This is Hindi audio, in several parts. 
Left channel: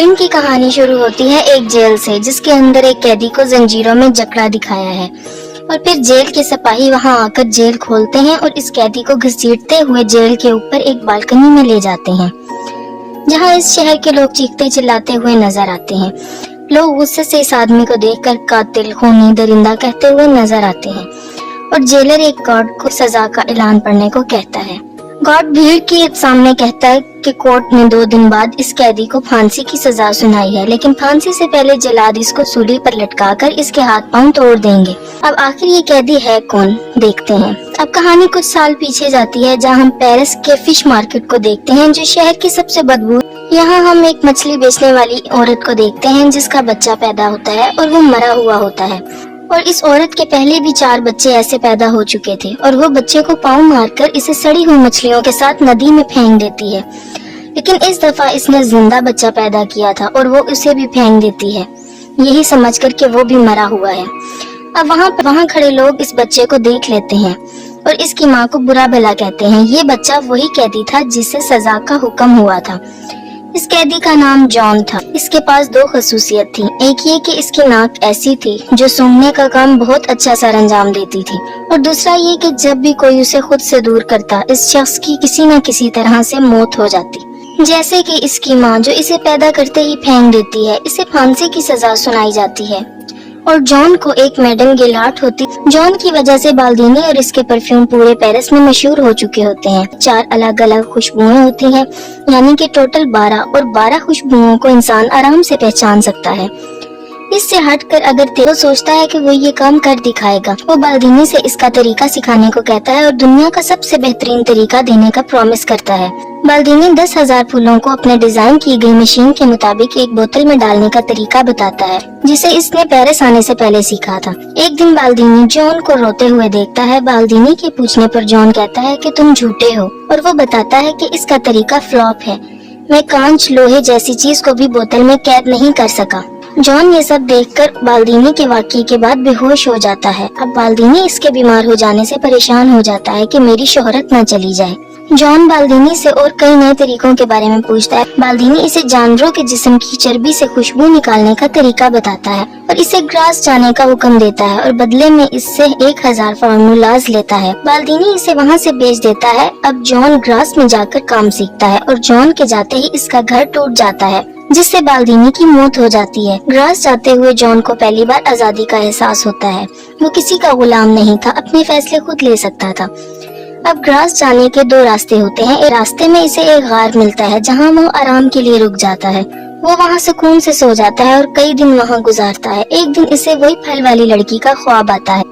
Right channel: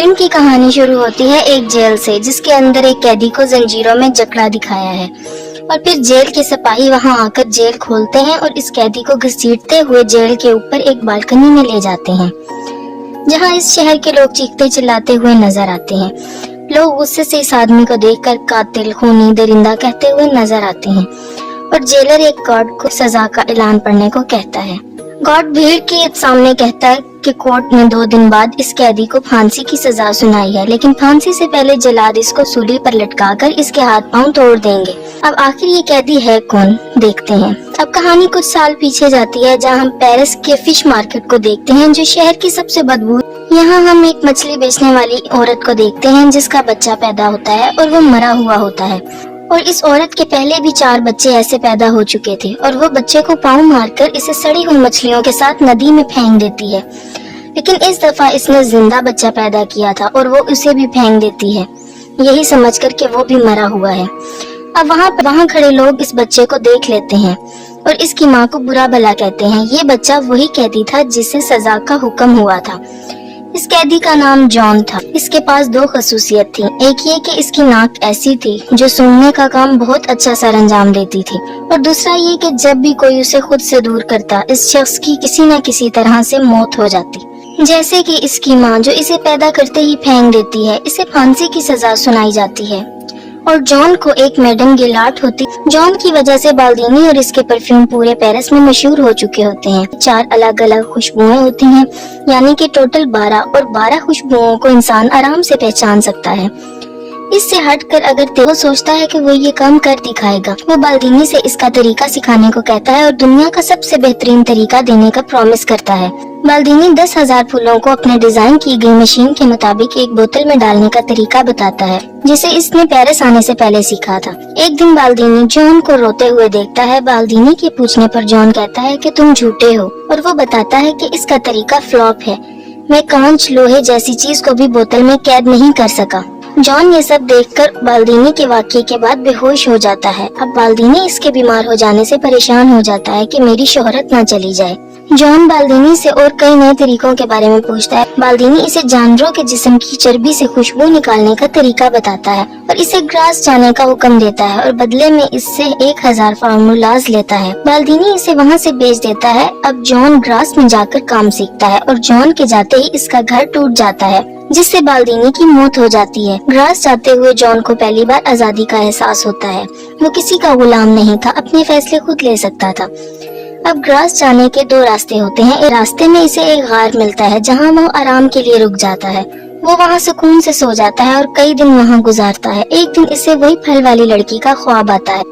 फिल्म की कहानी शुरू होती है एक जेल से, जिसके अंदर एक कैदी को जंजीरों में जकड़ा दिखाया है और फिर जेल के सिपाही वहां आकर जेल खोलते हैं और इस कैदी को घसीटते हुए जेल के ऊपर एक बालकनी में ले जाते हैं, जहां इस शहर के लोग चीखते चिल्लाते हुए नजर आते हैं। लोग गुस्से से इस आदमी को देखकर कातिल, खूनी, दरिंदा कहते हुए नजर आते हैं और जेलर एक गार्ड को सजा का ऐलान पढ़ने को कहता है। गार्ड भीड़ के सामने कहता है कि कोर्ट ने 2 दिन बाद इस कैदी को फांसी की सजा सुनाई है, लेकिन फांसी से पहले जल्लाद इसको सूली पर लटकाकर इसके हाथ पांव तोड़ देंगे। अब आखिर ये कैदी है कौन, देखते हैं। अब कहानी कुछ साल पीछे जाती है, जहां हम पेरिस के फिश मार्केट को देखते हैं, जो शहर की सबसे बदबू। यहाँ हम एक मछली बेचने वाली औरत को देखते हैं जिसका बच्चा पैदा होता है और वो मरा हुआ होता है, और इस औरत के पहले भी 4 बच्चे ऐसे पैदा हो चुके थे और वो बच्चे को पाँव मारकर इसे सड़ी हुई मछलियों के साथ नदी में फेंक देती है। लेकिन इस दफा इसने जिंदा बच्चा पैदा किया था और वो उसे भी फेंक देती है, यही समझकर कि वो भी मरा हुआ है। अब वहाँ खड़े लोग इस बच्चे को देख लेते हैं और इसकी माँ को बुरा भला कहते हैं। ये बच्चा वही कैदी था जिसे सजा का हुक्म हुआ था। इस कैदी का नाम जॉन था। इसके पास 2 खसूसियत थी। एक ये कि इसकी नाक ऐसी थी जो सूंघने का काम बहुत अच्छा सर अंजाम देती थी, और दूसरा ये कि जब भी कोई उसे खुद से दूर करता, इस शख्स की किसी न किसी तरह से मौत हो जाती। जैसे कि इसकी माँ जो इसे पैदा करते ही फेंक देती है, इसे फांसी की सजा सुनाई जाती है। और जॉन को एक मैडम गिलाट होती। जॉन की वजह से बाल्दीनी और इसके परफ्यूम पूरे पेरिस में मशहूर हो चुके होते हैं। 4 अलग अलग खुशबुएं होती हैं, यानी कि टोटल 12, और 12 खुशबुओं को इंसान आराम से पहचान सकता है। इससे हटकर अगर वो सोचता है कि वो ये काम कर दिखाएगा, वो बाल्दीनी से इसका तरीका सिखाने को कहता है और दुनिया का सबसे बेहतरीन तरीका देने का प्रॉमिस करता है। बाल्दीनी 10,000 फूलों को अपने डिजाइन की गई मशीन के मुताबिक एक बोतल में डालने का तरीका बताता है, जिसे इसने पेरिस आने से पहले सीखा था। एक दिन बाल्दीनी जॉन को रोते हुए देखता है। बाल्दीनी के पूछने पर जॉन कहता है कि तुम झूठे हो, और वो बताता है कि इसका तरीका फ्लॉप है। मैं कांच, लोहे जैसी चीज को भी बोतल में कैद नहीं कर सका। जॉन ये सब देखकर बाल्दीनी के वाकये के बाद बेहोश हो जाता है। अब बाल्दीनी इसके बीमार हो जाने से परेशान हो जाता है कि मेरी शोहरत न चली जाए। जॉन बाल्दीनी से और कई नए तरीकों के बारे में पूछता है। बाल्दीनी इसे जानवरों के जिस्म की चर्बी से खुशबू निकालने का तरीका बताता है और इसे ग्रास जाने का हुक्म देता है, और बदले में इससे 1000 फार्मूलाज लेता है। बाल्दीनी इसे वहाँ से भेज देता है। अब जॉन ग्रास में जाकर काम सीखता है और जॉन के जाते ही इसका घर टूट जाता है, जिससे बाल्दीनी की मौत हो जाती है। ग्रास जाते हुए जॉन को पहली बार आजादी का एहसास होता है। वो किसी का गुलाम नहीं था, अपने फैसले खुद ले सकता था। अब ग्रास जाने के 2 रास्ते होते हैं। एक रास्ते में इसे एक गार मिलता है जहां वो आराम के लिए रुक जाता है। वो वहां सुकून से सो जाता है और कई दिन वहां गुजारता है। एक दिन इसे वही फल वाली लड़की का ख्वाब आता है।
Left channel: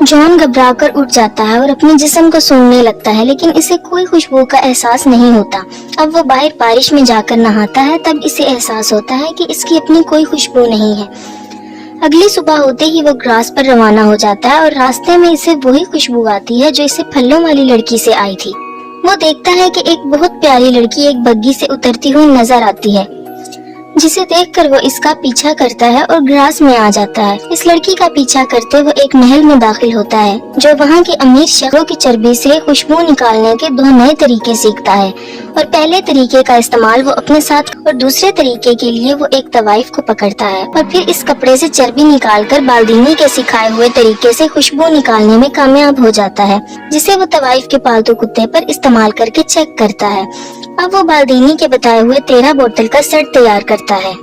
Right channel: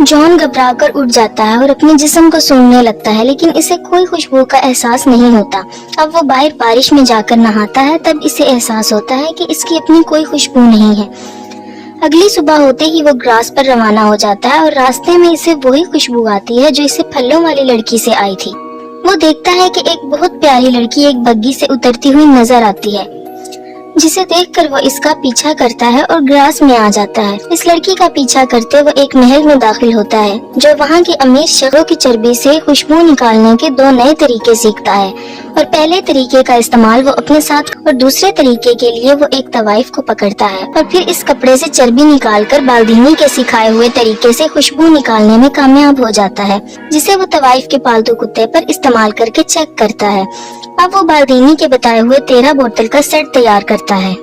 जॉन घबराकर उठ जाता है और अपने जिस्म को सूंघने लगता है, लेकिन इसे कोई खुशबू का एहसास नहीं होता। अब वो बाहर बारिश में जाकर नहाता है, तब इसे एहसास होता है कि इसकी अपनी कोई खुशबू नहीं है। अगली सुबह होते ही वो ग्रास पर रवाना हो जाता है और रास्ते में इसे वही खुशबू आती है जो इसे फलों वाली लड़की से आई थी। वो देखता है कि एक बहुत प्यारी लड़की एक बग्गी से उतरती हुई नजर आती है, जिसे देखकर वो इसका पीछा करता है और ग्रास में आ जाता है। इस लड़की का पीछा करते वो एक महल में दाखिल होता है, जो वहाँ के अमीर शख्सों की चर्बी से खुशबू निकालने के 2 नए तरीके सीखता है। और पहले तरीके का इस्तेमाल वो अपने साथ, और दूसरे तरीके के लिए वो एक तवाइफ को पकड़ता है और फिर इस कपड़े से चर्बी निकालकर बाल्दीनी के सिखाए हुए तरीके से खुशबू निकालने में कामयाब हो जाता है, जिसे वो तवाइफ के पालतू कुत्ते पर इस्तेमाल करके चेक करता है। अब वो बाल्दीनी के बताए हुए 13 बोतल का सेट तैयार करता है,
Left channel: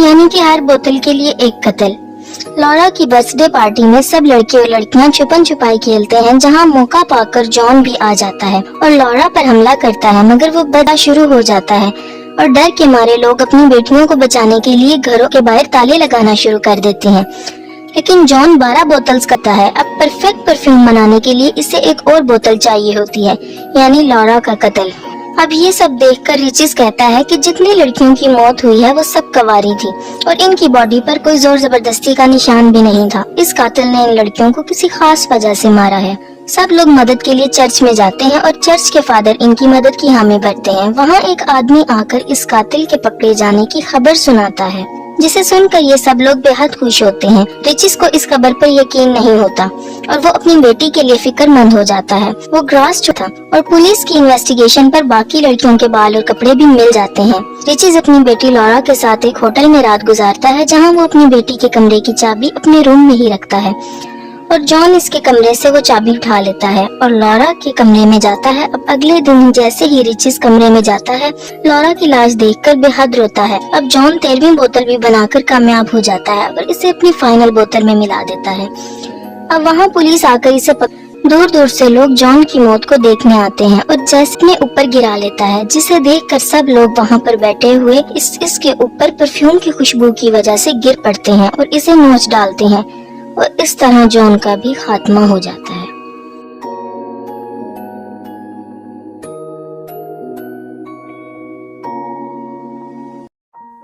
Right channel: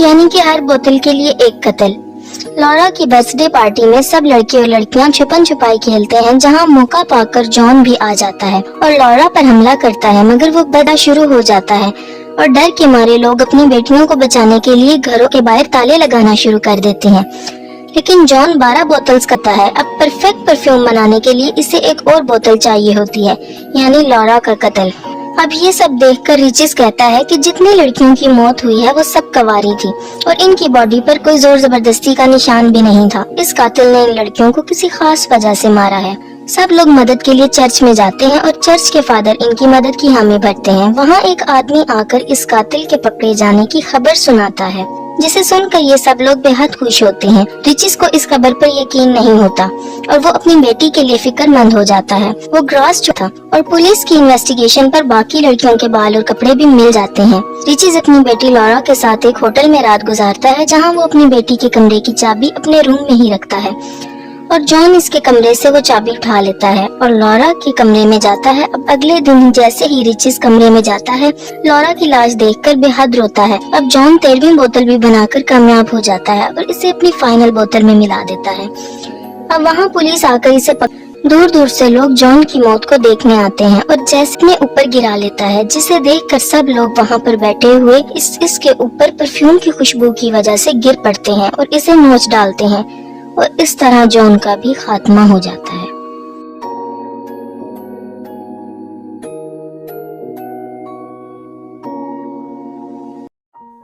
यानी कि हर बोतल के लिए एक कतल। लॉरा की बर्थडे पार्टी में सब लड़के और लड़कियां छुपन छुपाई खेलते हैं, जहां मौका पाकर जॉन भी आ जाता है और लॉरा पर हमला करता है, मगर वो बदा शुरू हो जाता है और डर के मारे लोग अपनी बेटियों को बचाने के लिए घरों के बाहर ताले लगाना शुरू कर देते हैं। लेकिन जॉन 12 बोतल्स करता है। अब परफेक्ट परफ्यूम बनाने के लिए इसे एक और बोतल चाहिए होती है, यानी लॉरा का कत्ल। अब ये सब देखकर रिचिस कहता है कि जितनी लड़कियों की मौत हुई है वो सब कवारी थी और इनकी बॉडी पर कोई जोर जबरदस्ती का निशान भी नहीं था। इस कातिल ने इन लड़कियों को किसी खास वजह से मारा है। सब लोग मदद के लिए चर्च में जाते हैं और चर्च के फादर इनकी मदद की हामी भरते हैं। वहाँ एक आदमी आकर इस कातिल के पकड़े जाने की खबर सुनाता है, जिसे सुनकर ये सब लोग बेहद खुश होते हैं। रिचिस को इस खबर पर यकीन नहीं होता और वो अपनी बेटी के लिए फिक्रमंद हो जाता है। वो ग्रॉस था और पुलिस की इन्वेस्टिगेशन पर बाकी लड़कियों के बाल और कपड़े भी मिल जाते हैं। रिचिस अपनी बेटी लॉरा के साथ एक होटल में रात गुजारता है, जहाँ वो अपनी बेटी के कमरे की चाबी अपने रूम में ही रखता है और जॉन इसके कमरे से वो चाबी उठा लेता है और लॉरा के कमरे में जाता है। अब अगले दिन जैसे ही रिचिस कमरे में जाता है, लॉरा की लाश देखकर बेहद रोता है। अब जॉन 13वीं बोतल भी बनाकर कामयाब हो जाता है और इसे अपनी फाइनल बोतल में मिला देता है। अब वहाँ पुलिस आकर इसे दूर दूर से लोग जॉन की मौत को देखने आते हैं और जैसे ऊपर गिरा लेता है, जिसे देखकर सब लोग वहाँ पर बैठे हुए इसके ऊपर परफ्यूम की खुशबू की वजह से गिर पड़ते हैं और इसे नोच डालते हैं और इस तरह जॉन का भी खात्मा हो जाता है।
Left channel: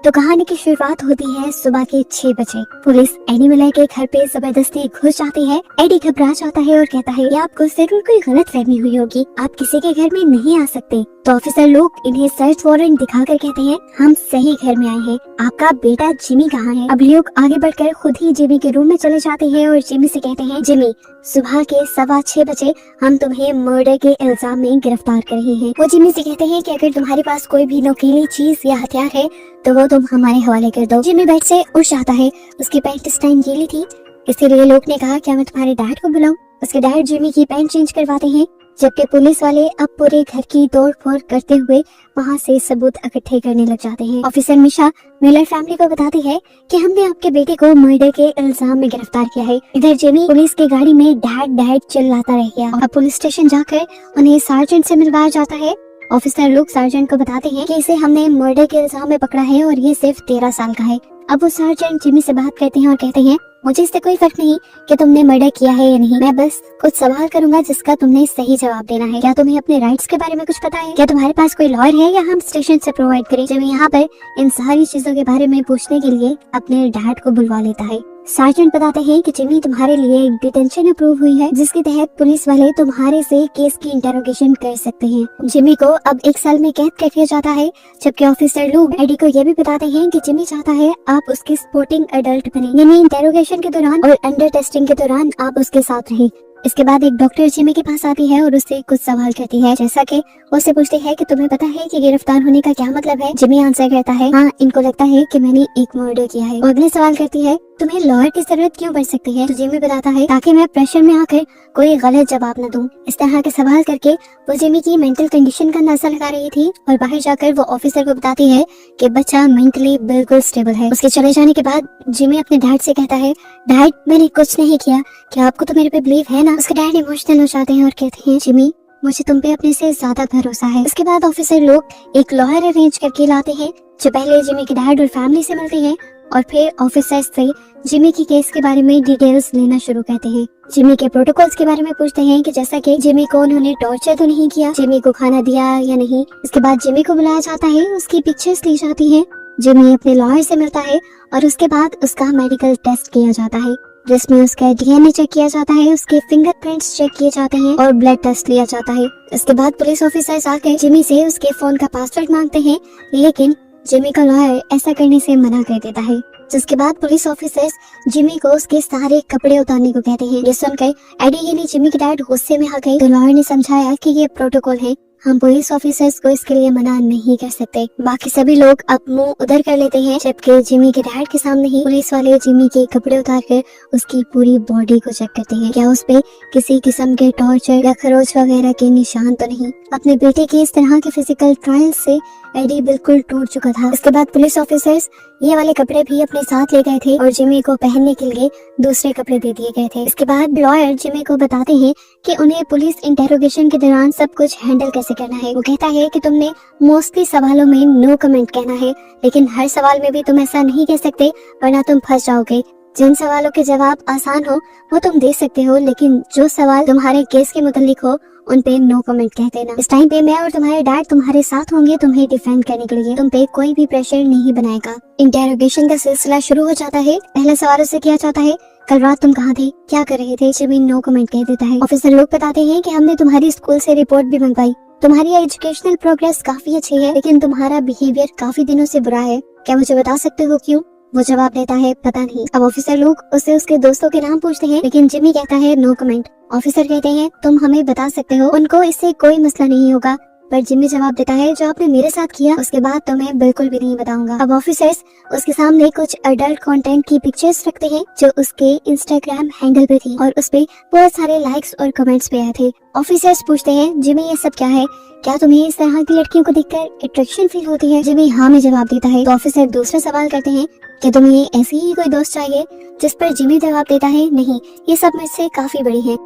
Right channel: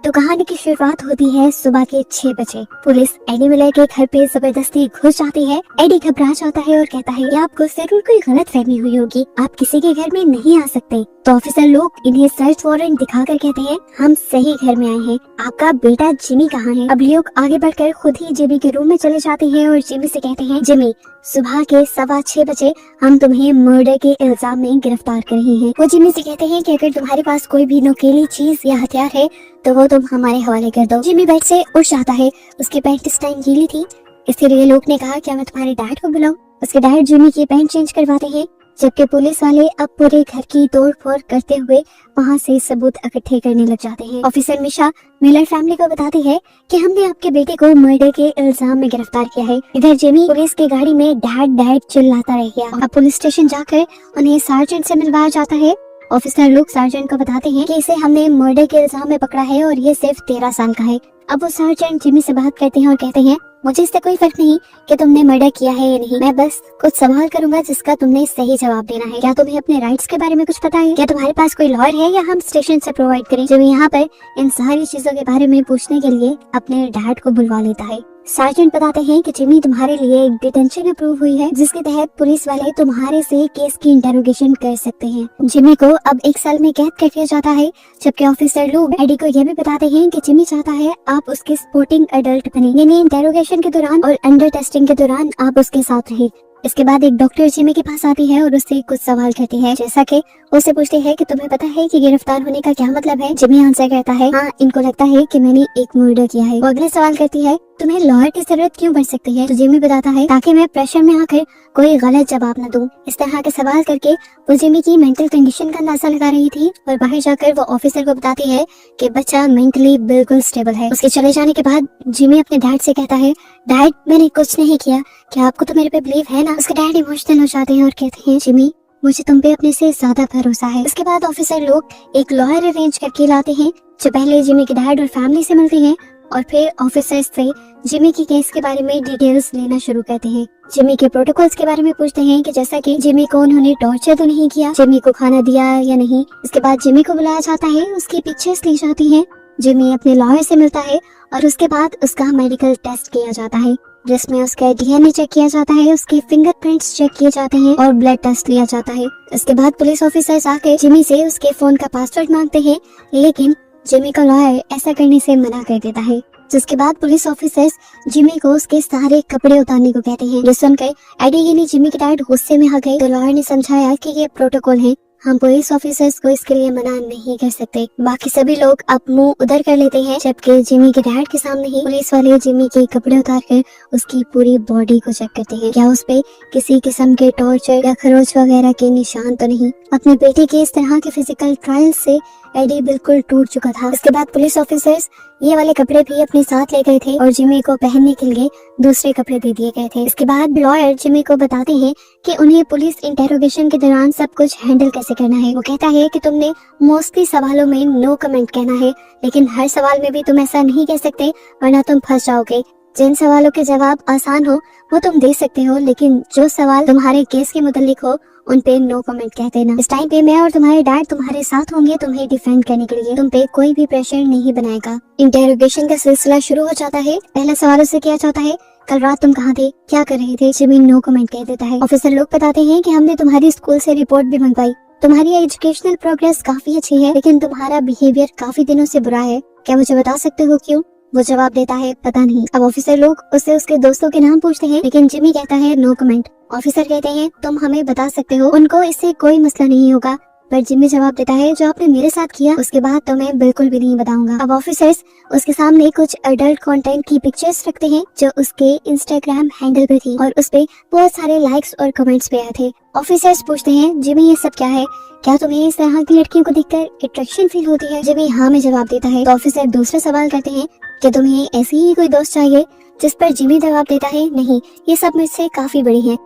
तो कहानी की शुरुआत होती है सुबह के 6 बजे। पुलिस एडी मिलर के घर पे जबरदस्ती घुस जाती है। एडी घबरा जाता है और कहता है कि आपको जरूर कोई गलतफहमी हुई होगी, आप किसी के घर में नहीं आ सकते। तो ऑफिसर लोग इन्हें सर्च वारंट दिखाकर कहते हैं हम सही घर में आए हैं, आपका बेटा जिमी कहाँ है। अब लोग आगे बढ़कर खुद ही जिमी के रूम में चले जाते हैं और जिमी से कहते हैं जिमी सुबह के 6:15 बजे हम तुम्हें मर्डर के इल्जाम में गिरफ्तार कर रहे हैं। वो जिमी से कहते हैं कि अगर तुम्हारे पास कोई भी नोकीली चीज या हथियार है तो वो तुम हमारे हवाले कर दो। जिमी बेड से उठ जाता है, उसकी पैंट इस टाइम गीली थी, इसीलिए लोग ने कहा क्या मैं तुम्हारे डैड को बुलाऊं। उसके डैड जिमी की पैंट चेंज करवाते हैं, जबकि पुलिस वाले अब पूरे घर की तोड़फोड़ करते हुए वहाँ से सबूत इकट्ठे करने लग जाते हैं। ऑफिसर मिशा मिलर फैमिली को बताती है कि हमने आपके बेटे को मर्डर के इल्जाम में गिरफ्तार किया है। इधर जिमी पुलिस की गाड़ी में डैड डैड चिल्लाता रह गया। अब पुलिस स्टेशन जाकर उन्हें सार्जेंट से मिलवाया जाता है। ऑफिसर लोग सार्जेंट को बताते हैं कि इसे हमने मर्डर के इल्जाम में पकड़ा है और ये सिर्फ 13 साल का है। अब वो सार्जेंट जिमी से बात करते हैं और कहते हैं मुझे इससे कोई फर्क नहीं कि तुमने मर्डर किया है या नहीं, मैं बस कुछ सवाल करूंगा जिसका तुमने सही जवाब देना है। क्या तुम्हें अपने राइट्स के बारे में कुछ पता है? क्या तुम्हारे पास कोई लॉयर है या हम स्टेशन से प्रोवाइड करें? जिमी यहाँ पर इन सारी चीजों के बारे में पूछने के लिए अपने डैड को बुलवा लेता है। सार्जेंट बताते हैं कि जिमी तुम्हारे लिए एक डिटेंशन अप्रूव हुई है, जिसके तहत पुलिस वाले तुम्हारे से केस की इंटेरोगेशन कर सकते हैं। जिमी को अब 1 साल में कैद कर दिया जाता है, जबकि ऑफिसर लोग एडी को यह भी बताते हैं कि जिमी चाहता है आप उसकी सपोर्टिंग एडल्ट बने, यानी इंटेरोगेशन के दौरान और अंडर टेस्टिंग के दौरान आप उसके साथ रहें। इसके बाद एक डॉक्टर जिमी के पास आती है और उससे कुछ सवाल करती है, जैसा कि उससे पूछती है कि तुम्हें पता है कि गिरफ्तार होने का क्या मतलब है। जिमी आंसर करता है हाँ, इनको लगता है कि मैंने एक मर्डर किया है। वो अगले सवाल करती है तुम्हें लॉयर की जरूरत क्यों पड़ सकती है? तो जिमी बताता है ताकि मैं प्रेशर में आकर कोई गलत जवाब न दूं। इस तरह के सवाल करके वो जिमी की मेंटल कंडीशन का अंदाजा लगा रही थी और बाहर जाकर वो ऑफिसर को बताती है कि बच्चा मेंटली बिल्कुल स्टेबल है। उसके चले जाने के बाद जिमी अपने डैड से कहता है डैड मैंने कुछ नहीं किया, क्या आपको तो मेरे पे बिलीव है ना? उसके डैड इमोशनल हो जाते हैं और कहते हैं जिमी मुझे तुम पे अपने से ज्यादा भरोसा है। इसके बाद ऑफिसर लोग एक लॉयर अरेंज करके लाते हैं जो पहले जिमी के डैड और फैमिली से मिलते हैं और फिर ऑफिसर से जिमी की केस के बारे में डिटेल्स लेना शुरू करते हैं। जिमी के प्रोटोकॉल्स के बारे में पूछते हैं कि जैसा कि जिमी को उन्होंने टॉर्चर तो नहीं किया, जिमी को खाना दिया या नहीं। इसके बाद जिमी को बुलाया जाता है, उसकी पिक्चर्स ली जाती है, जिमी अपने लॉयर से मिलता है और उसके बाद उसका मेडिकल टेस्ट किया जाता है, जिसमें उसका डीएनए चेक किया जाता है, उसके फिंगरप्रिंट्स चेक किए जाते हैं और ब्लड टेस्ट लिया जाता है। इसके बाद पुलिस ऑफिसर्स आकर जिमी से उसके फोन का पासवर्ड मांगते हैं, लेकिन जिमी का लॉयर ऐसा करने से मना कर देता है। जिसके बाद पुलिस ऑफिसर्स जिमी को उसके सारे कपड़े उतारने को कहते हैं। ये सुनकर एडी यानी जिमी के डैड गुस्से में आ गए। लॉयर ने समझाया कि ये प्रोटोकॉल है, हम पुलिस ऑफिसर्स को इसके लिए मना नहीं कर सकते। बाकी सभी लोग अब मुंह उधर कर लेते हैं, जबकि जिमी के डैड के सामने ही पुलिस वाले जिमी के कपड़े उतार कर उसकी पूरी बॉडी को चेक करते हैं, क्या उस पे किसी किस्म के टॉर्चर या खरोच वगैरह के निशान तो नहीं। अपने बेटे की इस तरह के फिजिकल ट्रायल से एडी बिल्कुल टूट चुका था। इसके बाद पुलिस ऑफिसर्स ये वाले कपड़े भी अपने साथ ले गए थे और जिमी को पहनने के लिए दूसरे कपड़े दे दिए गए थे। इसके बाद लॉयर जिमी को बताते हैं कि उन्हें पुलिस इंटेरोगेशन के दौरान सब कुछ हैंडल कैसे करना है। वो कहता है कि तुमने मोस्टली सवालों में नो कमेंट कहना है, लेकिन हर सवाल में भी तुम ऐसा नहीं कह सकते वरना तुम फंस जाओगे। जिन सवालों के जवाब आसान हो वो तुम दे सकते हो, लेकिन जो सवाल तुम्हारे केस के मुतालिक हो उन पे नो कमेंट कह देना। इस टाइम पे मैं और तुम्हारे डैड तुम्हारे साथ होंगे तुम्हें डिफेंड करने के लिए, तुम पे कोई भी प्रेशर नहीं बनाएगा। इंटेरोगेशन का सिलसिला शुरू हो जाता है। पहला सवाल से किया जाता है कल रात तुम कहाँ थे, क्या कर रहे थे? जिमी नो कमेंट कह देता है। ऑफिसर लोग बताते हैं कि हमने तुम्हारी स्कूल से रिपोर्ट भी मंगवाई, तुम्हारी एजुकेशनल प्रोग्रेस काफी अच्छी है, लेकिन तुम्हारा बिहेवियर काफी दिनों से बुरा है, क्या मुझे बता सकते हो क्यों? वो जवाब देता है पता नहीं। अब ऑफिसर लोग उससे उसके दोस्तों के नाम पूछते हैं, लेकिन जिमी कहता है नो कमेंट। ऑफिसर कहते हैं तुम हमें बता सकते हो, उनको इससे कोई मसला नहीं होगा। पर जिमी जवाब देता है जो आपने मेरे साथ किया उसके बाद तो मैं बिल्कुल भी नहीं बताऊंगा। अब ऑफिसर्स उसके सामने कुछ अडल्ट कंटेंट की पिक्चर्स रखते हैं जो उसके इंस्टाग्राम हैंडल पे थी और उस पे बहुत सारे लाइक्स और कमेंट्स पे आए थे। ऑफिसर्स पूछते हैं जिमी ये सब क्या है, क्या तुम्हें इस तरह की लड़कियों को देखकर अट्रैक्शन फील होती है? जिमी हाँ में जवाब देता है। तो ऑफिसर दूसरा सवाल करते हैं कि तुम्हें ऐसी ही कोई दोस्त चाहिए? जिस पर जिमी जवाब देता है नहीं, ये सब मुझसे काफी बड़ी है।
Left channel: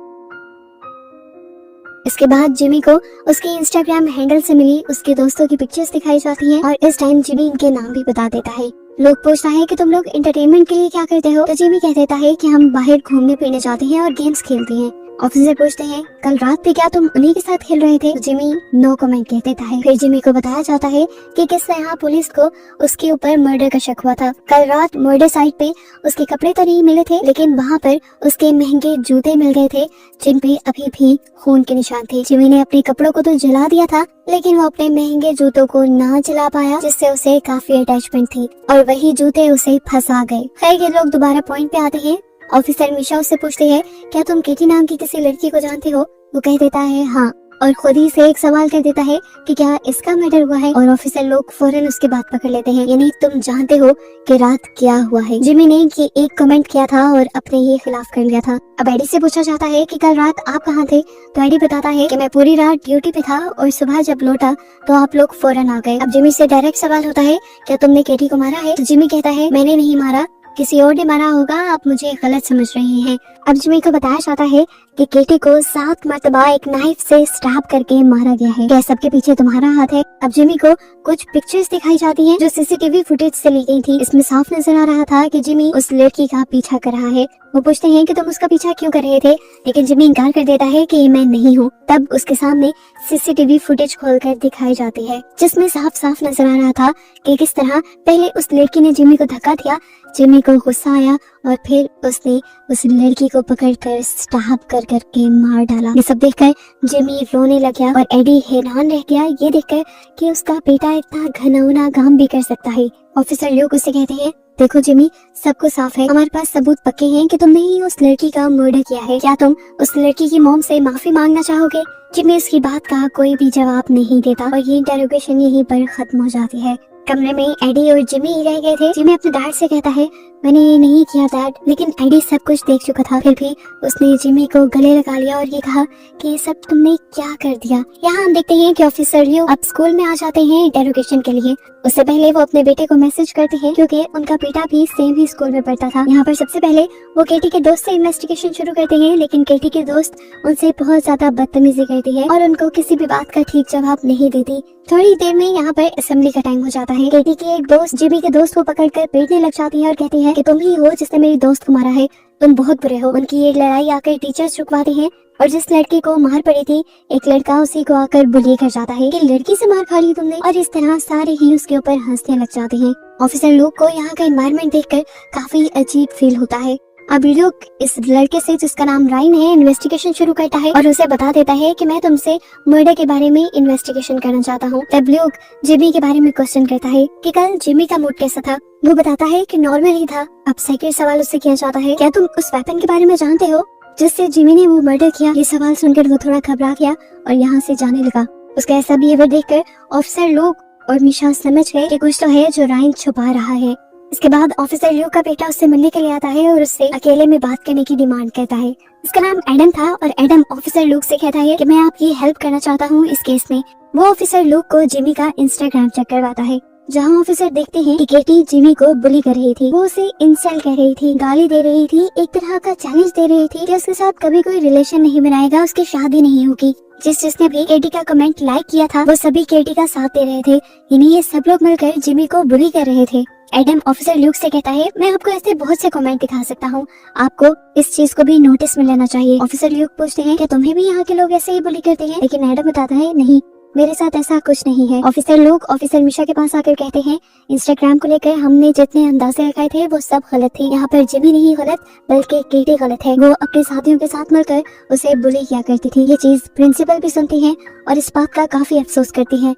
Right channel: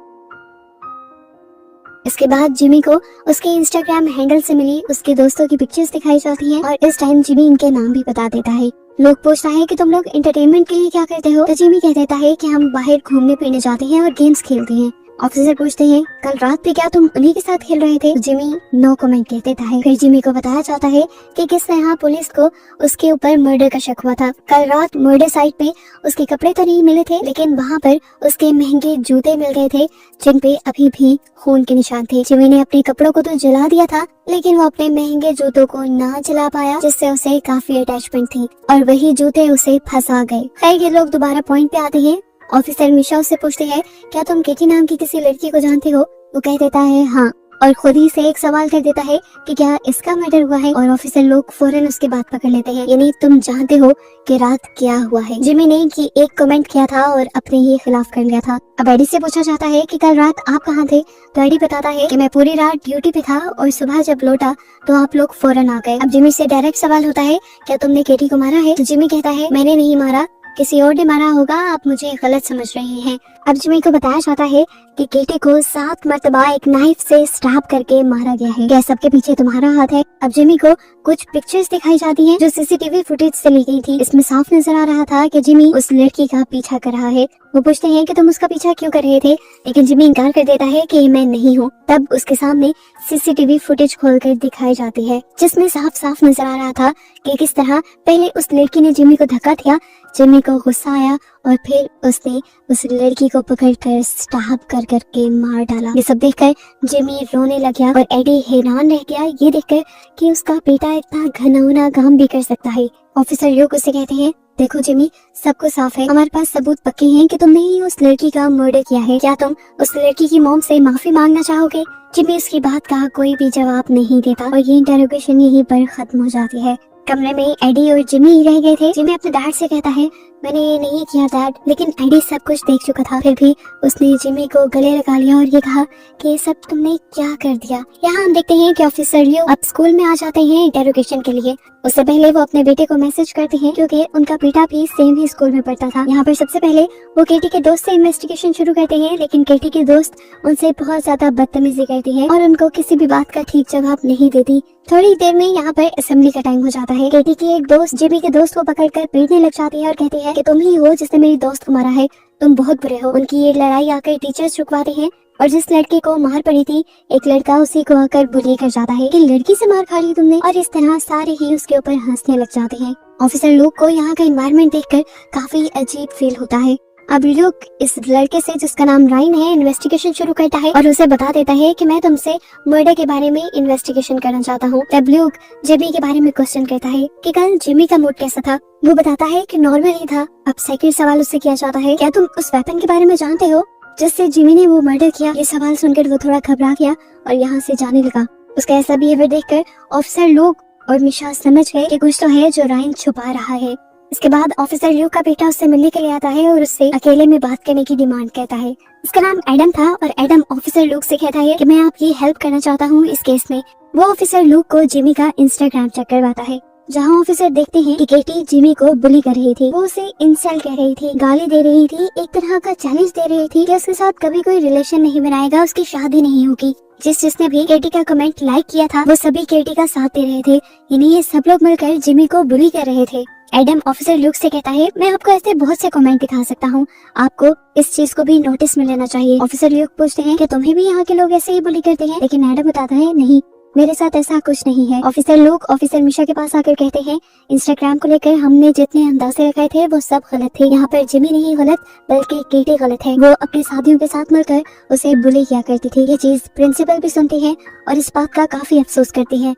इसके बाद जिमी को उसके इंस्टाग्राम हैंडल से मिली उसके दोस्तों की पिक्चर्स दिखाई जाती है और इस टाइम जिमी इनके नाम भी बता देता है। लोग पूछता है कि तुम लोग एंटरटेनमेंट के लिए क्या करते हो? तो जिमी कह देता है कि हम बाहर घूमने फिरने जाते हैं और गेम्स खेलते हैं। ऑफिसर पूछते हैं कल रात पे क्या तुम उन्हीं के साथ खेल रहे थे? तो जिमी नो कमेंट कह देता है। फिर जिमी को बताया जाता है कि किस तरह पुलिस को उसके ऊपर मर्डर का शक हुआ था। कल रात मर्डर साइट पे उसके कपड़े तो नहीं मिले थे, लेकिन वहाँ पर उसके महंगे जूते मिल गए थे जिन पे अभी भी खून के निशान थे। जिमी ने अपने कपड़ों को तो जला दिया था, लेकिन वो अपने महंगे जूतों को ना जला पाया, जिससे उसे काफी अटैचमेंट थी और वही जूते उसे फंसा गए। खैर ये लोग दोबारा पॉइंट पे आते हैं। ऑफिसर मिशा उससे पूछते हैं क्या तुम केटी नाम की किसी लड़की को जानती हो? वो कह देता है हाँ, और खुद ही से एक सवाल कर देता है कि क्या इसका मर्डर हुआ है? और ऑफिसर लोग फौरन उसकी बात पकड़ लेते हैं, यानी तुम जानते हो कि रात क्या हुआ है। जिमी ने कि एक कमेंट किया था और अपने ही खिलाफ कर लिया था। अब एडी से पूछा जाता है कि कल रात आप कहाँ थे? तो एडी बताता है कि मैं पूरी रात ड्यूटी पे था और सुबह जब लौटा तो आप लोग फौरन आ गए। अब जिमी से डायरेक्ट सवाल होता है क्या तुमने केटी को मारा है? तो जिमी कहता है मैंने नहीं मारा, किसी और ने मारा होगा, आप मुझे गलत समझ रहे हैं। अब जिमी को बताया जाता है कि केटी को 7 मरतबा एक नाइफ से स्टैब करके मारा गया है। क्या सबके पीछे तुम्हारा हाथ है? अब जिमी को कुछ पिक्चर्स दिखाई जाती हैं जो सीसीटीवी फुटेज से ली गई थी। इसमें साफ नजर आ रहा था कि जिमी उस लड़की का पीछा कर रहा है। वो पूछते हैं कि तुम उसका पीछा क्यों कर रहे थे, लेकिन जिमी इनकार कर देता है कि मैं नहीं हूँ। तब उसके सामने सीसीटीवी फुटेज खोलकर दिखाई जाती है जिसमें साफ साफ नजर आ रहा था कि किस तरह पहले उस लड़की ने जिमी को धक्का दिया, जिमी को गुस्सा आया और फिर उसने उस लड़की को पकड़कर स्टैब कर करके मार डाला। ये सब देखकर जिमी रोने लग गया और एडी हैरान रह गया ये देखकर कि उसका बेटा इतना घिनौना काम भी कर सकता है। ऑफिसर लोग उसे कहते हैं देखो जिमी, सब कुछ साफ है, हमारे पास सबूत पक्के हैं कि तुमने ही उस लड़की का मर्डर किया है। क्या तुम उस लड़की की मॉम से माफी मांगना चाहोगे? जिमी इसकी बात का कोई भी जवाब नहीं देता और ये इंटरोगेशन यहीं पर खत्म हो जाती है। कमरे में एडी और जिमी ही रह गए थे। जिमी अपने डैड से कहता है मैंने ये नहीं किया डैड, लेकिन एडी सब कुछ देख चुका था। फिर भी उसने जिमी को गले लगा लिया और ये कहा कि ये सब तुमने क्या कर दिया। यहाँ हम देखते हैं कि ऑफिसर लियो अब स्कूल में आ जाते हैं इंटरोगेशन के लिए। उससे पहले वो अपने बेटे को मैसेज करते हैं क्योंकि उनका बेटा भी सेम ही स्कूल में पढ़ता था। यहाँ पर सबसे पहले वो केटी के दोस्त से इन्वेस्टिगेशन शुरू करते हैं, लेकिन केटी के दोस्त उनसे बहुत ज्यादा बदतमीजी करती है और उनको किसी भी बात का ठीक जवाब नहीं देती। थोड़ी देर में यहाँ पर असेंबली का टाइम हो जाता है। केटी के एक दोस्त जिमी के दोस्त को पकड़कर पीटने लग जाती है और कहती है कि तुम ही हो जिसने मेरी दोस्त को मारा है, तुम बहुत बुरे हो। उनकी ये लड़ाई आकर टीचर्स रुकवाते हैं और जिस लड़के को मार पड़ी थी एक लड़का उसी को आकर बुली कर जाता है कि लड़की से मार खा ली तुमने, और इस तरह सारे ही उसके ऊपर हंसने लग जाते हैं। ऑफिसर लोग को यहाँ का एनवायरनमेंट देखकर काफी अजीब फील होता है। अब ल्यूक इस लड़के से जिसका नाम राइन है इन्वेस्टिगेशन शुरू करता है और उसे बता देता है कि मैं तुमसे मर्डर के बारे में इन्वेस्टिगेशन करना चाहता हूँ। तब ल्यूक जिमी के बारे में क्वेश्चन करता है कि कल जिमी का मूड कैसा था। वो बताता है कि नॉर्मल ही था। अब सेकंड सवाल उससे किया जाता है क्या तुम उस वेपन के बारे में जानते हो जिससे जिमी ने वो मर्डर किया। ये सवाल सुनकर वो थोड़ा घबरा गया और यहाँ से जाने लगा। उसका ऐसा बिहेवियर देखकर ऑफिसर लोग और निशा समझ गए कि कुछ तो है जो राइन छुपा रहा है। इसके बाद ऑफिसर ल्यू का बेटा उससे मिलने के लिए आता है और उससे अकेले में बात करने की डिमांड करता है। इसका नाम एडम था और एडम ऑफिसर लूक से कहता है कि मैं आपकी हेल्प करना चाहता हूँ इस केस में। वो ऑफिसर लूक को जिमी का इंस्टाग्राम चेक करवाता है जहाँ ऑफिसर देखते हैं कि केटी जिमी को बुली कर रही थी। वो उसे इंसल्ट कह रही थी, गाली दे रही थी, एक तरह का चैलेंज दे रही थी कि उसके साथ कभी कोई रिलेशन नहीं बनाएगा, उसकी शादी नहीं होगी। जिसने भी केटी का कमेंट लाइक किया था वो सभी केटी का साथ दे रहे थे, यानी ये सब लोग मिलकर जिमी को बुली कर रहे थे। एडम ऑफिसर ल्यूक से कहता है मैं आपको ऐसे बहुत से कमेंट दिखा सकता हूँ, आपको इस चीज को भी नोटिस में लेना चाहिए। ऑफिसर ल्यूक पूछते हैं कि तुम्हें भी यहाँ के लोग ऐसे ही बुली करते हैं, लेकिन एडम बताता है नहीं, मेरे साथ ऐसा कुछ नहीं है। ऑफिसर लोग ऑफिसर मिशा के पास आकर कहते हैं इंस्टाग्राम को लेकर हमने जितने अंदाजे लगाए थे वो सब गलत थे। यहाँ पर जिमी नहीं गलत बल्कि केटी गलत है। वो अपने साथियों के साथ मिलकर उसे बुली किया करती थी। ये चीज प्रिंसिपल भी सुनती है और इस बात का काफी अफसोस करती है।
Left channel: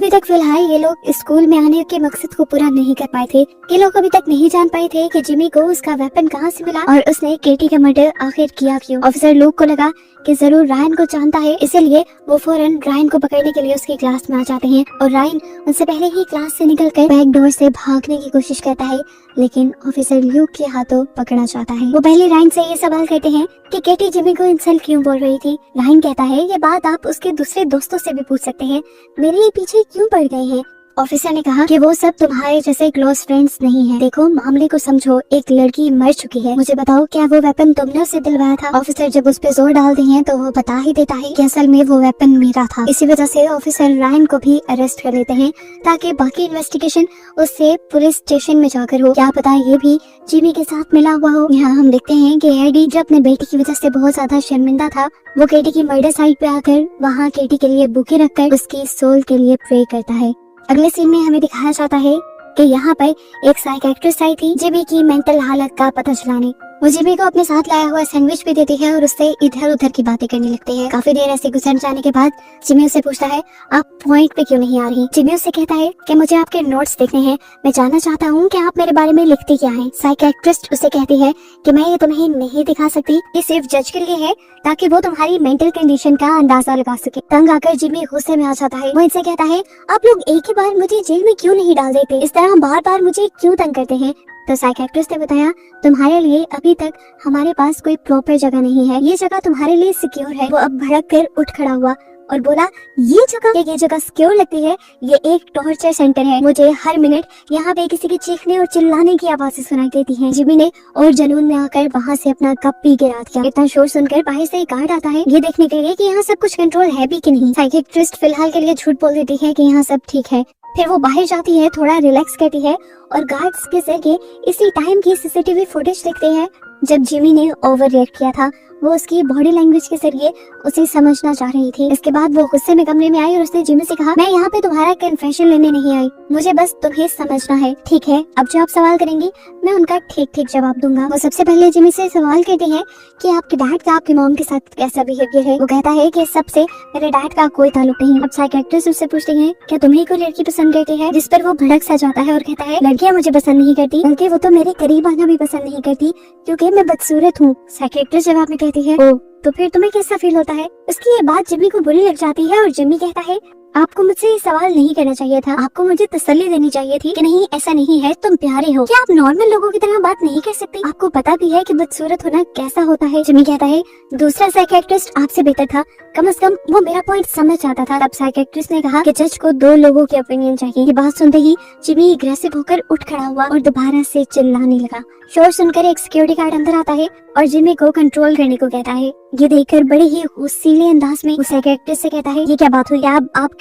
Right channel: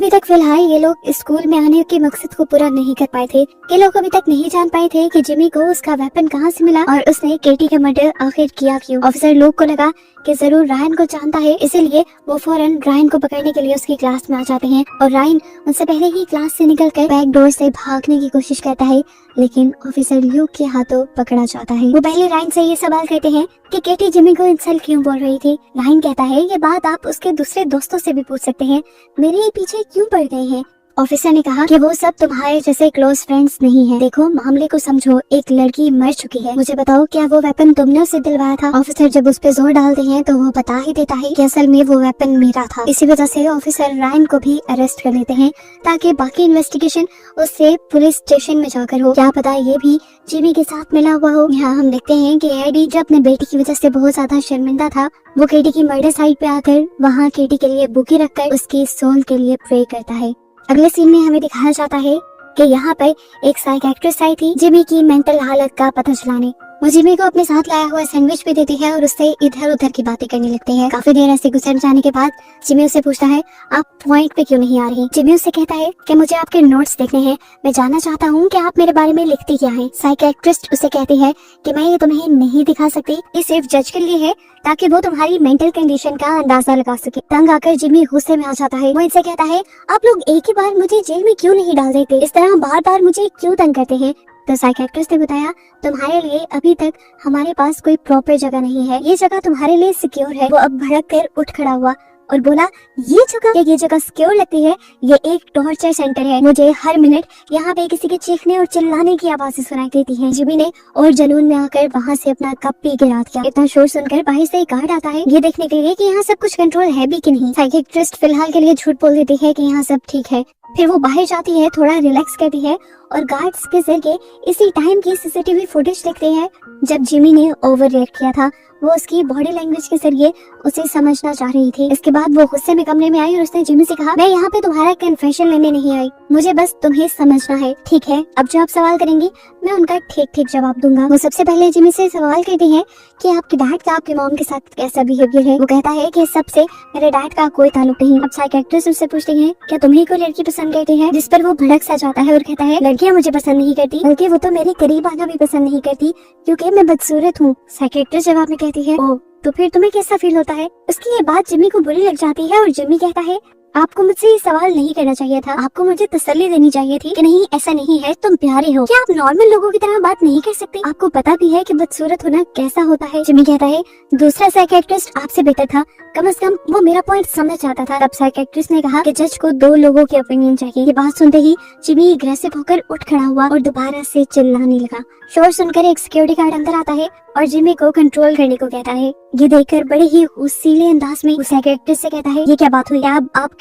अभी तक फिलहाल ये लोग स्कूल में आने के मकसद को पूरा नहीं कर पाए थे। ये लोग अभी तक नहीं जान पाए थे कि जिमी को उसका वेपन कहाँ से मिला और उसने केटी का मर्डर आखिर किया क्यों। ऑफिसर लोग को लगा कि जरूर रायन को जानता है, इसीलिए वो फौरन रायन को पकड़ने के लिए उसकी क्लास में आ जाते हैं और रायन उनसे पहले ही क्लास से निकलकर बैक डोर से भागने की कोशिश करता है, लेकिन ऑफिसर ल्यूक के हाथों पकड़ा जाता है। वो पहले रायन से ये सवाल करते हैं कि केटी जिमी को इंसल्ट क्यों बोल रही थी। रायन कहता है ये बात आप उसके दूसरे दोस्तों से भी पूछ सकते हैं, मेरे पीछे क्यों पड़ गए हैं। ऑफिसर ने कहा कि वो सब तुम्हारे जैसे क्लोज फ्रेंड्स नहीं हैं। देखो मामले को समझो, एक लड़की मर चुकी है, मुझे बताओ क्या वो वेपन तुमने उसे दिलवाया था। ऑफिसर जब उस पे जोर डालते हैं तो वो बता ही देता है कि असल में वो वेपन मेरा था। इसी वजह से ऑफिसर रायन को भी अरेस्ट कर लेते हैं ताकि बाकी इन्वेस्टिगेशन उससे पुलिस स्टेशन में जाकर हो। क्या पता ये भी जिमी के साथ मिला हुआ हो। यहाँ हम देखते हैं कि एडी जब अपने बेटी की वजह से बहुत ज्यादा शर्मिंदा था, वो केटी की मर्डर साइट पे आकर वहाँ केटी के लिए बुके रखकर उसकी सोल के लिए प्रे करता है। अगले सीन में हमें दिखाया जाता है कि यहाँ पर एक साइकियाट्रिस्ट आई थी जिमी की मेंटल हालत का पता चलाने। वो जिमी को अपने साथ लाया हुआ सैंडविच भी देती है और उससे इधर उधर की बातें करने लगते हैं। काफी देर ऐसे गुजर जाने के बाद जिमी उससे पूछता है आप पॉइंट पे क्यों नहीं आ रही। जिमी उससे कहता है कि मुझे आपके नोट्स देखने हैं, मैं जानना चाहता हूँ कि आप मेरे बारे में लिखती क्या है। साइकियाट्रिस्ट उसे कहती है कि मैं ये तुम्हें नहीं दिखा सकती, ये सिर्फ जज के लिए है ताकि वो तुम्हारी मेंटल कंडीशन का अंदाजा लगा सके। तंग आकर जिमी गुस्से में आ जाता है। वो इनसे कहता है आप लोग एक ही बार मुझे जेल में क्यों नहीं डाल देते, इस तरह बार बार मुझे क्यों तंग करते हैं। तो साइकियाट्रिस्ट ने बताया तुम्हारे लिए अभी तक हमारे पास कोई प्रॉपर जगह नहीं है, ये जगह तुम्हारे लिए सिक्योर है। वो अब भड़क कर उठ खड़ा हुआ और बोला ये जगह सिक्योर लगती है, ये एक टॉर्चर सेंटर है, मुझे हर मिनट यहाँ पे किसी के चीखने और चिल्लाने की आवाजें सुनाई देती हैं। जिमी ने और जुनून में आकर वहाँ से अपना कप पी गिरा दिया। इतना शोर सुनकर बाहर से एक गार्ड आता है ये देखने के लिए कि यहाँ सब कुछ कंट्रोल है भी कि नहीं। साइकियाट्रिस्ट फिलहाल के लिए झूठ बोल देती है कि यहाँ सब ठीक है। फिर वो बाहर जाती है, थोड़ा रिलैक्स करती है और गार्ड्स के जरिए इसी टाइम की सीसीटीवी फुटेज देखते हैं जब जिमी ने ओवर रिएक्ट किया था। वो उसकी बॉडी लैंग्वेज के जरिए उसे समझना चाह रही थी। इसके बाद वो गुस्से में कमरे में आई और उसने जिमी से कहा मैं यहाँ पे तुम्हारा कन्फेशन लेने नहीं आई, मुझे बस तुम्हें समझना है, ठीक है। अब जो आप सवाल करेंगी मैं उनका ठीक ठीक जवाब दूंगा। वो सबसे पहले जिमी से सवाल करते हैं कि आपके डैड का आपकी मॉम के साथ कैसा बिहेवियर है। वो कहता है कि सबसे मेरे डैड का कोई ताल्लुक नहीं। अब साइकियाट्रिस्ट उससे पूछती है क्या तुम्हें कोई लड़की पसंद करती है, जिस पर वो भड़क सा जाता है और कहता है लड़कियां मुझे पसंद नहीं करती, बल्कि वो तो मेरे करीब आना भी पसंद नहीं करती क्योंकि मैं बदसूरत हूँ। साइकियाट्रिस्ट जवाब में कहती है ओ तो फिर तुम्हें कैसा फील होता है। उसकी ये बात जिमी को बुरी लग जाती है और जिमी कहता है आपको मुझसे ये सवाल नहीं करना चाहिए था, आपको मुझे तसल्ली देनी चाहिए थी कि नहीं ऐसा नहीं है, तुम प्यारे हो, क्या आप नॉर्मल लोगों की तरह बात नहीं कर सकते, आपको पता भी है कि बदसूरत होना कैसा होता है। जिमी कहता है दूसरा साइकियाट्रिस्ट आपसे बेहतर था, कम से कम वो मेरा पॉइंट समझ जाता था। तब साइकियाट्रिस्ट ने कहा कि जज को दो लोगों की ओपिनियन चाहिए। ये बात सुनते ही जिमी अग्रेसिव होकर उठ खड़ा हुआ और दोबारा से चिल्लाने लगा। शोर सुनकर एक सिक्योरिटी गार्ड अंदर आता है और जिमी को कंट्रोल करने को कहता है। ये देखकर बड़े ही गुस्सैले अंदाज में साइकियाट्रिस्ट से कहता है ये क्या बात हुई,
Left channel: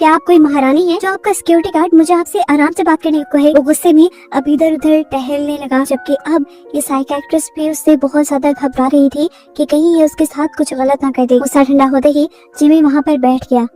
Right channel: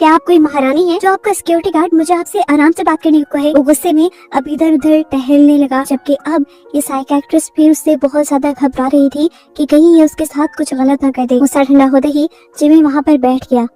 आप कोई महारानी है जो आपका सिक्योरिटी गार्ड मुझे आपसे आराम से बात करने को कहे। वो गुस्से में अब इधर उधर टहलने लगा, जबकि अब ये साइकियाट्रिस्ट भी उससे बहुत ज्यादा घबरा रही थी कि कहीं ये उसके साथ कुछ गलत ना कर दे। गुस्सा ठंडा होते ही जिमी वहाँ पर बैठ गया।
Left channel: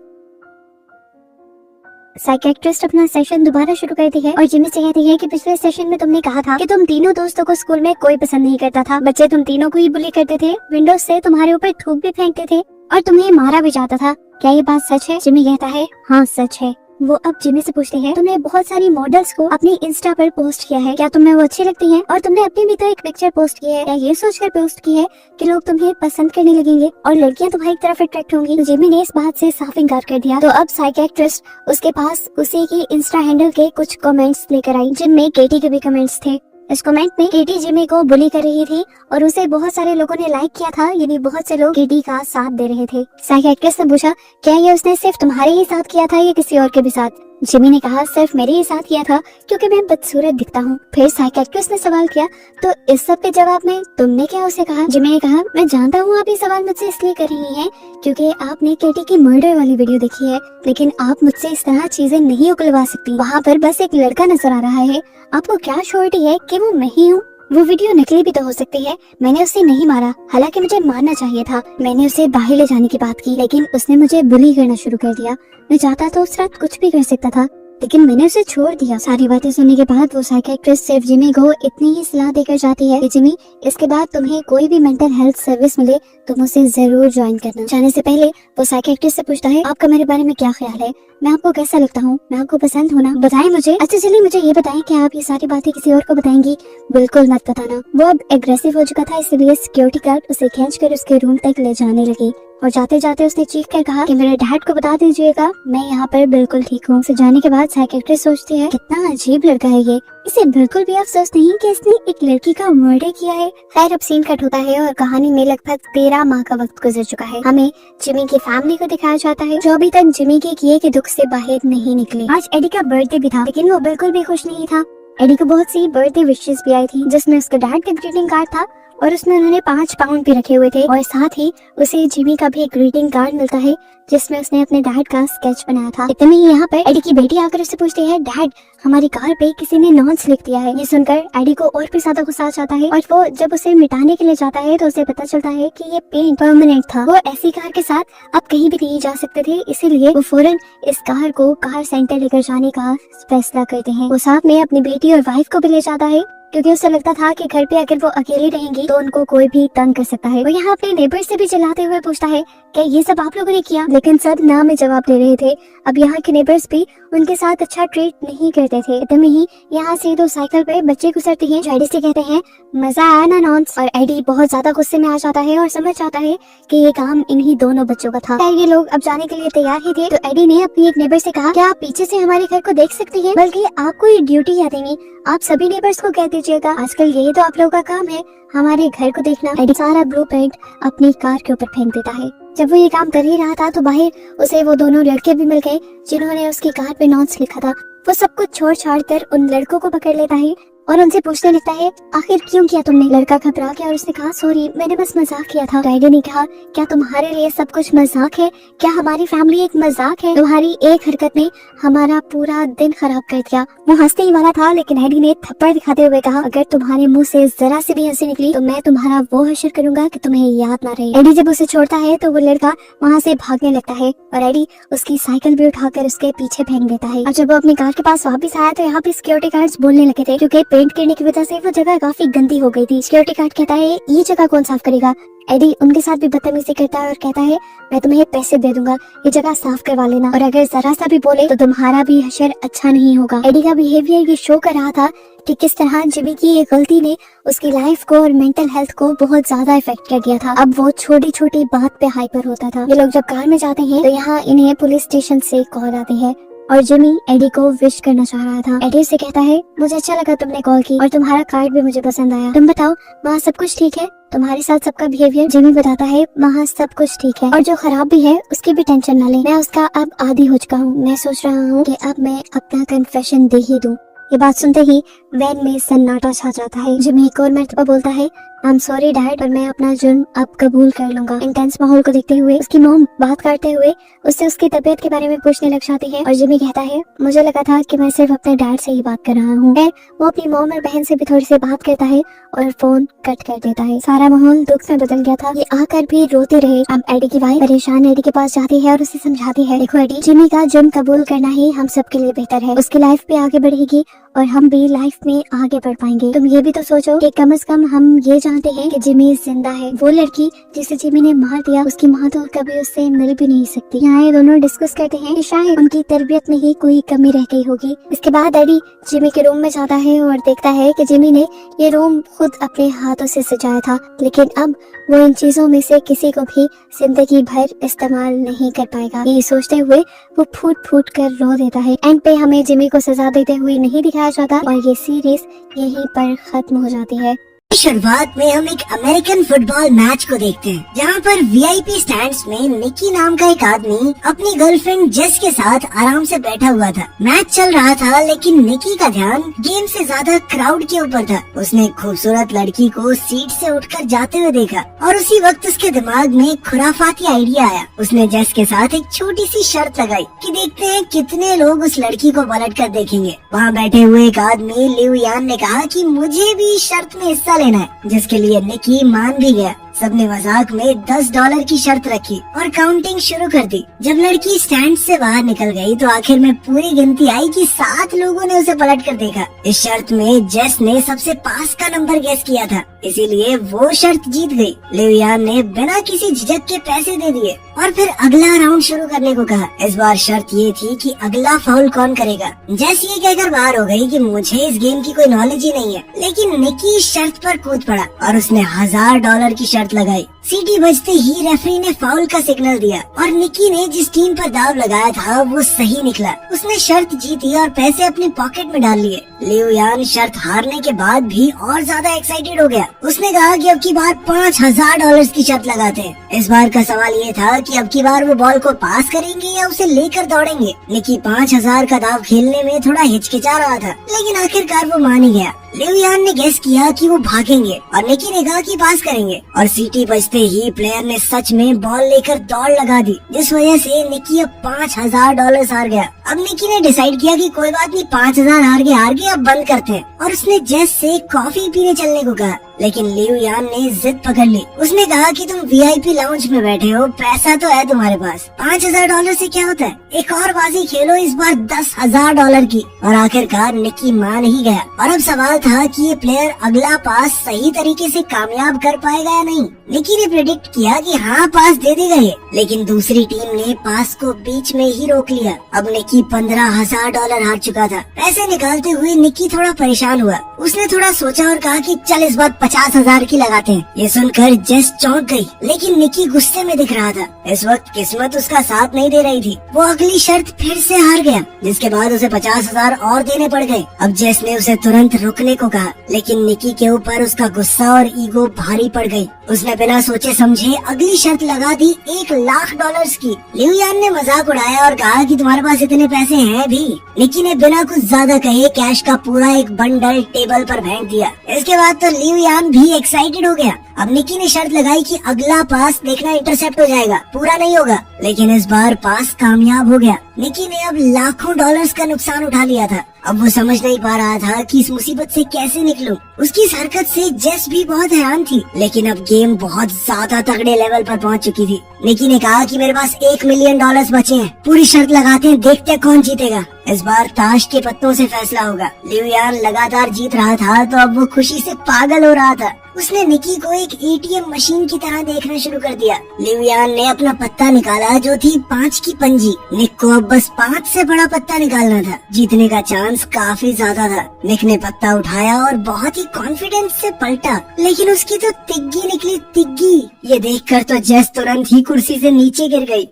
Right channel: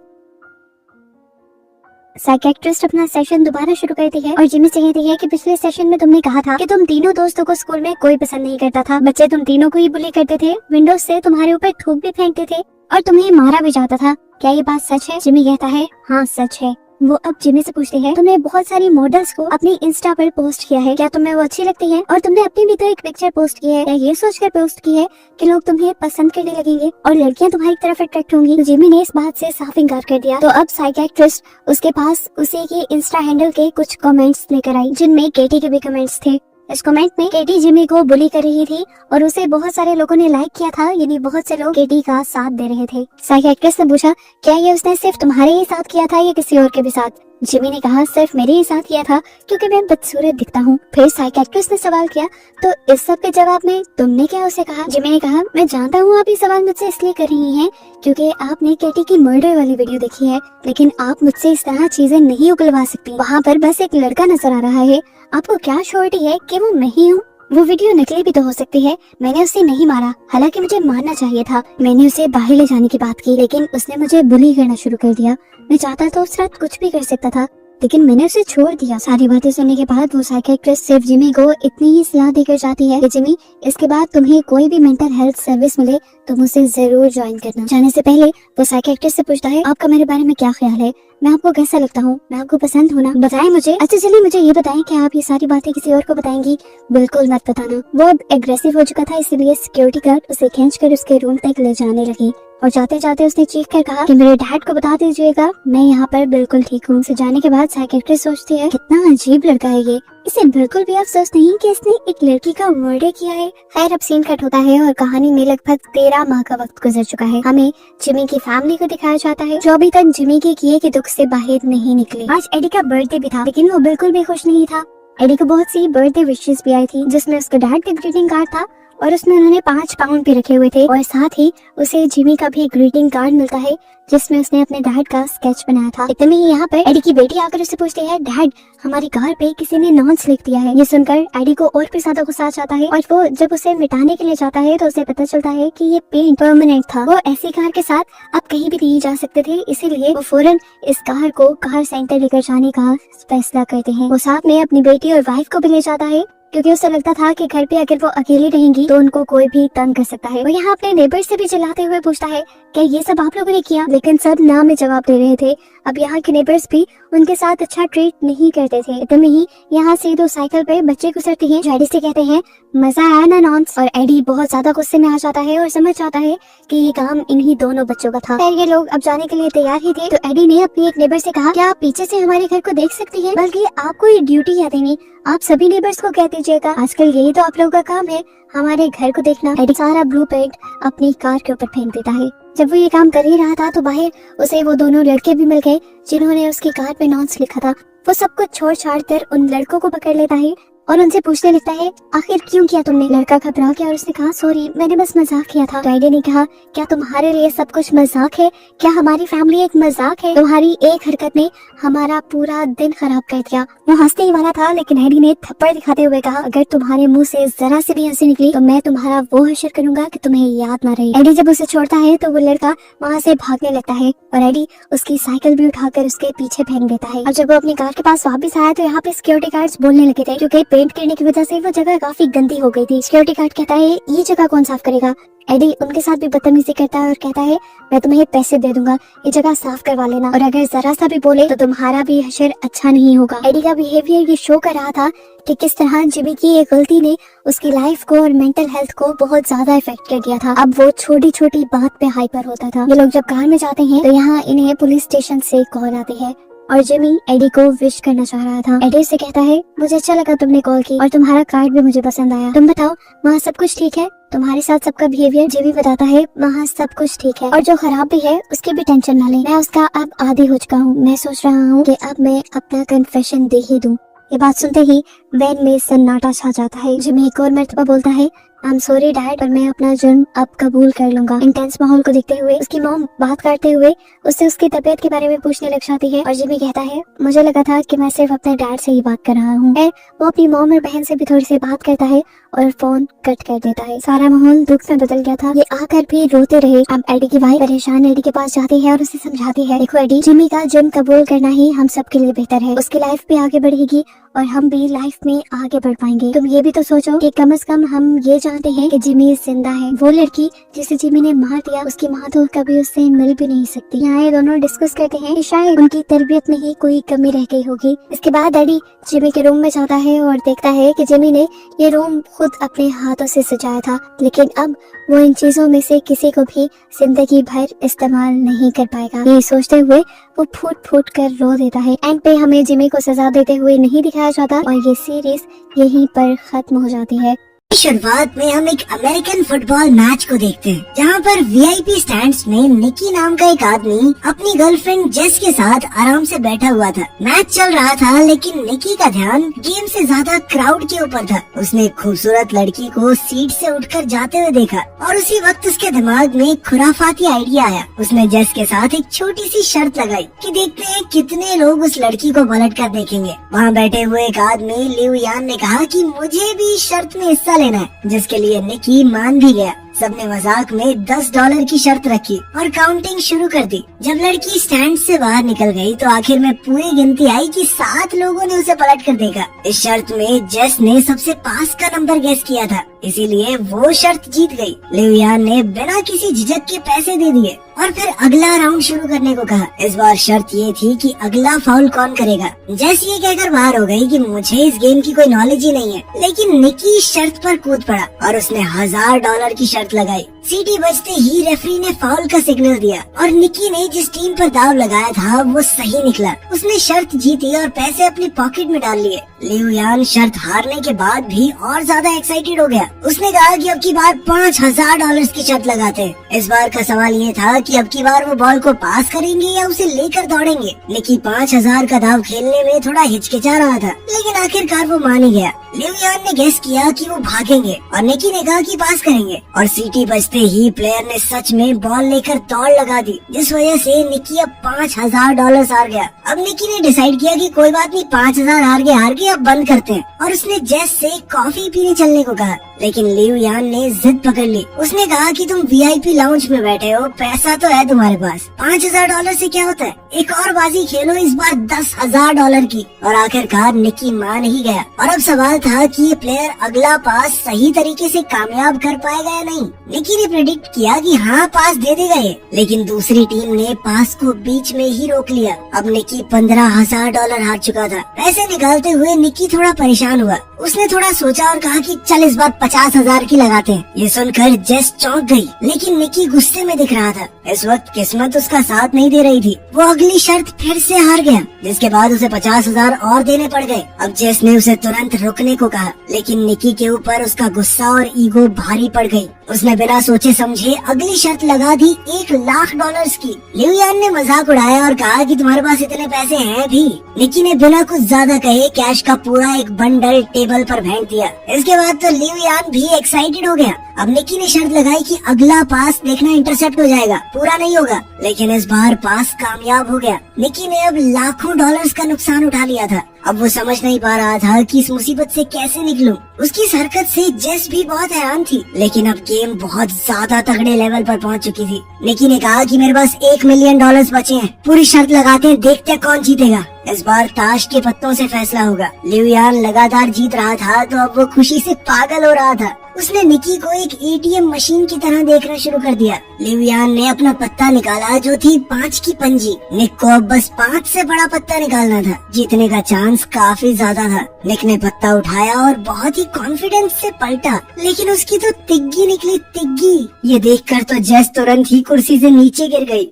साइकियाट्रिस्ट अपना सेशन दोबारा शुरू करती है और जिमी से कहती है कि पिछले सेशन में तुमने कहा था कि तुम तीनों दोस्तों को स्कूल में कोई पसंद नहीं करता था, बच्चे तुम तीनों को ही बुली करते थे, विंडोज से तुम्हारे ऊपर थूक भी फेंकते थे और तुम्हें मारा भी जाता था, क्या ये बात सच है। जिमी कहता है हाँ सच है। वो अब जिमी से पूछती है तुमने बहुत सारी मॉडल्स को अपनी इंस्टा पर पोस्ट किया है, क्या तुम्हें वो अच्छी लगती हैं और तुमने अपनी भी तो एक पिक्चर पोस्ट की है, क्या ये सोचकर पोस्ट की है कि लोग तुम्हें पसंद करने लगेंगे और लड़कियां तुम्हारी तरफ अट्रैक्ट होंगी। तो जिमी ने इस बात से साफ इनकार कर दिया। तो अब साइकियाट्रिस्ट उसके पास उसी की इंस्टा हैंडल के कुछ कमेंट्स लेकर आई जिनमें केटी के भी कमेंट्स थे। इस कमेंट में केटी जिमी को बुली कर रही थी और उसे बहुत सारे लोगों ने लाइक किया था, यानी बहुत से लोग केटी का साथ दे रहे थे। साइकियाट्रिस्ट ने पूछा क्या ये उसने सिर्फ तुम्हारे ही साथ किया था या किसी और के भी साथ। जिमी ने कहा सिर्फ मेरे ही साथ किया था क्योंकि मैं बदसूरत दिखता हूँ। फिर साइकियाट्रिस्ट ने सवाल किया तो इस सब के जवाब में तुमने क्या उसे कहा। जिमी ने कहा मैं जानता हूँ आप ये सवाल मुझसे इसलिए कर रही हैं क्योंकि आपने केटी की मर्डर वाली वीडियो देखी है, लेकिन आप मुझसे इस तरह चीजें नहीं उगलवा सकती। वहाँ पर बस एक लड़का नजर आ रहा है, आपको क्या श्योरिटी है कि वो मैं ही हूँ। वो वीडियो नकली भी तो हो सकती है, मैंने उसे नहीं मारा, हालांकि मुझे मारना चाहिए था। मैंने उसे बाहर ले जाने की बात की लेकिन उसने मुझे बुली करना शुरू कर दिया। मैं चाहता तो उस रात कुछ भी कर सकता था लेकिन मैंने उसे छोड़ दिया। सारी बातें सुनने के बाद वो साइकियाट्रिस्ट सिर्फ जिमी को इतनी ही सलाह देकर जाती है कि जिमी इसके बाद तुम्हें कोई भी मेंटल हेल्थ सर्विस मिले तुम उसे जरूर ज्वाइन करना। जाने से पहले वो साइकियाट्रिस्ट से पूछता है आपका मेरे बारे में क्या ख्याल है, मैं आपको कैसा लगता हूँ, मैं आपको पसंद हूँ ना, बताएं मुझे। अच्छा चलिए मुझे ये बताएं कि आप ये सारी बातें किसी और को बताएंगी? बिल्कुल मत बताना। वो अब एग्रेसिव हो चुका था, इसलिए सिक्योरिटी गार्ड उसे खींचकर उसके रूम तक ले जाने लगी और जाते जाते उसने चीख कर कहा कि मेरे डैड को बता दीजिएगा मैं यहाँ पर बिल्कुल ठीक हूँ। उसे जाने के बाद साइकियाट्रिस्ट सोचती है कितना अजीब लड़का है ये, इसे बिल्कुल भी अफसोस नहीं कि इसने एक लड़की का मर्डर किया है। खैर अब सीन कट होता है और कहानी में लगभग 13 माह का वक्त गुजर चुका है। हमें जिमी की फैमिली को दिखाया जाता है जो अभी तक जिमी के किए के दुख से बाहर नहीं निकले। आज एडी का बर्थडे भी था लेकिन वो बिल्कुल भी खुश नहीं था। एडी को बहुत सी बर्थडे विशेस भी आई थी जिसमें उसके डैड का ग्रीटिंग कार्ड था और उसमें उन्होंने 5 पाउंड भी रखे हुए थे और साथ ही उसे जिमी का भी एक ग्रीटिंग कार्ड मिलता है जिसमें उसने अपने डैड का स्केच बनाया था। इतने में यहाँ पर एडी की बेटी आकर उससे पूछती है डैड हमारी कार पे किसी ने नॉन्स लिख दिया है। ये सुनकर एडी को और भी ज्यादा गुस्सा आ जाता है और वो जब उसे मिटाने के लिए जाता है तो उसे पता चलता है कि ये पेंट परमानेंट था। वो ऐसी कार के साथ अब कहीं भी नहीं जा सकते थे, इसीलिए वो फौरन इस कार को कार सेंटर लेकर जाने का फैसला करते हैं। वो साथ में अपनी बेटी और वाइफ को भी ले जाता है क्योंकि उसे लगता था कि घर पे अगर वो अकेले रहेंगी तो उनको कोई भी तंग कर सकता है। वो यहाँ अपने नेबर से भी चिल्लाते हुए पूछता है कि ये सब आप लोगों ने किया, लेकिन सब ना में जवाब दे रहे थे। अब यहाँ के नेबर्स भी उनके साथ अच्छा ट्रीट नहीं करते थे। इतने में ही यहाँ से 2 साइकिल पे बच्चे गुजरते हैं जो एडी से कहते हैं मजा आया ना नॉन्स, और एडी बहुत ज्यादा गुस्से में आ जाता है और समझ जाता है कि ये काम इन्हीं दोनों बच्चों का था। ये लोग अब जाने के लिए तैयार ही थे तो एडी ने अपनी एक नेबर से कहा क्या आप पीछे से हमारे घर को देख सकती हैं, बल्कि आपको ये ड्यूटी याद नहीं, आप सभी नेबर्स को कह दीजिएगा आजकल यही तो आप लोगों का काम है हमारे घर को देखना। एडी सारा ब्लूप्रिंट अपनी कार के ऊपर फेंक देता है। जब वो ये काम कर ही रहा था तो बाहर उसे वो दोनों लड़के भी मिल गए जिन्होंने उसकी कार पे नॉन्स लिखा था। वो सब कुछ छोड़ छाड़ कर उन लड़कों को पकड़ लेता है और उनसे पूछने लगता है आखिर क्यों किया तुमने। लड़का घबरा गया और उसने कहा सॉरी मैंने बस मजाक किया था। एडी ने कहा क्या तुम्हारे लिए सब कुछ मजाक है, क्या हमारी फैमिली एक मजाक है, तुम्हारी एक हरकत ने हमारा पूरा दिन खराब कर दिया। वो हंसने ही वाला था लेकिन एडी ने थप्पड़ दिखाते हुए कहा अगर तुम्हारे मुंह से जरा सी भी हंसी निकली तो मैं तुम्हारा वो हश्र करूंगा कि तुम्हें याद ना रहे। एडी जब उसे छोड़ता है तो वो लड़का वहाँ से भागने लगता है और एडी उसकी साइकिल भी उठाकर उसके पीछे फेंक देता है। और जब वो अपनी कार के पास वापस आया तो यहाँ पे सिक्योरिटी गार्ड्स बोलने लगे थे क्योंकि पेंट गिरने की वजह से वो जगह काफी गंदी हो गई थी। सिक्योरिटी गार्ड कहता है ये जगह कौन साफ करेगा। एडी उनके साथ भी बदतमीजी करता है और कहता है मैं तुम्हें पैसे दे दूंगा, ये जगह साफ करवा लेना, और अगर जरा सा भी बोले तो तुम्हारा भी हशर अच्छा नहीं होगा। एडी का बिहेवियर ये शो कर रहा था कि किस तरह जिमी की ये गलती ने उसकी लाइफ को और मेंटल हेल्थ को बहुत ज्यादा इफेक्ट कर दिया था। अब वो छोटी छोटी बात पे हाइपर होता था। ये लोग जब कार में जाते हैं तो यहाँ इन्हें पुलिस स्टेशन से कॉल आती है और जिमी एडी को विश करना चाह रहा था। एडी से कहता है मुझे अच्छा लगा तुमने कॉल की और तुम्हारा कार्ड भी मुझे पसंद आया, तुम बताओ वहाँ सब कुछ ठीक है, तुम्हारे साथ सबका बिहेवियर। जिमी बताता है वहाँ सब कुछ ठीक है और जो खराब भी है उसकी भी टेंशन ना ले, मैं उसका अब आदी हो चुका हूँ। मैं सोच रहा हूँ कि अब मैं अपना कन्फेशन दे ही दूँ। ये बात सुनते ही वैन में सन्नाटा छा जाता है। जिमी एक और मर्तबा बोलता है आई एम सॉरी डैड, पर मैं अपना जुर्म अब कबूल कर लूंगा। इंटेंस माहौल को देखते हुए उसकी मॉम बात करते हुए उससे उसकी तबीयत के बारे में पूछने लग जाती है और जिमी कहता है मुझे लगा था कि मैं सिर्फ अपने डैड से ही बात कर रहा हूँ। वो अपनी मॉम और बहन से भी थोड़ी सी बात करता है और फोन कट कर देता है। सारा माहौल दुख से बदल गया था। ये आकर भी रोते रहे। अब एडी की वाइफ परेशान एडी के पास जाती है और उसे समझाती है देखो एडी, जिमी का जुर्म कबूल करना ही हम सबके लिए बेहतर है, उसकी लाइफ भी आगे बढ़ेगी और हम भी लाइफ में आगे बढ़ पाएंगे। तुम ये भी तो सोचो कि कम से कम हम ये जानते हैं कि जिमी जिंदा है। वो लड़की जिसे जिमी ने मार दिया उसकी माँ तो कभी उससे मिल भी नहीं सकती। यहाँ ये दोनों डिस्कस करते हैं कि शायद उनकी तरबियत में ही कोई कमी रह गई होगी। इसके बाद एडी जिमी के रूम में जाता है और देखता है कि जिमी ने ये रूम खुद अपने हाथों से सजाया था, लेकिन अब वो इन चीजों में से किसी को भी जिंदगी भर इस्तेमाल नहीं कर पाएगा। ये सोचते हुए वो फूट फूट कर रो देता है। एंड पे हमें जिमी को सजा देते हुए नहीं दिखाया जाता और ये सीरीज यहीं पर खत्म हो जाती है। शुरुआत में हम एक अमेरिकन फुटबॉल मैच को देखते हैं जहाँ पर वीआईपी स्टैंड्स में निकी नाम का एक आदमी अपनी गर्लफ्रेंड जेस के साथ आराम से बैठा हुआ था। मैच चल रहा था लेकिन निकी का ध्यान गेम से ज्यादा क्राउड के ऊपर था। उसने एक खूबसूरत लड़की को सीट से उठकर जाते हुए देखा और उसी वक्त उसके दिमाग में एक खुराफाती आइडिया आया। उसने जेस के साथ एक छोटी सी शर्त लगाई कि देखते हैं कितने लोग उस लड़की को पलट कर देखेंगे। वहाँ बैठे हुए एक आदमी लिव यान ने कहा कि मुझे भी शर्त में हिस्सा लेना है, जिसके लिए निकी मान भी गया। सबने मजाक में $10 की शर्त रखी और काउंटिंग शुरू कर दी। जब लड़की स्टैंड से बाहर निकल गई तो आखिर में पूरी गिनती आई कि 7 लोगों ने उसे पलट कर देखा। इस शर्त में जेस ने सबसे पास का नंबर गेस किया था, इसीलिए वो शर्त जीत गई। लिव यान ने बिना किसी झिझक के पैसे दे दिए और फिर अगला राउंड शुरू करने को कहा। इस बार शर्त ये थी कि अगला फाउल कौन करेगा। जेस ये कहकर बाहर हो गई कि मुझे इस गेम की कोई नॉलेज ही नहीं है, लेकिन निकी इस शर्त पर कूद पड़ा और उसने $1000 की शर्त लगाई। सीटी बजते ही रेफरी ने फाउल का सिग्नल दिया और निकी ने जिस टीम पर दाव लगाया था वो सही निकला। उसने शर्त जीती और पैसे अपनी पॉकेट में डाल लिए। लिव यान शर्त हारने के बाद भी और ज्यादा एक्साइटेड हो गया। उसने कहा कि अब की बार $5000 की शर्त लगाते हैं। इस बार का सवाल ये था कि अब की बार वो बॉल को पास करेंगे या उसे लेकर दौड़ेंगे। निकी 5000 का दाव खेलने में थोड़ा हिचकिचा रहा था, लेकिन आखिरकार वो मान ही गया। लिव यान ने गेस किया कि वो भागेंगे और निकी ने कहा कि पास करेंगे और सीटी बजते ही प्लेयर ने सच में बॉल लेकर दौड़ लगा दी, जिस वजह से निकी अब $5000 हार गया। अब निकी ने डिसाइड किया कि कोई बात नहीं, 5000 हार गए अब बंद करते हैं और उसने जेस से कॉफी पीने चलने को कहा। लेकिन लिव यान ने जिद पकड़ ली। उसने कहा कि तुम वीआईपी लाउंज में बैठे हो, पैसा तो है तुम्हारे पास, $5000 से क्या होता है, एक और बाजी खेलो, इस बार $10,000 की। और आखिरकार निकी मान ही गया। और अब सवाल था कि ये प्लेयर अगला पास सही तरीके से कामयाब कर पाएगा या नहीं। निकी ने प्रेडिक्ट किया कि हाँ, पास दे देगा ये, लेकिन दूसरी टीम ने पास को बीच में ही रोक लिया। अब निकी $15,000 हार चुका था। पैसे निकालते हुए निकी थोड़ा परेशान हुआ। उसने थोड़ा सोचा और कहा कि चल इस बार 50,000 की लगाते हैं। ये सुनकर जेस चौंक गई, लेकिन निकी गुस्से में दिख रहा था। इस वक्त किस्मत उसका साथ नहीं दे रही थी। वो अगली शर्त फिर से हार गया, जिसके बाद उसे 50,000 और देने पड़ गए। अब जेस ने उसे तुरंत रुकने को कहा, लेकिन निकी के ऊपर उसका गुस्सा और ईगो भारी पड़ गई। उसने बिना सोचे समझे अगली शर्त लगा दी $1,00,000 की। लिव यान ने मजाक उड़ाया और कहा कि तुम्हारे पास इतने पैसे हैं भी। निकी ने बिना कुछ ज्यादा कहे कैश का पूरा एक बंडल टेबल पर फेंक दिया। इसके बाद तो लिव यान भी एक्साइटेड हो गया। अब निकी ने शर्त लगाई कि अगला पास देखना इंटरसेप्ट हो जाएगा, पूरा नहीं होगा। लेकिन इस बार पास कामयाब हो गया। निकी ने अब लाखों डॉलर्स का नुकसान उठा लिया था। अब वो समझ नहीं पा रहा था कि इस मुसीबत से कैसे निकलूं। उसकी इस हरकत से जेस भी बहुत हैरान थी, लेकिन अब गेम बहुत ज्यादा तगड़े लेवल पर पहुंच चुकी थी। निकी ने कहा कि मेरे पास $1 मिलियन बचे हैं, पूरी शर्त लगाते हैं, देखते हैं कौन जीतेगा। इस बार ताश के पत्तों से फैसला होगा। लिव यान लगातार जीत रहा था, तो अब वो खुशी से पागल हो रहा था। उसने निकी को एक ATM मशीन की तरह देखना शुरू कर दिया। लिव यान ने अपना पत्ता निकाला, जो थी 5 की पंजी। निक को अब बस 5 से बड़ा पत्ता निकालना था। जीतने का चांस काफी ज्यादा था। निक ने पत्ता उठाया और बहुत ही कॉन्फिडेंस से पलटा, लेकिन उसकी तो तिग्गी निकली, तिग्गी। ये देखकर तो जेस तुरंत ही कुर्सी से नीचे गिर गई।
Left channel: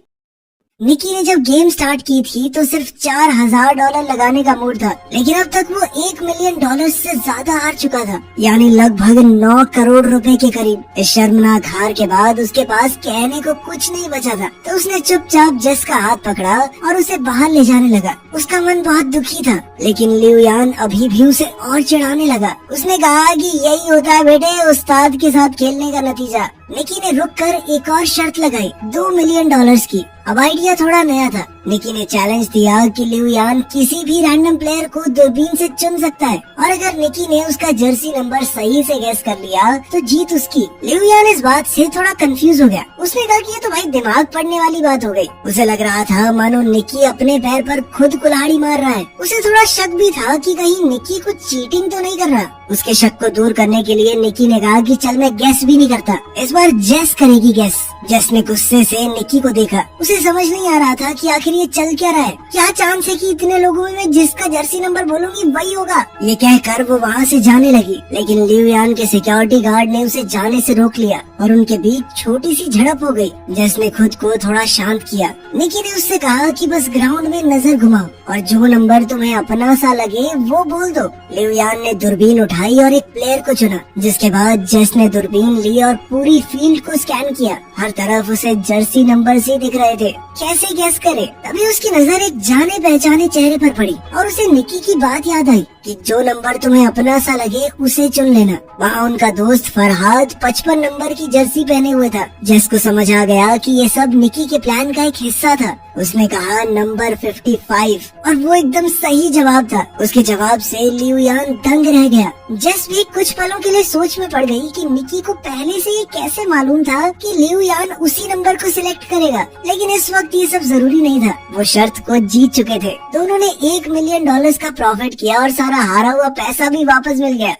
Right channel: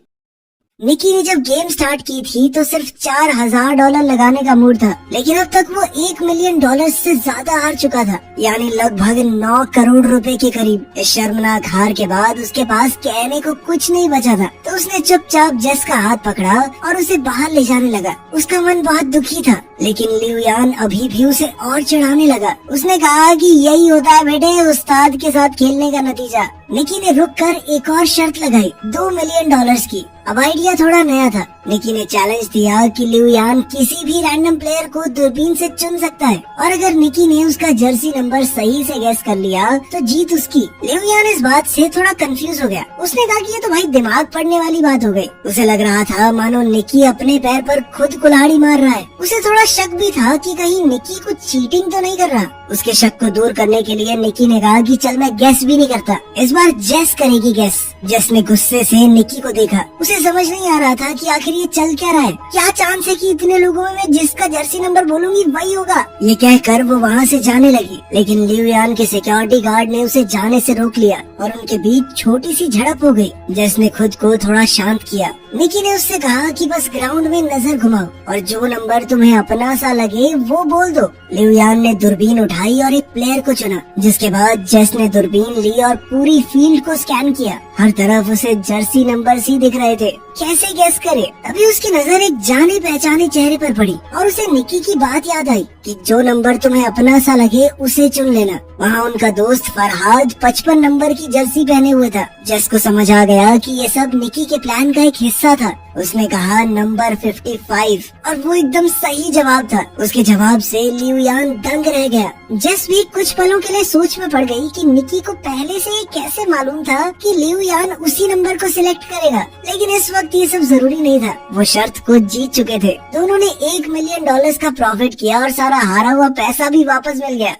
निकी ने जब गेम स्टार्ट की थी तो सिर्फ $4,000 लगाने का मूड था, लेकिन अब तक वो $1 मिलियन से ज्यादा हार चुका था, यानी लगभग 9 करोड़ रुपए के करीब। इस शर्मनाक हार के बाद उसके पास कहने को कुछ नहीं बचा था, तो उसने चुपचाप जेस का हाथ पकड़ा और उसे बाहर ले जाने लगा। उसका मन बहुत दुखी था, लेकिन लिव यान अभी भी उसे और चिढ़ाने लगा। उसने कहा कि यही होता है बेटे उस्ताद के साथ खेलने का नतीजा। निकी ने रुककर एक और शर्त लगाई $2 मिलियन की। अब आइडिया थोड़ा नया था। निकी ने चैलेंज दिया कि लिव यान किसी भी रैंडम प्लेयर को दूरबीन से चुन सकता है, और अगर निकी ने उसका जर्सी नंबर सही से गैस कर लिया तो जीत उसकी। लिव यान इस बात से थोड़ा कंफ्यूज हो गया। उसने कहा कि ये तो भाई दिमाग पड़ने वाली बात हो गई। उसे लग रहा था मानो निकी अपने पैर पर खुद कुल्हाड़ी मार रहा है। उसे थोड़ा शक भी था कि कहीं निकी कुछ चीटिंग तो नहीं कर रहा। उसके शक को दूर करने के लिए निकी ने कहा कि चल मैं गैस भी नहीं करता, इस बार जेस करेगी गैस। जेस ने गुस्से से निकी को देखा। उसे समझ नहीं आ रहा था कि आखिर ये चल क्या रहा है। क्या चांस है कि इतने लोगों में मैं जिसका जर्सी नंबर बोलूंगी वही होगा। ये कहकर वो वहाँ से जाने लगी, लेकिन लिव यान के सिक्योरिटी गार्ड ने उसे जाने से रोक लिया और उनके बीच छोटी सी झड़प हो गई। जेस ने खुद को थोड़ा शांत किया। निकी ने उससे कहा कि बस ग्राउंड में नजर घुमाओ और जो नंबर तुम्हें अपना सा लगे वो बोल दो। लिव यान ने दूरबीन उठाई और एक प्लेयर को चुना, जिसके बाद जेस ने दूरबीन ली और पूरी फील्ड को स्कैन किया। हर तरफ उसे जर्सी नंबर ही दिख रहे थे। कैसे गैस करे? तभी उसकी नजर एक जाने पहचाने चेहरे पर पड़ी और उसे निकी की बात याद आई कि जो नंबर तुम्हें अपना सा लगे उसे चुन लेना। वहाँ उनका दोस्त फरहाद 55 नंबर की जर्सी पहने हुए था। जेस को समझ आ गया कि ये सब निकी के प्लान का एक हिस्सा हिस्सा था। उसने कहा नंबर 55 और वो एकदम सही जवाब था। उसके जवाब से लिू यान दंग रह गया। जेस भी कुछ पलों के लिए सोच में पड़ गई कि निकी को पहले से ये कैसे मालूम था कि लिू यान उसी नंबर को सिलेक्ट करेगा, लेकिन इस वक्त ये सब जरूरी नहीं था। वो शर्त को जीत चुके थे तो उन्होंने $1 मिलियन का प्रॉफिट किया और सारा हारा हुआ पैसा भी वापस मिल गया।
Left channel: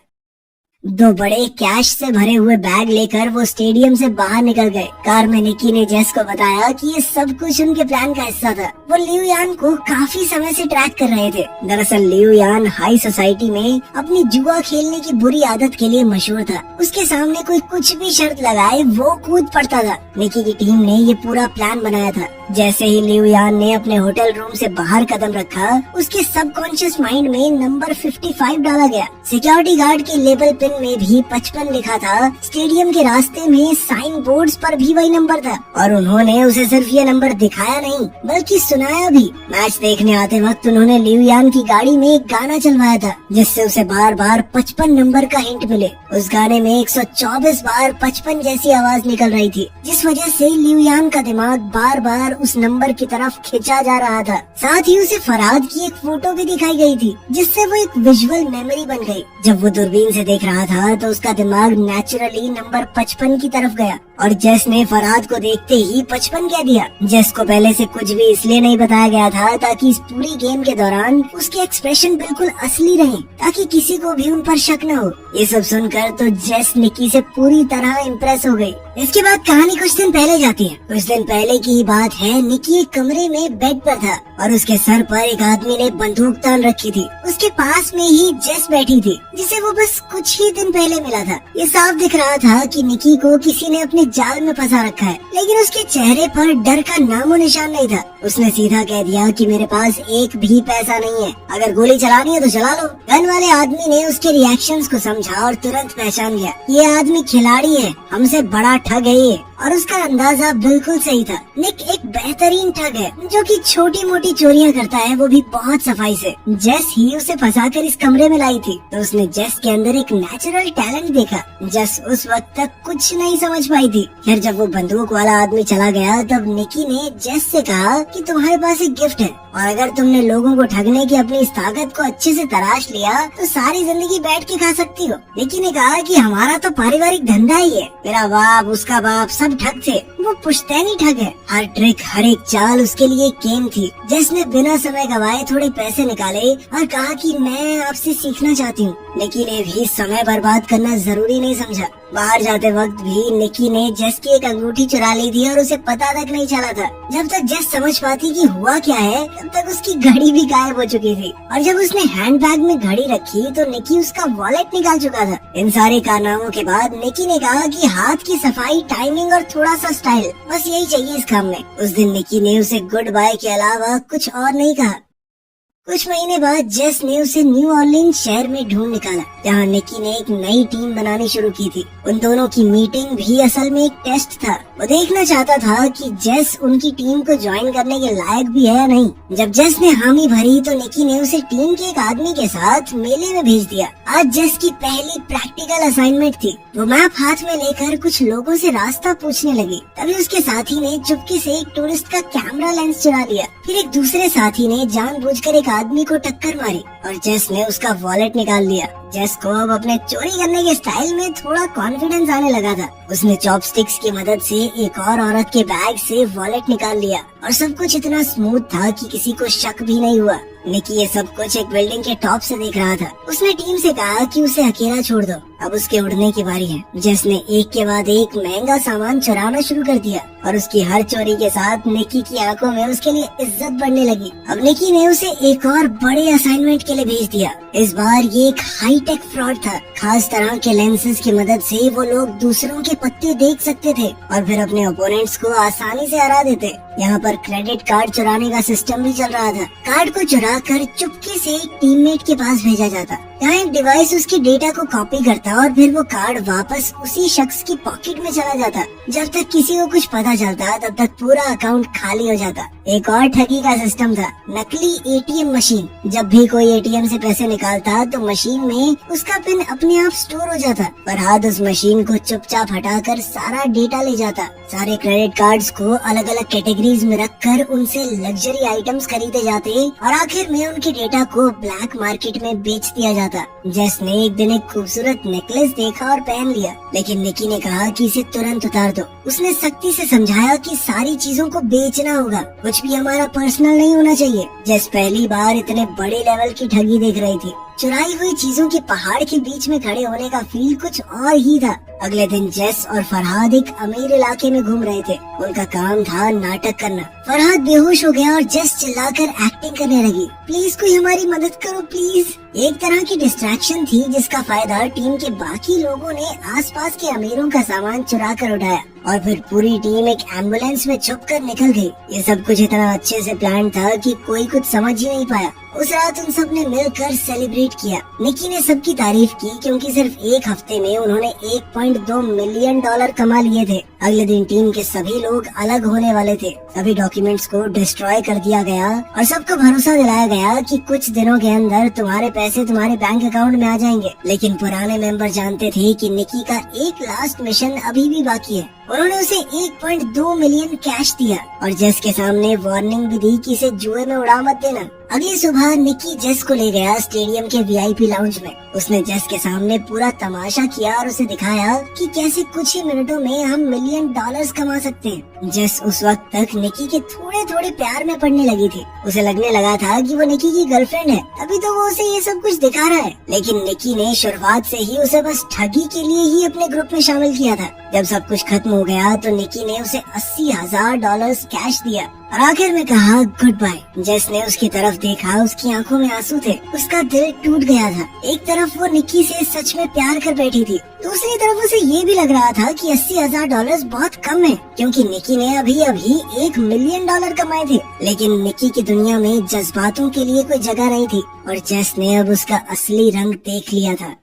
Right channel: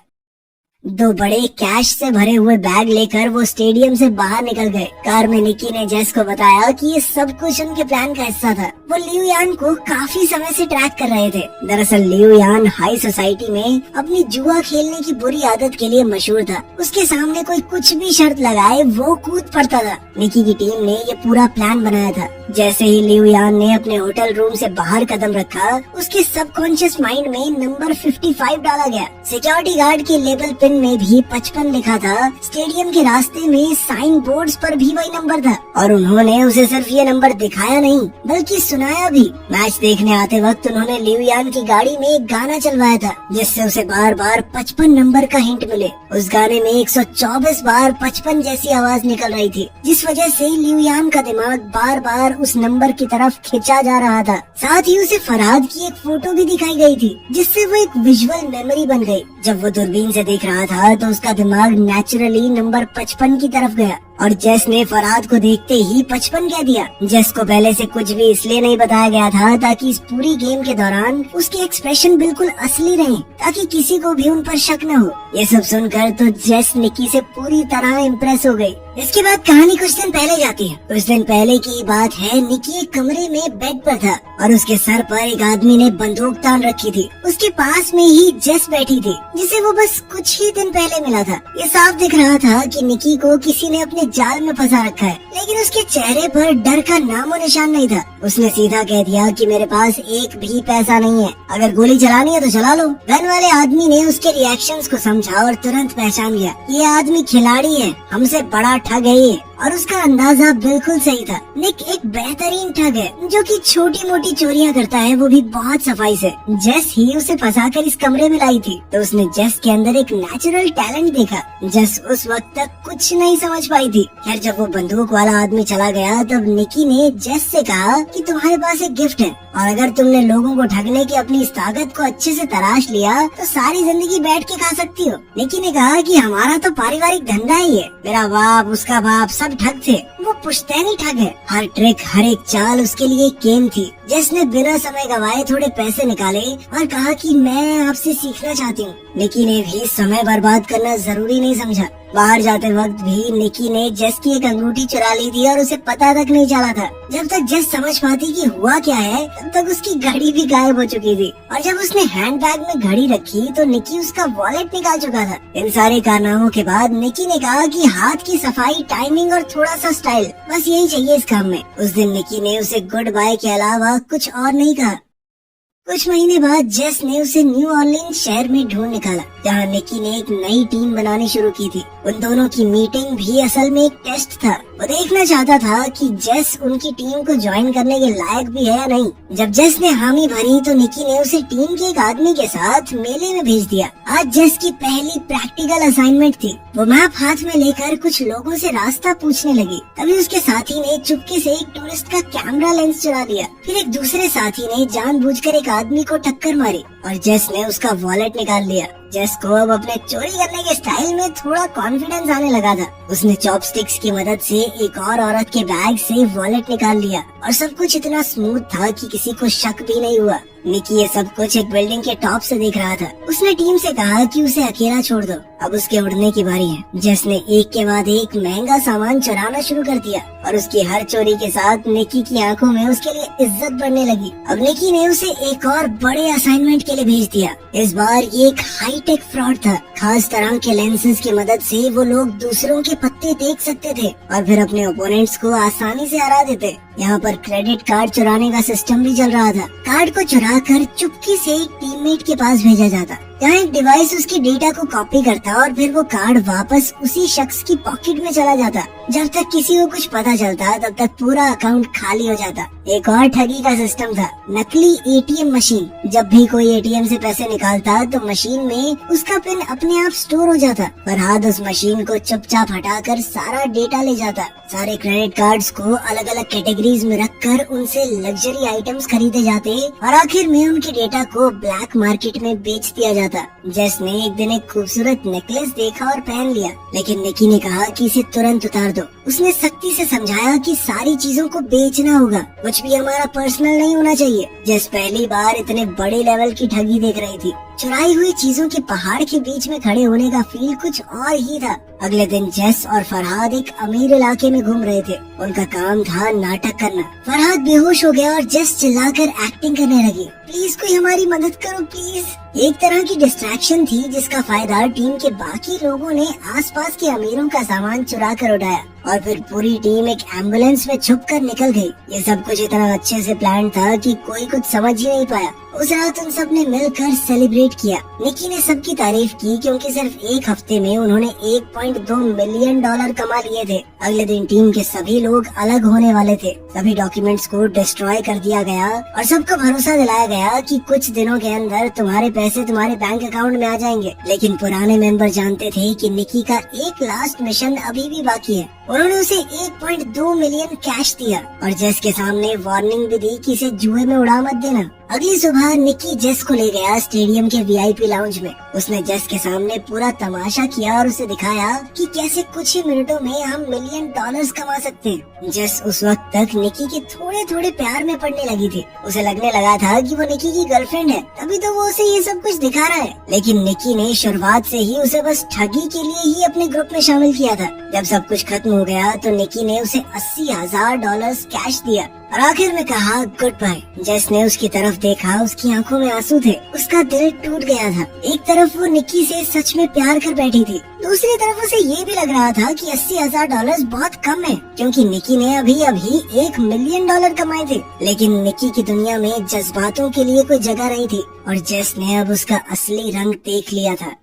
2 बड़े कैश से भरे हुए बैग लेकर वो स्टेडियम से बाहर निकल गए। कार में निकी ने जेस को बताया कि ये सब कुछ उनके प्लान का हिस्सा था। वो लिू यान को काफी समय से ट्रैक कर रहे थे। दरअसल लिू यान हाई सोसाइटी में अपनी जुआ खेलने की बुरी आदत के लिए मशहूर था। उसके सामने कोई कुछ भी शर्त लगाए वो कूद पड़ता था। निकी की टीम ने ये पूरा प्लान बनाया था। जैसे ही लिू यान ने अपने होटल रूम से बाहर कदम रखा, उसके सबकॉन्शियस माइंड में नंबर 55 डाला गया। सिक्योरिटी गार्ड के लेबल पिन में भी 55 लिखा था। स्टेडियम के रास्ते में साइन बोर्ड्स पर भी वही नंबर था और उन्होंने उसे सिर्फ ये नंबर दिखाया नहीं बल्कि सुनाया भी। मैच देखने आते वक्त उन्होंने लिू यान की गाड़ी में एक गाना चलवाया था जिससे उसे बार बार 55 नंबर का हिंट मिले। उस गाने में 124 बार 55 जैसी आवाज निकल रही थी, जिस वजह से लिू यान का दिमाग बार बार उस नंबर की तरफ खिंचा जा रहा था। साथ ही उसे फरहाद की एक फोटो भी दिखाई गई थी जिससे वो एक विजुअल मेमोरी बन गई। जब वो दूरबीन से देख रहा था तो उसका दिमाग नेचुरली नंबर 55 की तरफ गया और जेस ने फरहाद को देखते ही 55 कह दिया। जेस को पहले से कुछ भी इसलिए नहीं बताया गया था ताकि इस पूरी गेम के दौरान उसके एक्सप्रेशन बिल्कुल असली रहें, ताकि किसी को भी उन पर शक न हो। ये सब सुनकर तो जेस निकी से पूरी तरह इम्प्रेस हो गई। इसके बाद कहानी कुछ दिन पहले जाती है। कुछ दिन पहले की ही बात है। निकी एक कमरे में बेड पर था और उसके सर पर एक आदमी ने बंदूक तान रखी थी। उसके पास में ही जेस बैठी थी जिसे वो बस कुछ ही दिन पहले मिला था। ये साफ दिख रहा था कि निकी को किसी ने अपने जाल में फंसा रखा है, लेकिन उसके चेहरे पर डर का नामो निशान नहीं था। उसने सीधा कह दिया कि मेरे पास एक भी पैसा नहीं है, अगर गोली चलानी है तो चला लो। गन वाले आदमी ने उसके रिएक्शंस को समझा और तुरंत पहचान गया ये आदमी खिलाड़ी है, हमसे बड़ा ठग है ये। और उसका अंदाजा बिल्कुल सही था। निक एक बेहतरीन ठग है जो कि छोटी मोटी चोरियां करता है, वो भी बहुत सफाई से। जेस ही उसे फंसाकर इस कमरे में लाई थी तो उसने जेस के अंदर एक नेचुरल टैलेंट देखा। जेस उस वक्त तक कुछ नहीं समझ पाई थी। खैर जब वो बंदूक वाला आदमी चला गया तब निकी ने जेस से कहा कि तुम्हारे पास एक गिफ्ट है और अगर तुमने लोगों को ठगने की अपनी इस ताकत को अच्छे से तराश लिया तो सारी जिंदगी बैठ के खा सकती हो। निकी ने कहा कि हमारा तो पारिवारिक धंधा ही है, मेरा बाप उसका बाप सब ठग थे, वो पुश्तैनी ठग है। हर ट्रिक हर एक चाल उसके लिए गेम थी। जेस ने बिना समय गवाए थोड़े पैसे निकाले और कहा कि मैं आपसे सीखना चाहती हूँ। निकी ने भी समय बर्बाद करना जरूरी नहीं समझा। बाहर जाते वक्त भी निकी ने जेस की एक अंगूठी चुरा ली थी और उसे पता तक नहीं चला था। जब तक जेस समझ पाती कि हुआ क्या है तब तक उसकी घड़ी भी गायब हो चुकी थी और जब उसने हैंडबैग में घड़ी रखी तो निकी उसका वॉलेट निकाल चुका था। इन सारे कारनामों के बाद निकी ने कहा कि हाथ की सफाई, टाइमिंग और थोड़ा सा स्टाइल, बस यही चाहिए इस काम में। उस दिन निकी ने उसे गुड बाय के अलावा कुछ और नहीं कहा। कुछ महीने बाद जेस ने उसे न्यू ऑरलीन्स शहर में ढूंढ निकाला जहाँ निकी ने एक नई टीम बनानी शुरू की थी। उन दोनों की मीटिंग भी असल में एक टेस्ट था। वो देखना चाहता था कि जेस उनकी टीम को ज्वाइन करने के लायक भी है या नहीं। जब जेस ने हामी भरी तो निकी ने उसे टीम के एक आदमी के साथ मेले में भेज दिया। आज जेस की पहली प्रैक्टिकल असाइनमेंट थी। वो मैप हाथ में लेकर कुछ लोगों से रास्ता पूछने लगी। तभी उसके साथी ने चुपके से एक टूरिस्ट का कैमरा लेंस चुरा लिया। फिर एक दूसरे साथी ने जानबूझकर एक आदमी को टक्कर मारी और जेस ने उसका वॉलेट निकाल लिया। जेस को अब अपने चोरी करने के स्टाइल में थोड़ा कॉन्फिडेंस आने लगा था। उसने चॉपस्टिक्स की मदद से एक और औरत के बैग से वॉलेट निकाल लिया और सब कुछ इतना स्मूथ था कि किसी को शक भी नहीं हुआ। निकी ये सब कुछ एक बिल्डिंग के टॉप से देख रहा था। उसने टीम से कहा कि उसे अकेला छोड़ दो, अब उसके उड़ने की बारी है। जेस ने एक के बाद एक महंगा सामान चुराना शुरू कर दिया और उसकी हर चोरी के साथ निकी की आंखों में उसके लिए इज्जत बढ़ने लगी। अब निकी ने उसे एक और बड़े असाइनमेंट के लिए भेज दिया। इस बार ये एक हाईटेक फ्रॉड था। खास तरह के लेंसेज की मदद से वो लोग दूसरों के पत्ते देख सकते थे और फिर अपने ओपोनेंट्स को आसानी से हरा देते। यहाँ पर क्रेडिट कार्ड चुराने का सिस्टम भी चल रहा था। कार्ड को चुराकर चुपके से एक टीममेट के पास भेजा जाता। यहाँ एक डिवाइस उसके डेटा को कॉपी करता और फिर वो कार्ड वापस उसी शख्स की पॉकेट में चला जाता। जब तक किसी को कुछ पता चलता तब तक पूरा अकाउंट खाली हो जाता। एक और ठगी का सिस्टम था, नकली एटीएम मशीन। जब भी कोई एटीएम से पैसे निकालता तो मशीन में उसका पिन अपने आप स्टोर हो जाता। फरहाद उस मशीन को चुपचाप हटाकर सारा डेटा ले जाता। सारे क्रेडिट कार्ड्स को अलग अलग कैटेगरीज में रखकर उनसे लग्जरी आइटम्स खरीदे जाते और आखिर में उनके डेटा को ब्लैक मार्केट में बेच दिया जाता। जेस ने एक दिन एक खूबसूरत नेकलेस देखा और पहन लिया, लेकिन निकी ने कहा कि इसे तुरंत उतार दो। उसने सख्ती से समझाया कि सारी चीजों को बेचना होगा, कुछ भी हमारा पर्सनल नहीं होना चाहिए। जेस पहली बार इतने बड़े लेवल की ठगी देख रही थी। चुराई हुई चीजों के पहाड़ के बीच में खड़े होने का फील कुछ और ही था। अगले दिन जेस और फरहाद एक अमीर इलाके में घूम रहे थे। उनका काम था नाटक करना। फरहाद बेहोश हो गया और जेस चिल्लाकर एक्टिंग करने लगी। प्लीज कोई हमारी मदद करो प्लीज। एक तरह की डिस्ट्रैक्शन थी जिसका फायदा टीम के बाकी लोगों ने आसपास के अमीरों का सामान चुरा कर उठाया और फिर पूरी टीम एक एम्बुलेंस में छुपकर निकल गई। ये सब कुछ इतना अच्छे से प्लान था कि कोई कुछ समझ ही नहीं पाया। उस रात उन सब ने मिलकर सेलिब्रेट किया। निकी ने सबकी तारीफ की क्योंकि सिर्फ एक हफ्ते में उन्होंने 1.2 मिलियन डॉलर कमा लिए थे। अगले दिन टीम के सभी लोग अलग होने वाले थे। सभी डॉक्यूमेंट्स को डिस्ट्रॉय कर दिया गया और सबको भरोसा दिलाया गया कि कुछ दिनों के अंदर तुम्हारे पैसे तुम्हारे बैंक अकाउंट में आ जाएंगे। लेकिन पुराने मेंबर जानते थे कि निकी का एक लास्ट मिशन अभी भी बाकी है। उन्होंने उसे 1.2 मिलियन कैश दिया और जेस के सामने वार्निंग भी दी कि इसे जुए में उड़ा मत देना। अगली सुबह निकी जेस को ले गया स्टेडियम के वीआईपी लाउंज में। उसने जेस के सामने पूरा तमाशा किया और उसे दिखाया कि कैसे कुछ ही मिनटों में हम मिलियन डॉलर्स कमा सकते हैं। जेस उस वक्त तक निकी के थोड़े थोड़े प्यार में पड़ने लगी थी। उसे लगने लगा था कि वो निकी की गर्लफ्रेंड है, तभी तो वो उसे ये सब कुछ दिखा रहा है। लेकिन निकी ने शुरुआत से ही उसे बस ठगी के लिए ही अपने ग्रुप में शामिल किया था। जब सब कुछ खत्म हो गया तो निकी ने उसे $80,000 कैश दिया और आखिर में कहा गुड बाय। जेस ने उसकी तरफ देखा, उसकी आंखों में आंसू थे। उसका दिल टूट गया था। एक तरफ वो निकी से सच में प्यार कर बैठी थी, दूसरी तरफ उसे ये भी लग रहा था कि $80,000 बहुत कम है, क्योंकि निकी ने अभी $1 मिलियन कमाए थे। लेकिन निकी की दुनिया में जज्बातों के लिए कोई जगह नहीं थी और जेस ने अब उसका असली रंग देख लिया था।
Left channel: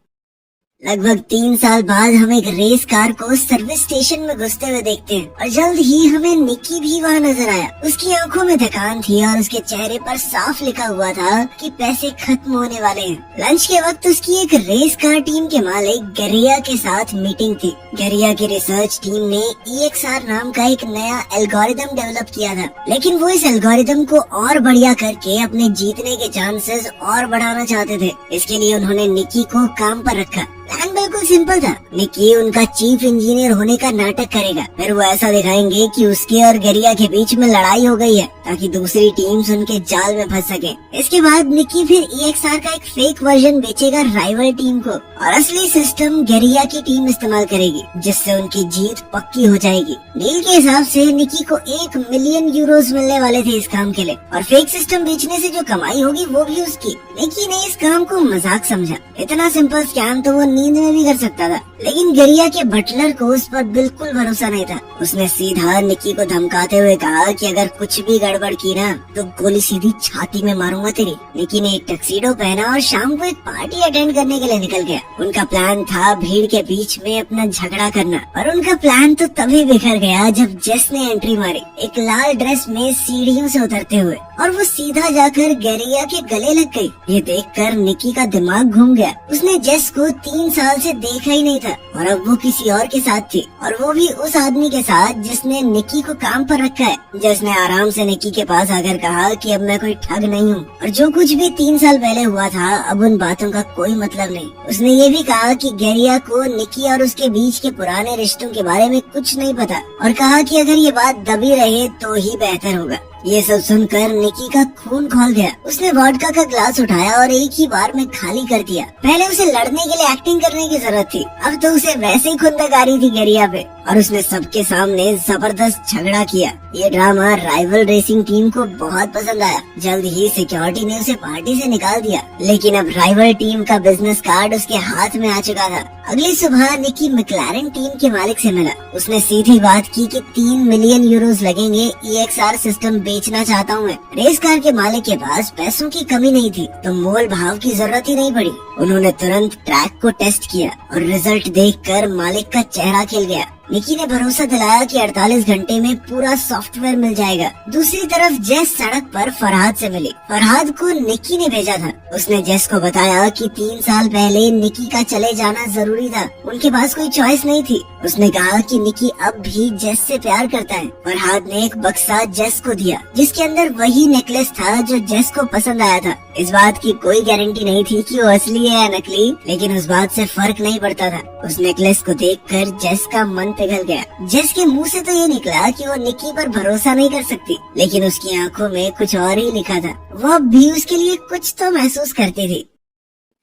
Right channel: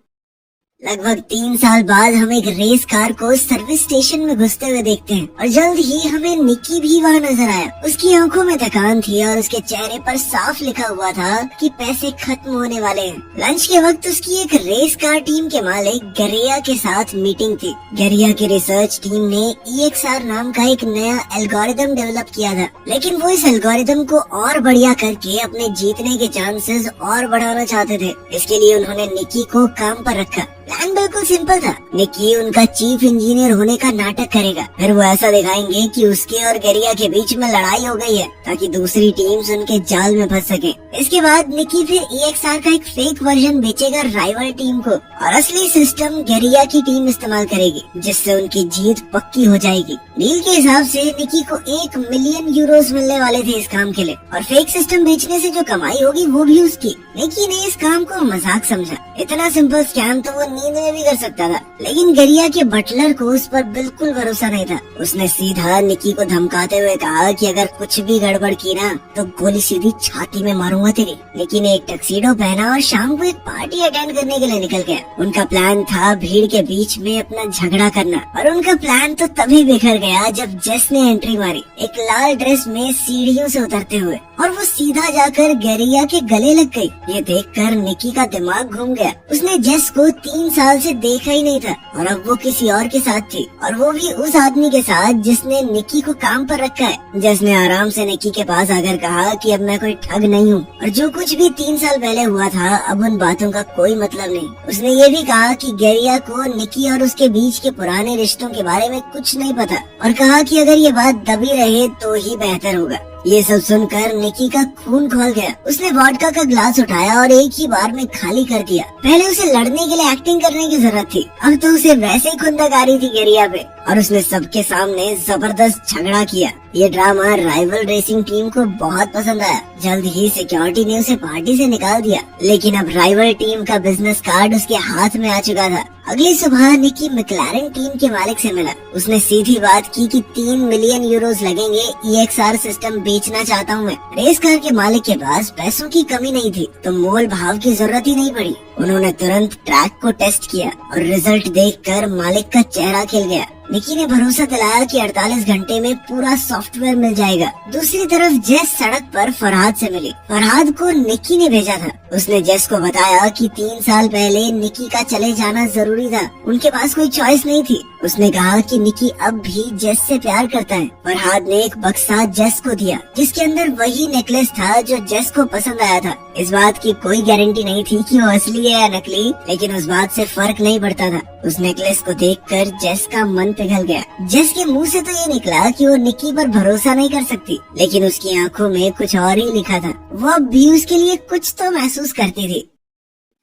लगभग 3 साल बाद हम एक रेस कार को सर्विस स्टेशन में घुसते हुए देखते हैं और जल्द ही हमें निकी भी वहाँ नजर आया। उसकी आंखों में थकान थी और उसके चेहरे पर साफ लिखा हुआ था कि पैसे खत्म होने वाले हैं। लंच के वक्त उसकी एक रेस कार टीम के मालिक गरिया के साथ मीटिंग थी। गरिया की रिसर्च टीम ने EXR नाम का एक नया एल्गोरिदम डेवलप किया था, लेकिन वो इस एल्गोरिदम को और बढ़िया करके अपने जीतने के चांसेस और बढ़ाना चाहते थे। इसके लिए उन्होंने निकी को काम पर रखा। प्लान बिल्कुल सिंपल था। निकी उनका चीफ इंजीनियर होने का नाटक करेगा, फिर वो ऐसा दिखाएंगे कि उसके और गरिया के बीच में लड़ाई हो गई है ताकि दूसरी टीम्स उनके जाल में फंस सके। इसके बाद निकी फिर EXR का एक फेक वर्जन बेचेगा राइवल टीम को और असली सिस्टम गरिया की टीम इस्तेमाल करेगी, जिससे उनकी जीत पक्की हो जाएगी। डील के हिसाब से निकी को 1 मिलियन यूरोस मिलने वाले थे इस काम के लिए और फेक सिस्टम बेचने से जो कमाई होगी वो भी उसकी। निकी ने इस काम को मजाक समझा। इतना सिंपल स्कैम तो वो नींद में भी कर सकता था, लेकिन गरिया के बटलर को उस पर बिल्कुल भरोसा नहीं था। उसने सीधा निकी को धमकाते हुए कहा कि अगर कुछ भी गड़बड़ की ना तो गोली सीधी छाती में मारूंगा तेरी। निकी ने एक टक्सीडो पहना और शाम को एक पार्टी अटेंड करने के लिए निकल गया। उनका प्लान था भीड़ के बीच में अपना झगड़ा करना, और उनका प्लान तो तभी बिखर गया जब जेस ने एंट्री मारी एक लाल ड्रेस में सीढ़ियों से उतरते हुए, और वो सीधा जाकर गरिया के गले लग गई। ये देखकर निकी का दिमाग घूम गया। उसने जेस को 3 साल से देखा ही नहीं था और अब वो किसी और के साथ थी, और वो भी उस आदमी के साथ जिसने निकी को काम पर रखा है। जेस ने आराम से निकी के पास आकर कहा कि अब मैं कोई ठग नहीं हूँ और जो कुछ भी 3 साल पहले हुआ था अब उन बातों का कोई मतलब नहीं। उसने ये भी कहा कि गरिया को निकी और उसके बीच के पुराने रिश्तों के बारे में कुछ नहीं पता और कहा कि अगर ये बात दबी रहे तो ही बेहतर होगा। ये सब सुनकर निकी का खून खौल गया। उसने वोडका का ग्लास उठाया और एक ही बार में खाली कर दिया। पहले उसे लड़ने के लिए एक्टिंग करने की जरूरत थी, अब तो उसे वैसे ही खुंदक आ रही थी गरिया पे, और उसने सबके सामने जबरदस्त झगड़ा किया। ये ड्रामा राइवल रेसिंग टीम को बहुत पसंद आया। जल्द ही सिक्योरिटी ने उसे पार्टी से निकाल दिया, लेकिन अब राइवल टीम का बिजनेस कार्ड उसके हाथ में आ चुका था। अगली सुबह निकी मैक्लारेन टीम के मालिक से मिला। उसने सीधी बात की कि 3 मिलियन यूरोस लगेंगे, EXR सिस्टम बेचना चाहता हूँ मैं। रेस कार के मालिक के पास पैसों की कमी नहीं थी तो मोल भाव की जरूरत ही नहीं पड़ी। उन्होंने तुरंत ट्रैक को टेस्ट किया और रिजल्ट देखकर मालिक का चेहरा खिल गया। निकी ने भरोसा दिलाया कि 48 घंटे में पूरा सॉफ्टवेयर मिल जाएगा। दूसरी तरफ जेस सड़क पर फरहाद से मिली। फरहाद को निकी ने भेजा था। उसने जेस को बताया कि 3 साल पहले निकी का चले जाना जरूरी था, उनके पास कोई चॉइस नहीं थी। उसने कहा कि निकी अब भी जेस से प्यार करता है। फरहाद ने एक बक्सा जेस को दिया जिसके अंदर वही नेकलेस था जो जेस को पसंद आया था। इस बात की कोई गारंटी नहीं थी कि वो असली है या नकली, लेकिन उस बात से फर्क नहीं पड़ता था। उस नेकलेस को देखकर जेस का मन पिघल गया। जेस के मुंह से तो ये निकला कि वो निकी पर भरोसा नहीं कर सकती, लेकिन उसकी आंखों में कुछ और ही लिखा था। वो अब भी उसके लिए कुछ तो महसूस करती थी।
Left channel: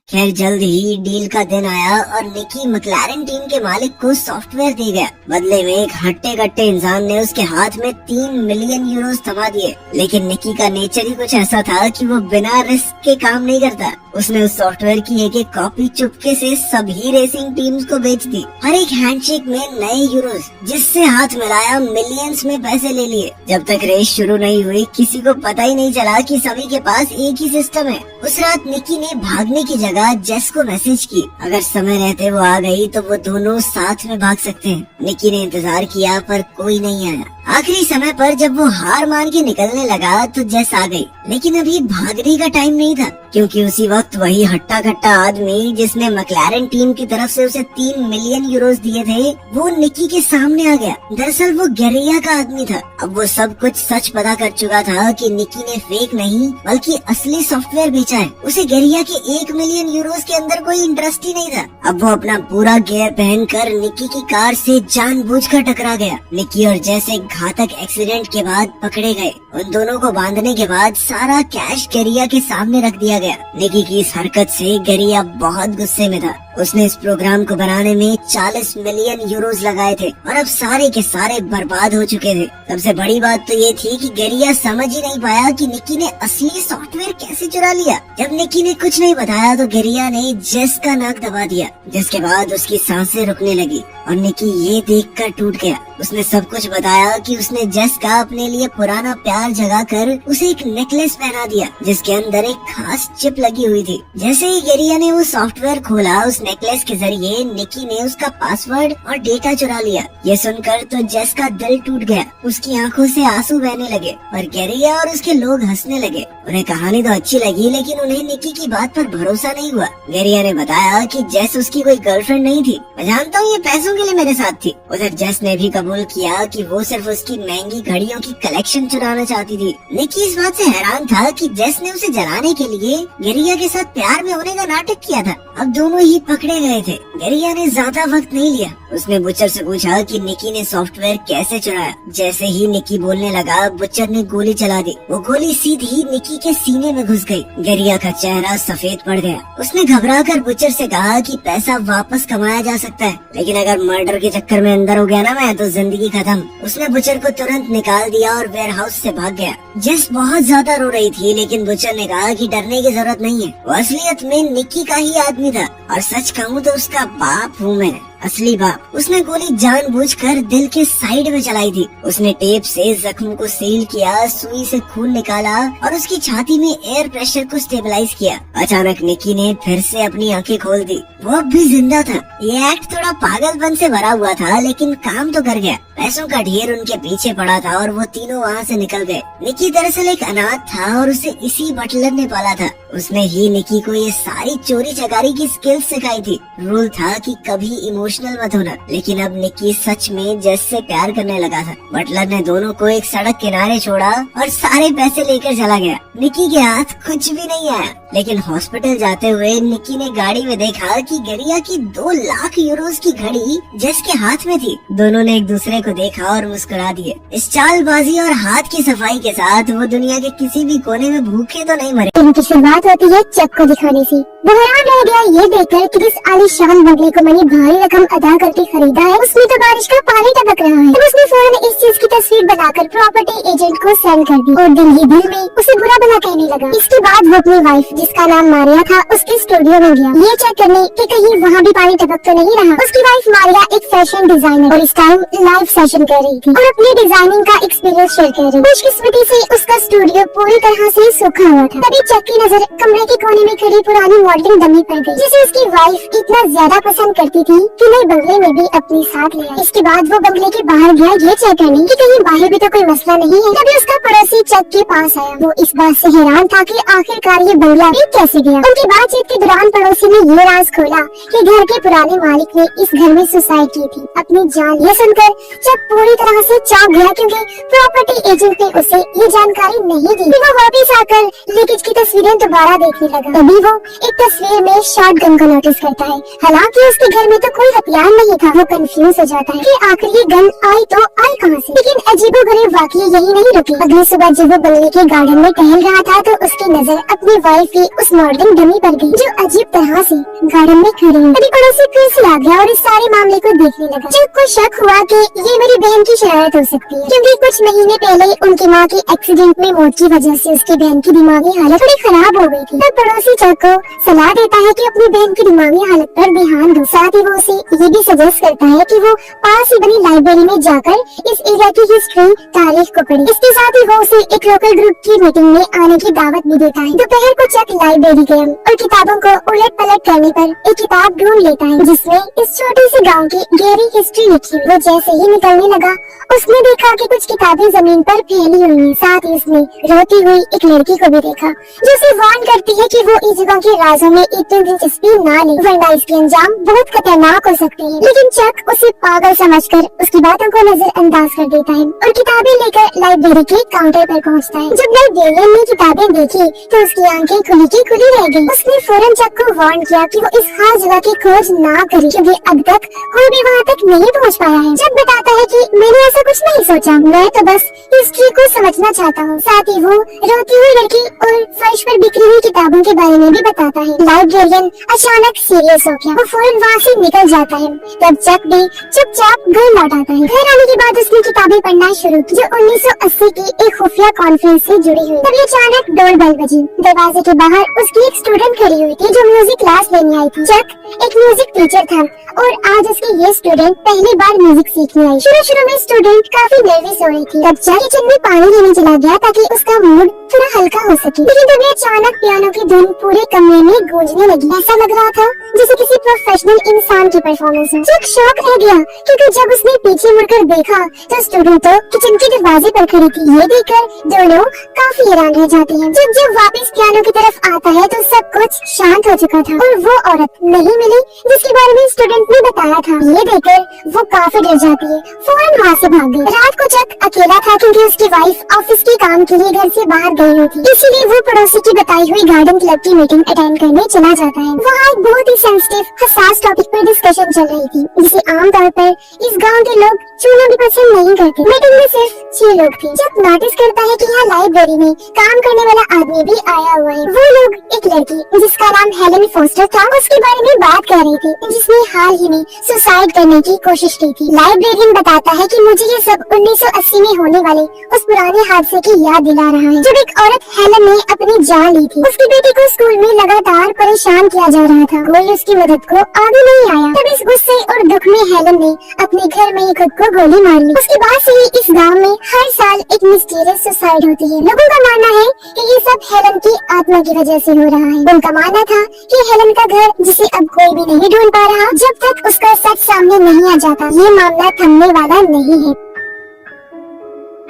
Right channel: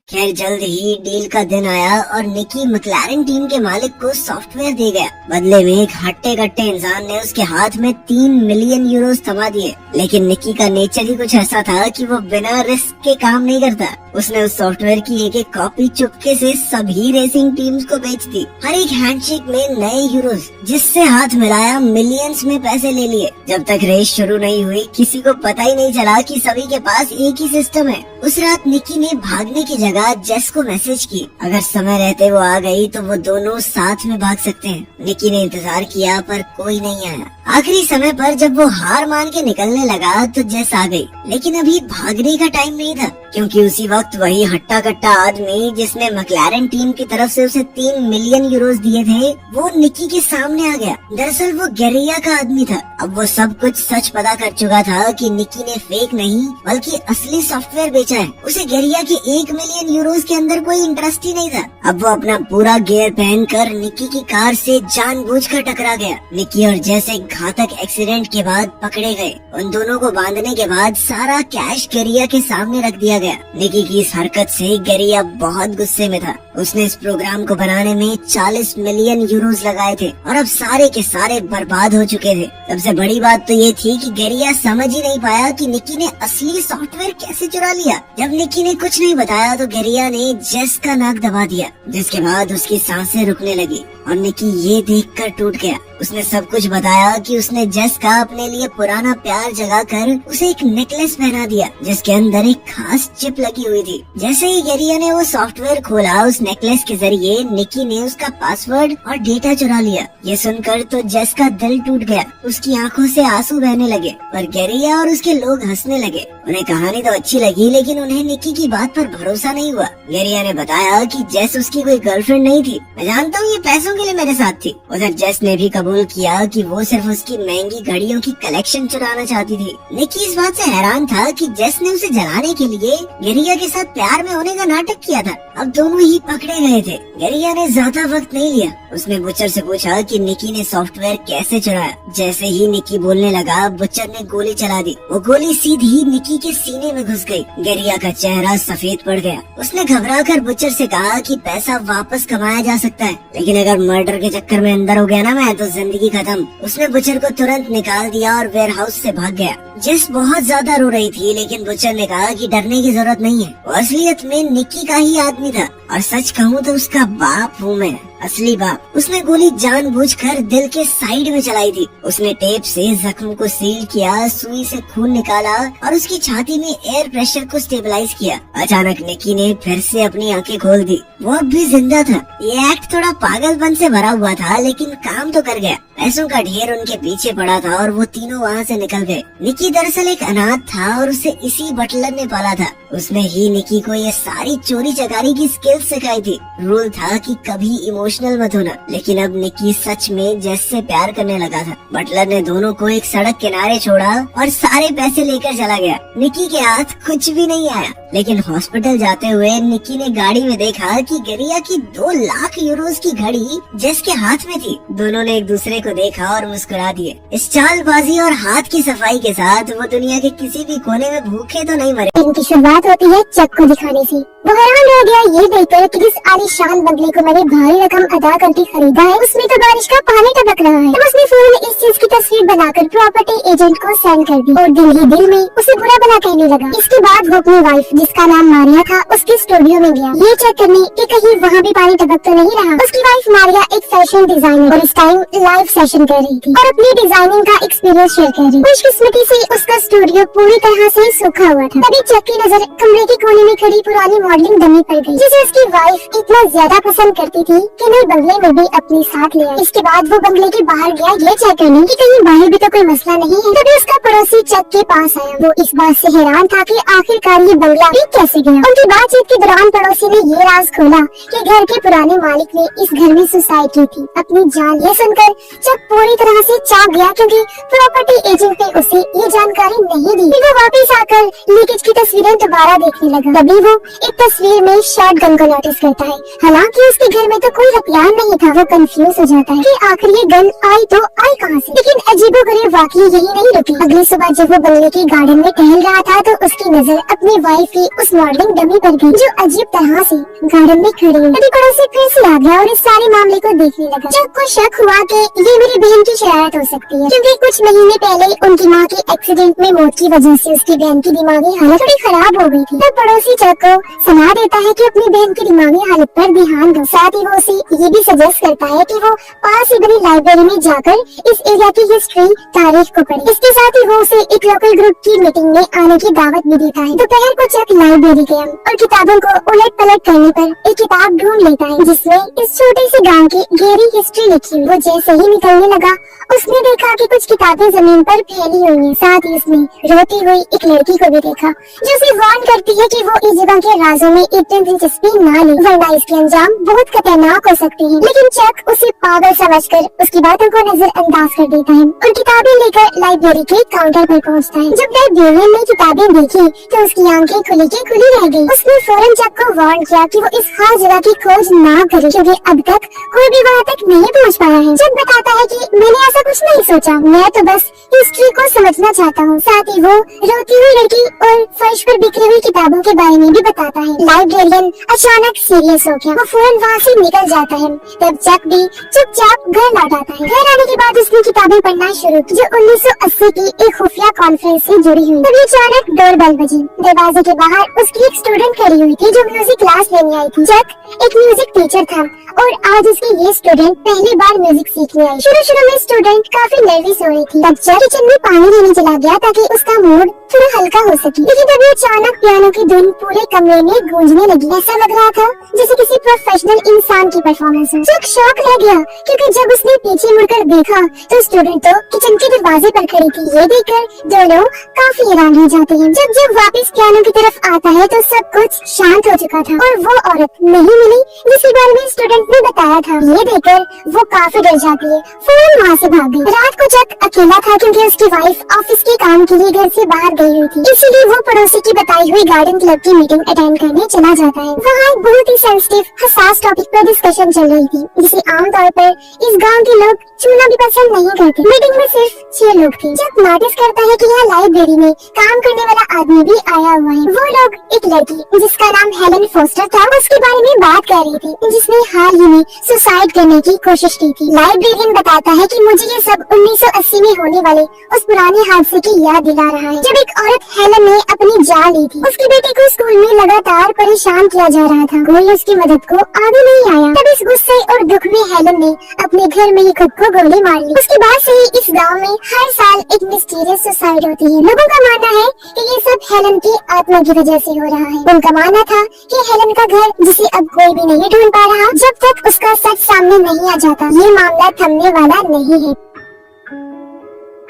खैर जल्द ही डील का दिन आया और निकी मैक्लारेन टीम के मालिक को सॉफ्टवेयर दे गया। बदले में एक हट्टे कट्टे इंसान ने उसके हाथ में 3 मिलियन यूरोस थमा दिए। लेकिन निकी का नेचर ही कुछ ऐसा था कि वो बिना रिस्क के काम नहीं करता। उसने उस सॉफ्टवेयर की एक एक कॉपी चुपके से सभी रेसिंग टीम्स को बेच दी। हर एक हैंडशेक में नए यूरोस, जिससे हाथ मिलाया मिलियंस में पैसे ले लिए। जब तक रेस शुरू नहीं हुई किसी को पता ही नहीं चला कि सभी के पास एक ही सिस्टम है। उस रात निकी ने भागने की जगह जेस को मैसेज की, अगर समय रहते वो आ गई तो वो दोनों साथ में भाग सकते हैं। निकी ने इंतजार किया पर कोई नहीं आया। आखिरी समय पर जब वो हार मान के निकलने लगा तो जेस आ गई, लेकिन अभी भागने का टाइम नहीं था, क्योंकि उसी वक्त वही हट्टा कट्टा आदमी जिसने मैक्लारेन टीम की तरफ से उसे 3 मिलियन यूरोस दिए थे, वो निकी के सामने आ गया। दरअसल वो गेरिया का आदमी था। अब वो सब कुछ सच पता कर चुका था कि निकी ने फेक नहीं बल्कि असली सॉफ्टवेयर बेचा है। उसे गेरिया की 1 मिलियन यूरोस के अंदर कोई इंटरेस्ट ही नहीं था। अब वो अपना पूरा गियर पहनकर निकी की कार से जानबूझकर टकरा गया। निकी और जेस एक घातक एक्सीडेंट के बाद पकड़े गए। उन दोनों को बांधने के बाद सारा कैश गेरिया के सामने रख दिया गया। निकी की इस हरकत से गेरिया बहुत गुस्से में था। उसने इस प्रोग्राम को बनाने में 40 मिलियन यूरोस लगाए थे और अब सारे के सारे बर्बाद हो चुके थे। सबसे बड़ी बात तो ये थी कि गेरिया समझ ही नहीं पाया कि निकी ने असली सॉफ्टवेयर कैसे चुरा लिया। जब निकी ने कुछ नहीं बताया तो गेरिया ने जेस का नाक दबा दिया, जिसके बाद उसकी सांसें रुकने लगी और निकी ये देखकर टूट गया। उसने सब कुछ बताया कि उसने जेस का अपने लिए पुराना प्यार जगाकर उसे एक नेकलेस पहना दिया जिसके अंदर एक खास चिप लगी हुई थी। जैसे ही गेरिया ने वो सॉफ्टवेयर खोला, उस नेकलेस के जरिए निकी ने उसका पासवर्ड और डेटा चुरा लिया। ये सुनकर तो जेस का दिल टूट गया। उसकी आंखों से आंसू बहने लगे और गेरिया और उसके लोग हंसने लगे। उन्हें कहानी तो अच्छी लगी, लेकिन उन्हें निकी की बात पर भरोसा नहीं हुआ। गेरिया ने बताया कि जेस उसकी कोई गर्लफ्रेंड नहीं थी। मैं जानता हूँ ये पैसों के लिए मेरे साथ थी। उधर जेस ने भी कबूल किया कि वो सिर्फ उसकी महंगी घड़ियों की कलेक्शन चुराना चाहती थी। निकी इस बात से हैरान था कि जेस ने उसे जलाने के लिए गेरिया के साथ प्यार में होने का नाटक किया था। अब दोनों ही पकड़े गए थे। गेरिया ने ज्यादा वक्त नहीं लिया। उसने बुचर से पूछा कि निकी ने सॉफ्टवेयर कैसे चुराया। जैसे ही निकी बोलने लगा, बुचर ने गोली चला दी। वो गोली सीधी निकी के सीने में घुस गई। गेरिया का चेहरा सफेद पड़ गया। उसने घबराकर बुचर से कहा कि पैसा वापस कमाया जा सकता है, लेकिन अगर मर्डर के चक्कर में अंदर हो गया ना मैं, तो जिंदगी खत्म। उसने बुचर को तुरंत निकाल दिया और वेयर हाउस से भाग गया। जेस बहुत ज्यादा रो रही थी, लेकिन बुचर ने कहा कि डरने की जरूरत नहीं है। वो असलियत में निकी का ही आदमी था और सच कहूँ तो उसका बाप हूँ मैं, असली बाप। उसने गोली जानबूझकर दिल के साइड में चलाई थी। उसने टेप से जख्म को सील किया, सुई से खून निकाला और उसकी छाती में एयर प्रेशर को स्टेबलाइज किया। अचानक निकी ने फिर से अपनी आंखें खोल दी। वो अब भी जिंदा था। ये एक्ट थोड़ा पागलपन से भरा हुआ था, लेकिन काम तो कर गया। पैसों का ढेर उनके पीछे पड़ा था और वो तीनों वहाँ से निकल गए। निकी दरअसल एक अनाथ था और उसे इसी बटलर ने पाला था। उसने ही निकी को ये सारी चोरी चकारी की स्किल्स सिखाई थी। रूल था कि कभी इमोशनल मत होना, लेकिन अब निकी सच में जेस से प्यार करने लगा था। बटलर ने दोनों को एक सड़क किनारे छोड़ा और सारे पैसे लेकर चला गया। निकी के हाथ कुछ भी नहीं आया, लेकिन हॉस्पिटल जाते हुए निकी ने गाड़ी में देखा कि गेरिया की 2 लाख यूरोस की घड़ी जेस के हाथ में थी। दोनों ने एक दूसरे को देखा और मुस्कुरा दिए। इस चालबाजी और हाथ की सफाई के साथ वो दुनिया के किसी भी कोने में भूखे तो नहीं मरे। इनकी शुरुआत होती है चक को दिखाने से। वो हैरान रह गया ये देखकर कि इस आलीशान बंगले को मैंने भारी रकम अदा करके खरीदा है, उसमें तो बारिश का पानी टपक रहा है। तो उसने फौरन इस चीज की तस्वीर बनाकर प्रॉपर्टी एजेंट को सेल कर दी और दिल ही दिल में उसे बुरा भला कहने लगा। इसके बाद वो अपनी वाइफ, जिसका नाम मारिया था, उसके स्टूडियो में गया ये चेक करने कि कहीं वहाँ भी पानी टपक तो नहीं रहा। उसकी वाइफ मारिया एक फैशन डिजाइनर और इस टाइम लाइव सेशन कर रही थी और अपनी डिजाइनिंग का एक्सपीरियंस शेयर कर रही। खुशकिस्मती से उसका स्टूडियो पूरी तरह से सूखा हुआ था। तभी चक की नजर कमरे के कोने में खड़ी पुरानी मॉडलिंग डमी पर गई, जिसे उसकी वाइफ इतना ज्यादा पसंद करती थी कि वह बंगले में भी अपने साथ ले आई। इसके बाद वो बंगले के बाहर गया ये चेक करने कि कहीं बाहर भी तो कोई मसला नहीं है। तभी उसका पड़ोसी चक के पास आया। वो इस बात से हैरान था कि आखिरकार ये बंगला भी कैसे गया। उनकी बातचीत के दौरान पड़ोसी ने ये राज खोला कि घर के पुराने मालिक ने इस घर में सुसाइड की थी अपनी जान। ये सुनकर चक पूरी तरह से चौंक गया, क्योंकि प्रॉपर्टी एजेंट ने उसे ये जानकारी नहीं दी। वो वापस आकर लीकेज की तस्वीरें दोबारा देखने लगा। तभी वो एक तस्वीर में शॉटगन को नोटिस करता है। हालांकि उसके घर में तो कोई हथियार नहीं था। वो कंफ्यूज हो जाता है कि आखिर ये गन आई तो आई कहां से। लेकिन अजीबोगरीब वाकया यही नहीं रुकी। अगली सुबह जब वो बंगले के गार्डन में टहल रहा था तो उसकी नजर अपनी वाइफ की उस मॉडलिंग डमी पर गई, जो अजीब तरह से गार्डन में खड़ी है। तभी पड़ोसी फिर से आ गया और इस सारे मामले को देखने लगा। चक को शक हुआ कि ये मेरी बहन की शरारत हो सकती है, क्योंकि कुछ महीने पहले उनकी माँ की एक्सीडेंट में मौत की वजह से उसकी बहन की दिमागी हालत थोड़ी खराब हो गई थी। तब पड़ोसी चक को सलाह देता है कि अपनी बहन की दिमागी हालत पर ध्यान दो। साथ ही वो उसे ये भी सजेस्ट करता है कि वो पास ही बनी लाइब्रेरी में जाकर इस एरिया की हिस्ट्री तारीख को पढ़े। इसके साथ ही वो उसे एक लोकल ग्रुप की मीटिंग में आने की दावत भी देता है। दोपहर को चक लाइब्रेरी गया और किताबों को उलट पलट करने पर एक किताब ढूंढ लेता है जिसमें इस छोटे से गांव की गहरी हिस्ट्री लिखी हुई। वो जैसे ही निकलने लगा उसने देखा कि कुछ किताबें जमीन पर फैली हुई हैं। साथ ही उसने रोती हुई एक लड़की को भी देखा जो उसे वार्न करती है कि वो इस जगह के राजों में इतनी दिलचस्पी न ले, वरना इसके अंजाम बहुत खतरनाक हो सकते हैं। लेकिन चक उसे पागल समझकर उसकी बातों को नजरअंदाज कर देता है और किताबें लेकर लाइब्रेरी के काउंटर पर पहुंचता है। जब लाइब्रेरियन ने किताबें देखी तो उसकी आंखें खुली की खुली रह गई। उसने फौरन चक को वार्न किया कि वो इस खास जगह की खोज ना करे, क्योंकि अब तक कोई भी वहाँ तक नहीं पहुँच पाया है। चक बताता है कि मैंने ऐसा कुछ नहीं सोचा, मैं तो बस हिस्ट्री को समझना चाहता हूँ। साथ ही वो रोती हुई लड़की और फर्श पर बिखरी हुई किताबों के बारे में भी बताता है। लाइब्रेरियन अचानक सीरियस हो गया। वो फौरन वहाँ से निकल जाता है। तब चक भी चुपचाप घर लौट आता है। घर आने के बाद उसने किताबें पढ़ना शुरू की जो 1980 की एक खुफिया कॉन्फ्रेंस से जुड़ी हुई। तभी अचानक डोरबेल बजी। दरवाजे के बाहर उसकी एक स्टूडेंट खड़ी हुई थी जो म्यूजिक क्लास लेने आई थी। चक एक म्यूजिक टीचर था और आज उसकी ये स्टूडेंट पहली बार म्यूजिक सीखने आई। शुरू में स्टूडेंट काफी नर्वस हो रही थी। तब चक किचन में पानी लेने चला गया ताकि उसका मूड थोड़ा हल्का हो सके। लेकिन तभी अचानक पियानो की धुन पूरे कमरे में गूंजने लगी। ऐसा लग रहा था जैसे किसी प्रोफेशनल इंसान की परफॉर्मेंस हो। चक शॉक रह गया क्योंकि जब उसने पीछे मुड़कर देखा तो स्टूडेंट तो किचन के दरवाजे पर खड़ी थी। ये देखकर दोनों काफी हैरान रह जाते हैं। जब वापस पियानो की तरफ आता है तो सब कुछ शांत हो चुका था और वो औरत नहीं मिली जिसके बारे में स्टूडेंट ने बताया था। ये देखकर वो काफी डर जाती है, फौरन वहाँ से भाग गई। रात को चक अकेला था क्योंकि उसकी वाइफ ऑफिस के काम के लिए घर से बाहर गई हुई थी, इसलिए वो पड़ोसी की बताई हुई गार्डन क्लब की मीटिंग अटेंड करने चला जाता है। वहाँ एक बहुत ही सेंसिटिव हसास टॉपिक पर डिस्कशन चल रही थी जिसे आमतौर पर इस गांव के लोग छूना भी पसंद नहीं करते। मीटिंग में सिर्फ 6 लोग थे। चक नोटिस करता है कि यहाँ लाइब्रेरी में काम करने वाला आदमी भी आया हुआ है। वो लोग एक लड़की जिसका नाम हेलन फोस्टर था उसके बारे में बात कर रही थी, जिसने हाल ही में सुसाइड करने की कोशिश की थी। लाइब्रेरियन बताता है कि मुझे ये सब 1980 में होने वाले उस पुराने हादसे की याद दिला रहा है जब एक औरत हेलन ने अपनी जान ली थी। उसके बेटे को स्कूल में लगातार परेशान किया जा रहा था, कोई उसकी मदद को आगे नहीं आया। तब इस गुस्से और दुख में हेलन ने अपने घर में ही खुद को गोली मार ली। उसके बाद से ही इस गांव में हर साल एक मिस्टीरियस सुसाइड होती है। लोगों का मानना है कि ये सब हेलन की आत्मा की वजह से हो रहा है। उनका मानना था कि हेलन का घर जिसे अब कोई भी नहीं ढूंढ पा रहा जब तक उसका सच सामने नहीं आ जाता ये मामला थमने वाला नहीं है।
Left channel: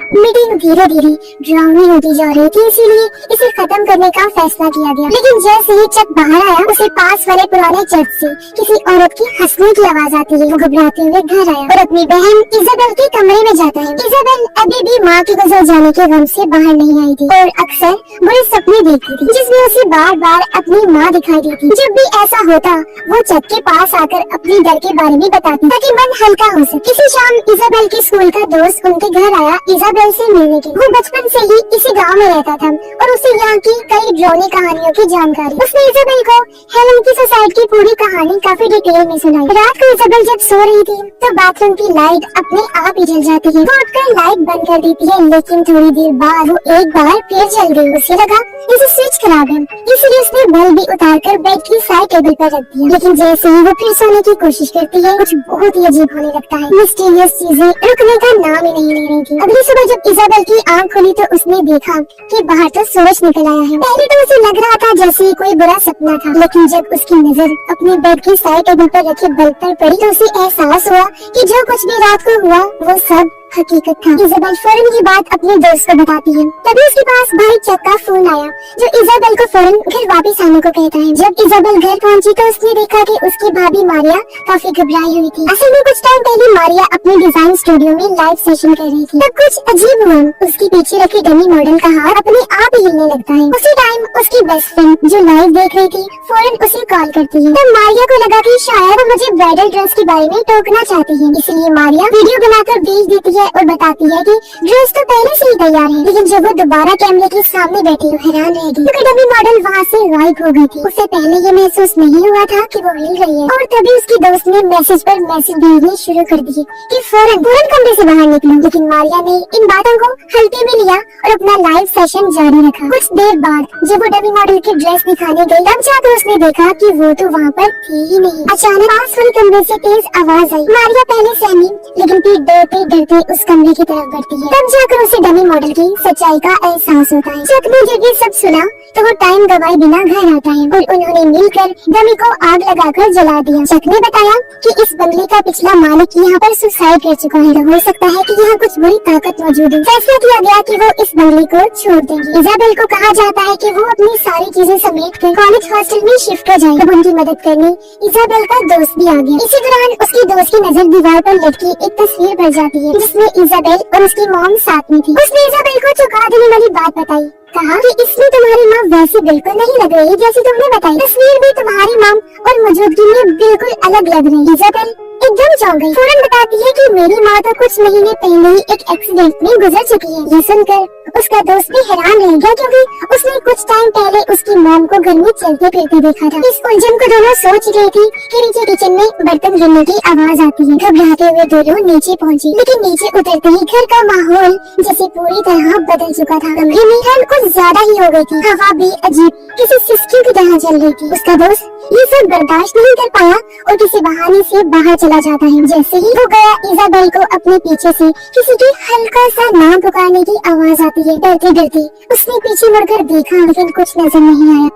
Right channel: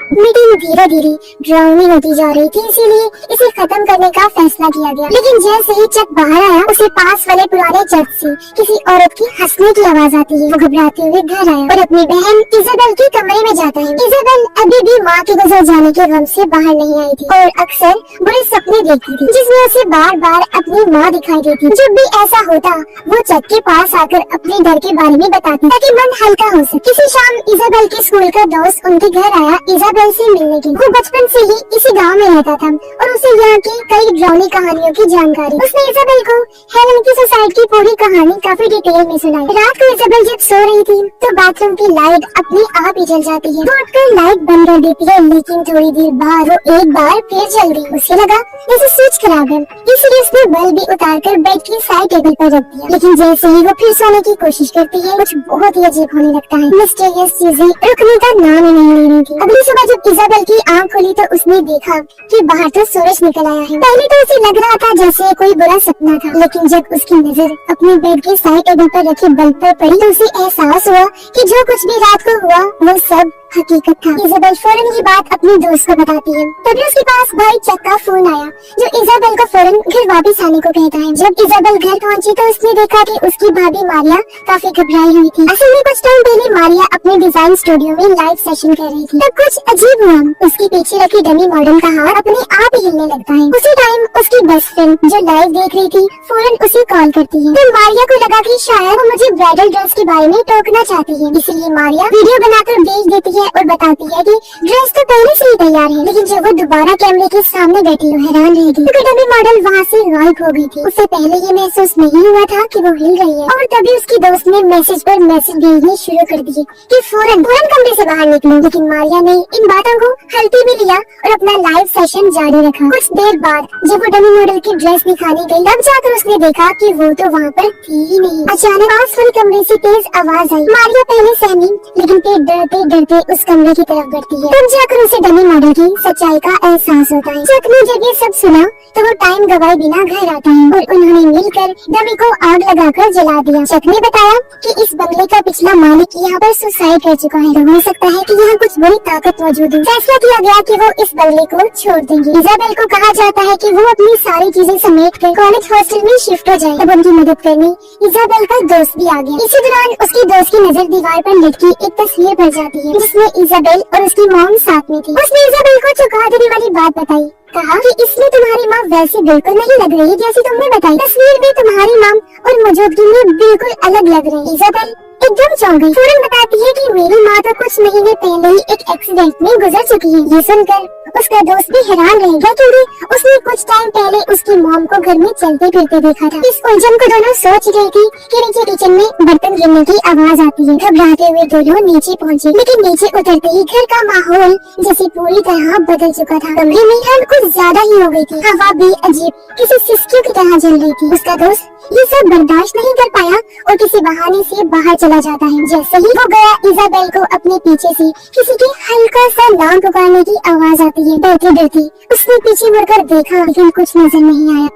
मीटिंग धीरे धीरे ड्राउनी होती जा रही थी, इसीलिए इसे खत्म करने का फैसला किया गया। लेकिन जैसे ही चक बाहर आया उसे पास वाले पुराने चर्च से किसी औरत की हंसने की आवाज आती है। वो घबराते हुए घर आया और अपनी बहन इजाबेल के कमरे में जाता है। इजाबेल अभी भी माँ के गुजर जाने के गम से बाहर नहीं आई थी और अक्सर बड़े सपने देखती थी जिसमें उसे बार बार अपनी माँ दिखाई देती। जब भी ऐसा होता वो चक के पास आकर अपने डर के बारे में बताती ताकि मन हल्का हो सके। किसी शाम इजाबेल के स्कूल का दोस्त उनके घर आया इजाबेल से मिलने की। वो बचपन से ही इसी गांव में रहता था और उसे यहाँ की कई ड्राउनी कहानियों की जानकारी। उसने इजाबेल को हेलन की सुसाइड की पूरी कहानी काफी डिटेल में सुनाई। रात को इजाबेल जब सो रही थी तो बाथरूम की लाइट अपने आप ही जल जाती है। वो उठकर लाइट बंद कर देती है, लेकिन थोड़ी देर बाद वो एक बार फिर जल गई। उसे लगा जैसे स्विच खराब है, इसलिए उसने बल्ब भी उतार कर बेड की साइड टेबल पर रख दिया। लेकिन जैसे ही वो फिर सोने की कोशिश करती है कुछ बहुत ही अजीब होने लगता है। मिस्टीरियस चीजें रुकने का नाम ही नहीं ले रही थी। अगली सुबह जब इजाबेल की आँख खुली तो उसने देखा कि बाहर तो सूरज निकल आया है। पहले तो उसे लग रहा था जैसे कोई बुरा सपना था, लेकिन जब उसकी नजर अपने बेड के साइड टेबल पर रखी बल्ब पर पड़ी तो उसे एहसास हुआ कि जो कुछ भी रात को हुआ वो सब हकीकत था। इजाबेल फौरन ये बात अपने दोस्त को बताती है। तभी उसके पास भाई चक का फोन आया जो इजाबेल को फौरन घर वापस आने को कहता है। जब इजाबेल घर पहुंची तो उसने देखा कि उसकी भाभी मारिया काफी घबराई हुई थी। असल में कुछ टाइम पहले मारिया अपने डिजाइन स्टूडियो में लाइव सेशन कर रही थी। तब कुछ अजीब हुआ, उसके पीछे रखे डमी मॉडल का हाथ अपने आप ही हिलने लगता है। उसी टाइम उसकी बेस्ट फ्रेंड जो लाइव देख रही थी फौरन उसे कॉल करती है। तब मारिया को लगा कि शायद वो मुझे ब्राइडल ड्रेस के बारे में टोकना चाहती है, इसलिए मारिया वीडियो बनाकर भेज देती है और बताती है कि ड्रेस तो पहले से ही तैयार है। लेकिन जब वो दोबारा कैमरे के सामने बैठी तो हैरान रह गई क्योंकि डमी मॉडल वहाँ से गायब हो गई थी। उससे पहले ये महसूस नहीं हुआ था कि वो हिल रही है। और तभी उसकी दोस्त ने मैसेज पर मैसेज भेजने शुरू कर दिए कि फौरन कमरे से बाहर निकलो। लेकिन मारिया ने इन बातों को हल्के में लिया और अपना लाइव सेशन जारी रखा। कुछ देर बाद जब वो डमी मॉडल की ड्रेस दिखाने गई तब जाकर उसने देखा कि वो तो वहाँ पर थी ही नहीं। अचानक पास वाले कमरे से तेज आवाज आई। मारिया पहले सहमी लेकिन फिर डरते डरते उस कमरे की तरफ बढ़ती है। तब जाकर उसे डमी मॉडल की सच्चाई का एहसास होता है। चक ने जब ये सब सुना तो वो टाइम गवाए बिना घर आता है और उन्होंने मिलकर डमी को आग लगाकर जला दिया। चक ने बताया कि इस बंगले का पिछला मालिक यहाँ पर सुसाइड कर चुका है। तो हो सकता है कि यहाँ कुछ बड़ी ताकत मौजूद है। फैसला किया गया कि वो इस बंगले को छोड़ देंगे। इजाबेल को कहा जाता है कि वो अपनी सारी चीजें समेट कर कॉलेज हॉस्टल में शिफ्ट हो जाए। तब उनकी मदद करने इजाबेल का दोस्त भी आ गया। इसी दौरान उसकी दोस्त की नजर दीवार पर लटकी एक तस्वीर पड़ जाती है जिसमें इजाबेल और उसकी मॉम साथ में थी। उसने इजाबेल को चौंका देने वाली बात बताई। कहा कि इसमें तुम्हारी माँ वैसे बिल्कुल नहीं लग रही जैसी तुमने बताई। तस्वीर में तुम्हारी माँ और मौजूदगी में बिल्कुल अलग लग रही है। इजाबेल एकदम चौंक गई। फौरन बताती है कि मेरी माँ तो कुछ महीने पहले ही एक एक्सीडेंट में गुजर चुकी है। यह सुनकर उसका दोस्त भी हैरान रह गया क्योंकि उसने कुछ टाइम पहले उसकी मॉम को घर में चलते फिरते देखा था। इस उलझन को दोनों सोच रहे थे कि नीचे किचन में बर्तन गिरने की आवाज आती है। घबराते हुए दोनों नीचे पहुंची लेकिन नीचे उतरते ही घर का माहौल जैसे पूरी तरह बदल चुका था। कमरे में ठंड कुछ ज्यादा ही हो गई थी। हवा भी अजीब किसी सिस्कियों की तरह चल रही थी। उसका दोस्त ये सब बर्दाश्त नहीं कर पाया और किसी बहाने से बाहर चला जाता है। जैसे ही वो गया इजाबेल को अपने पीछे से किसी के हल्का सा नाम पुकारने की आवाज आती है। डरते डरते उसने पीछे मुड़कर देखा लेकिन कुछ नजर नहीं आया।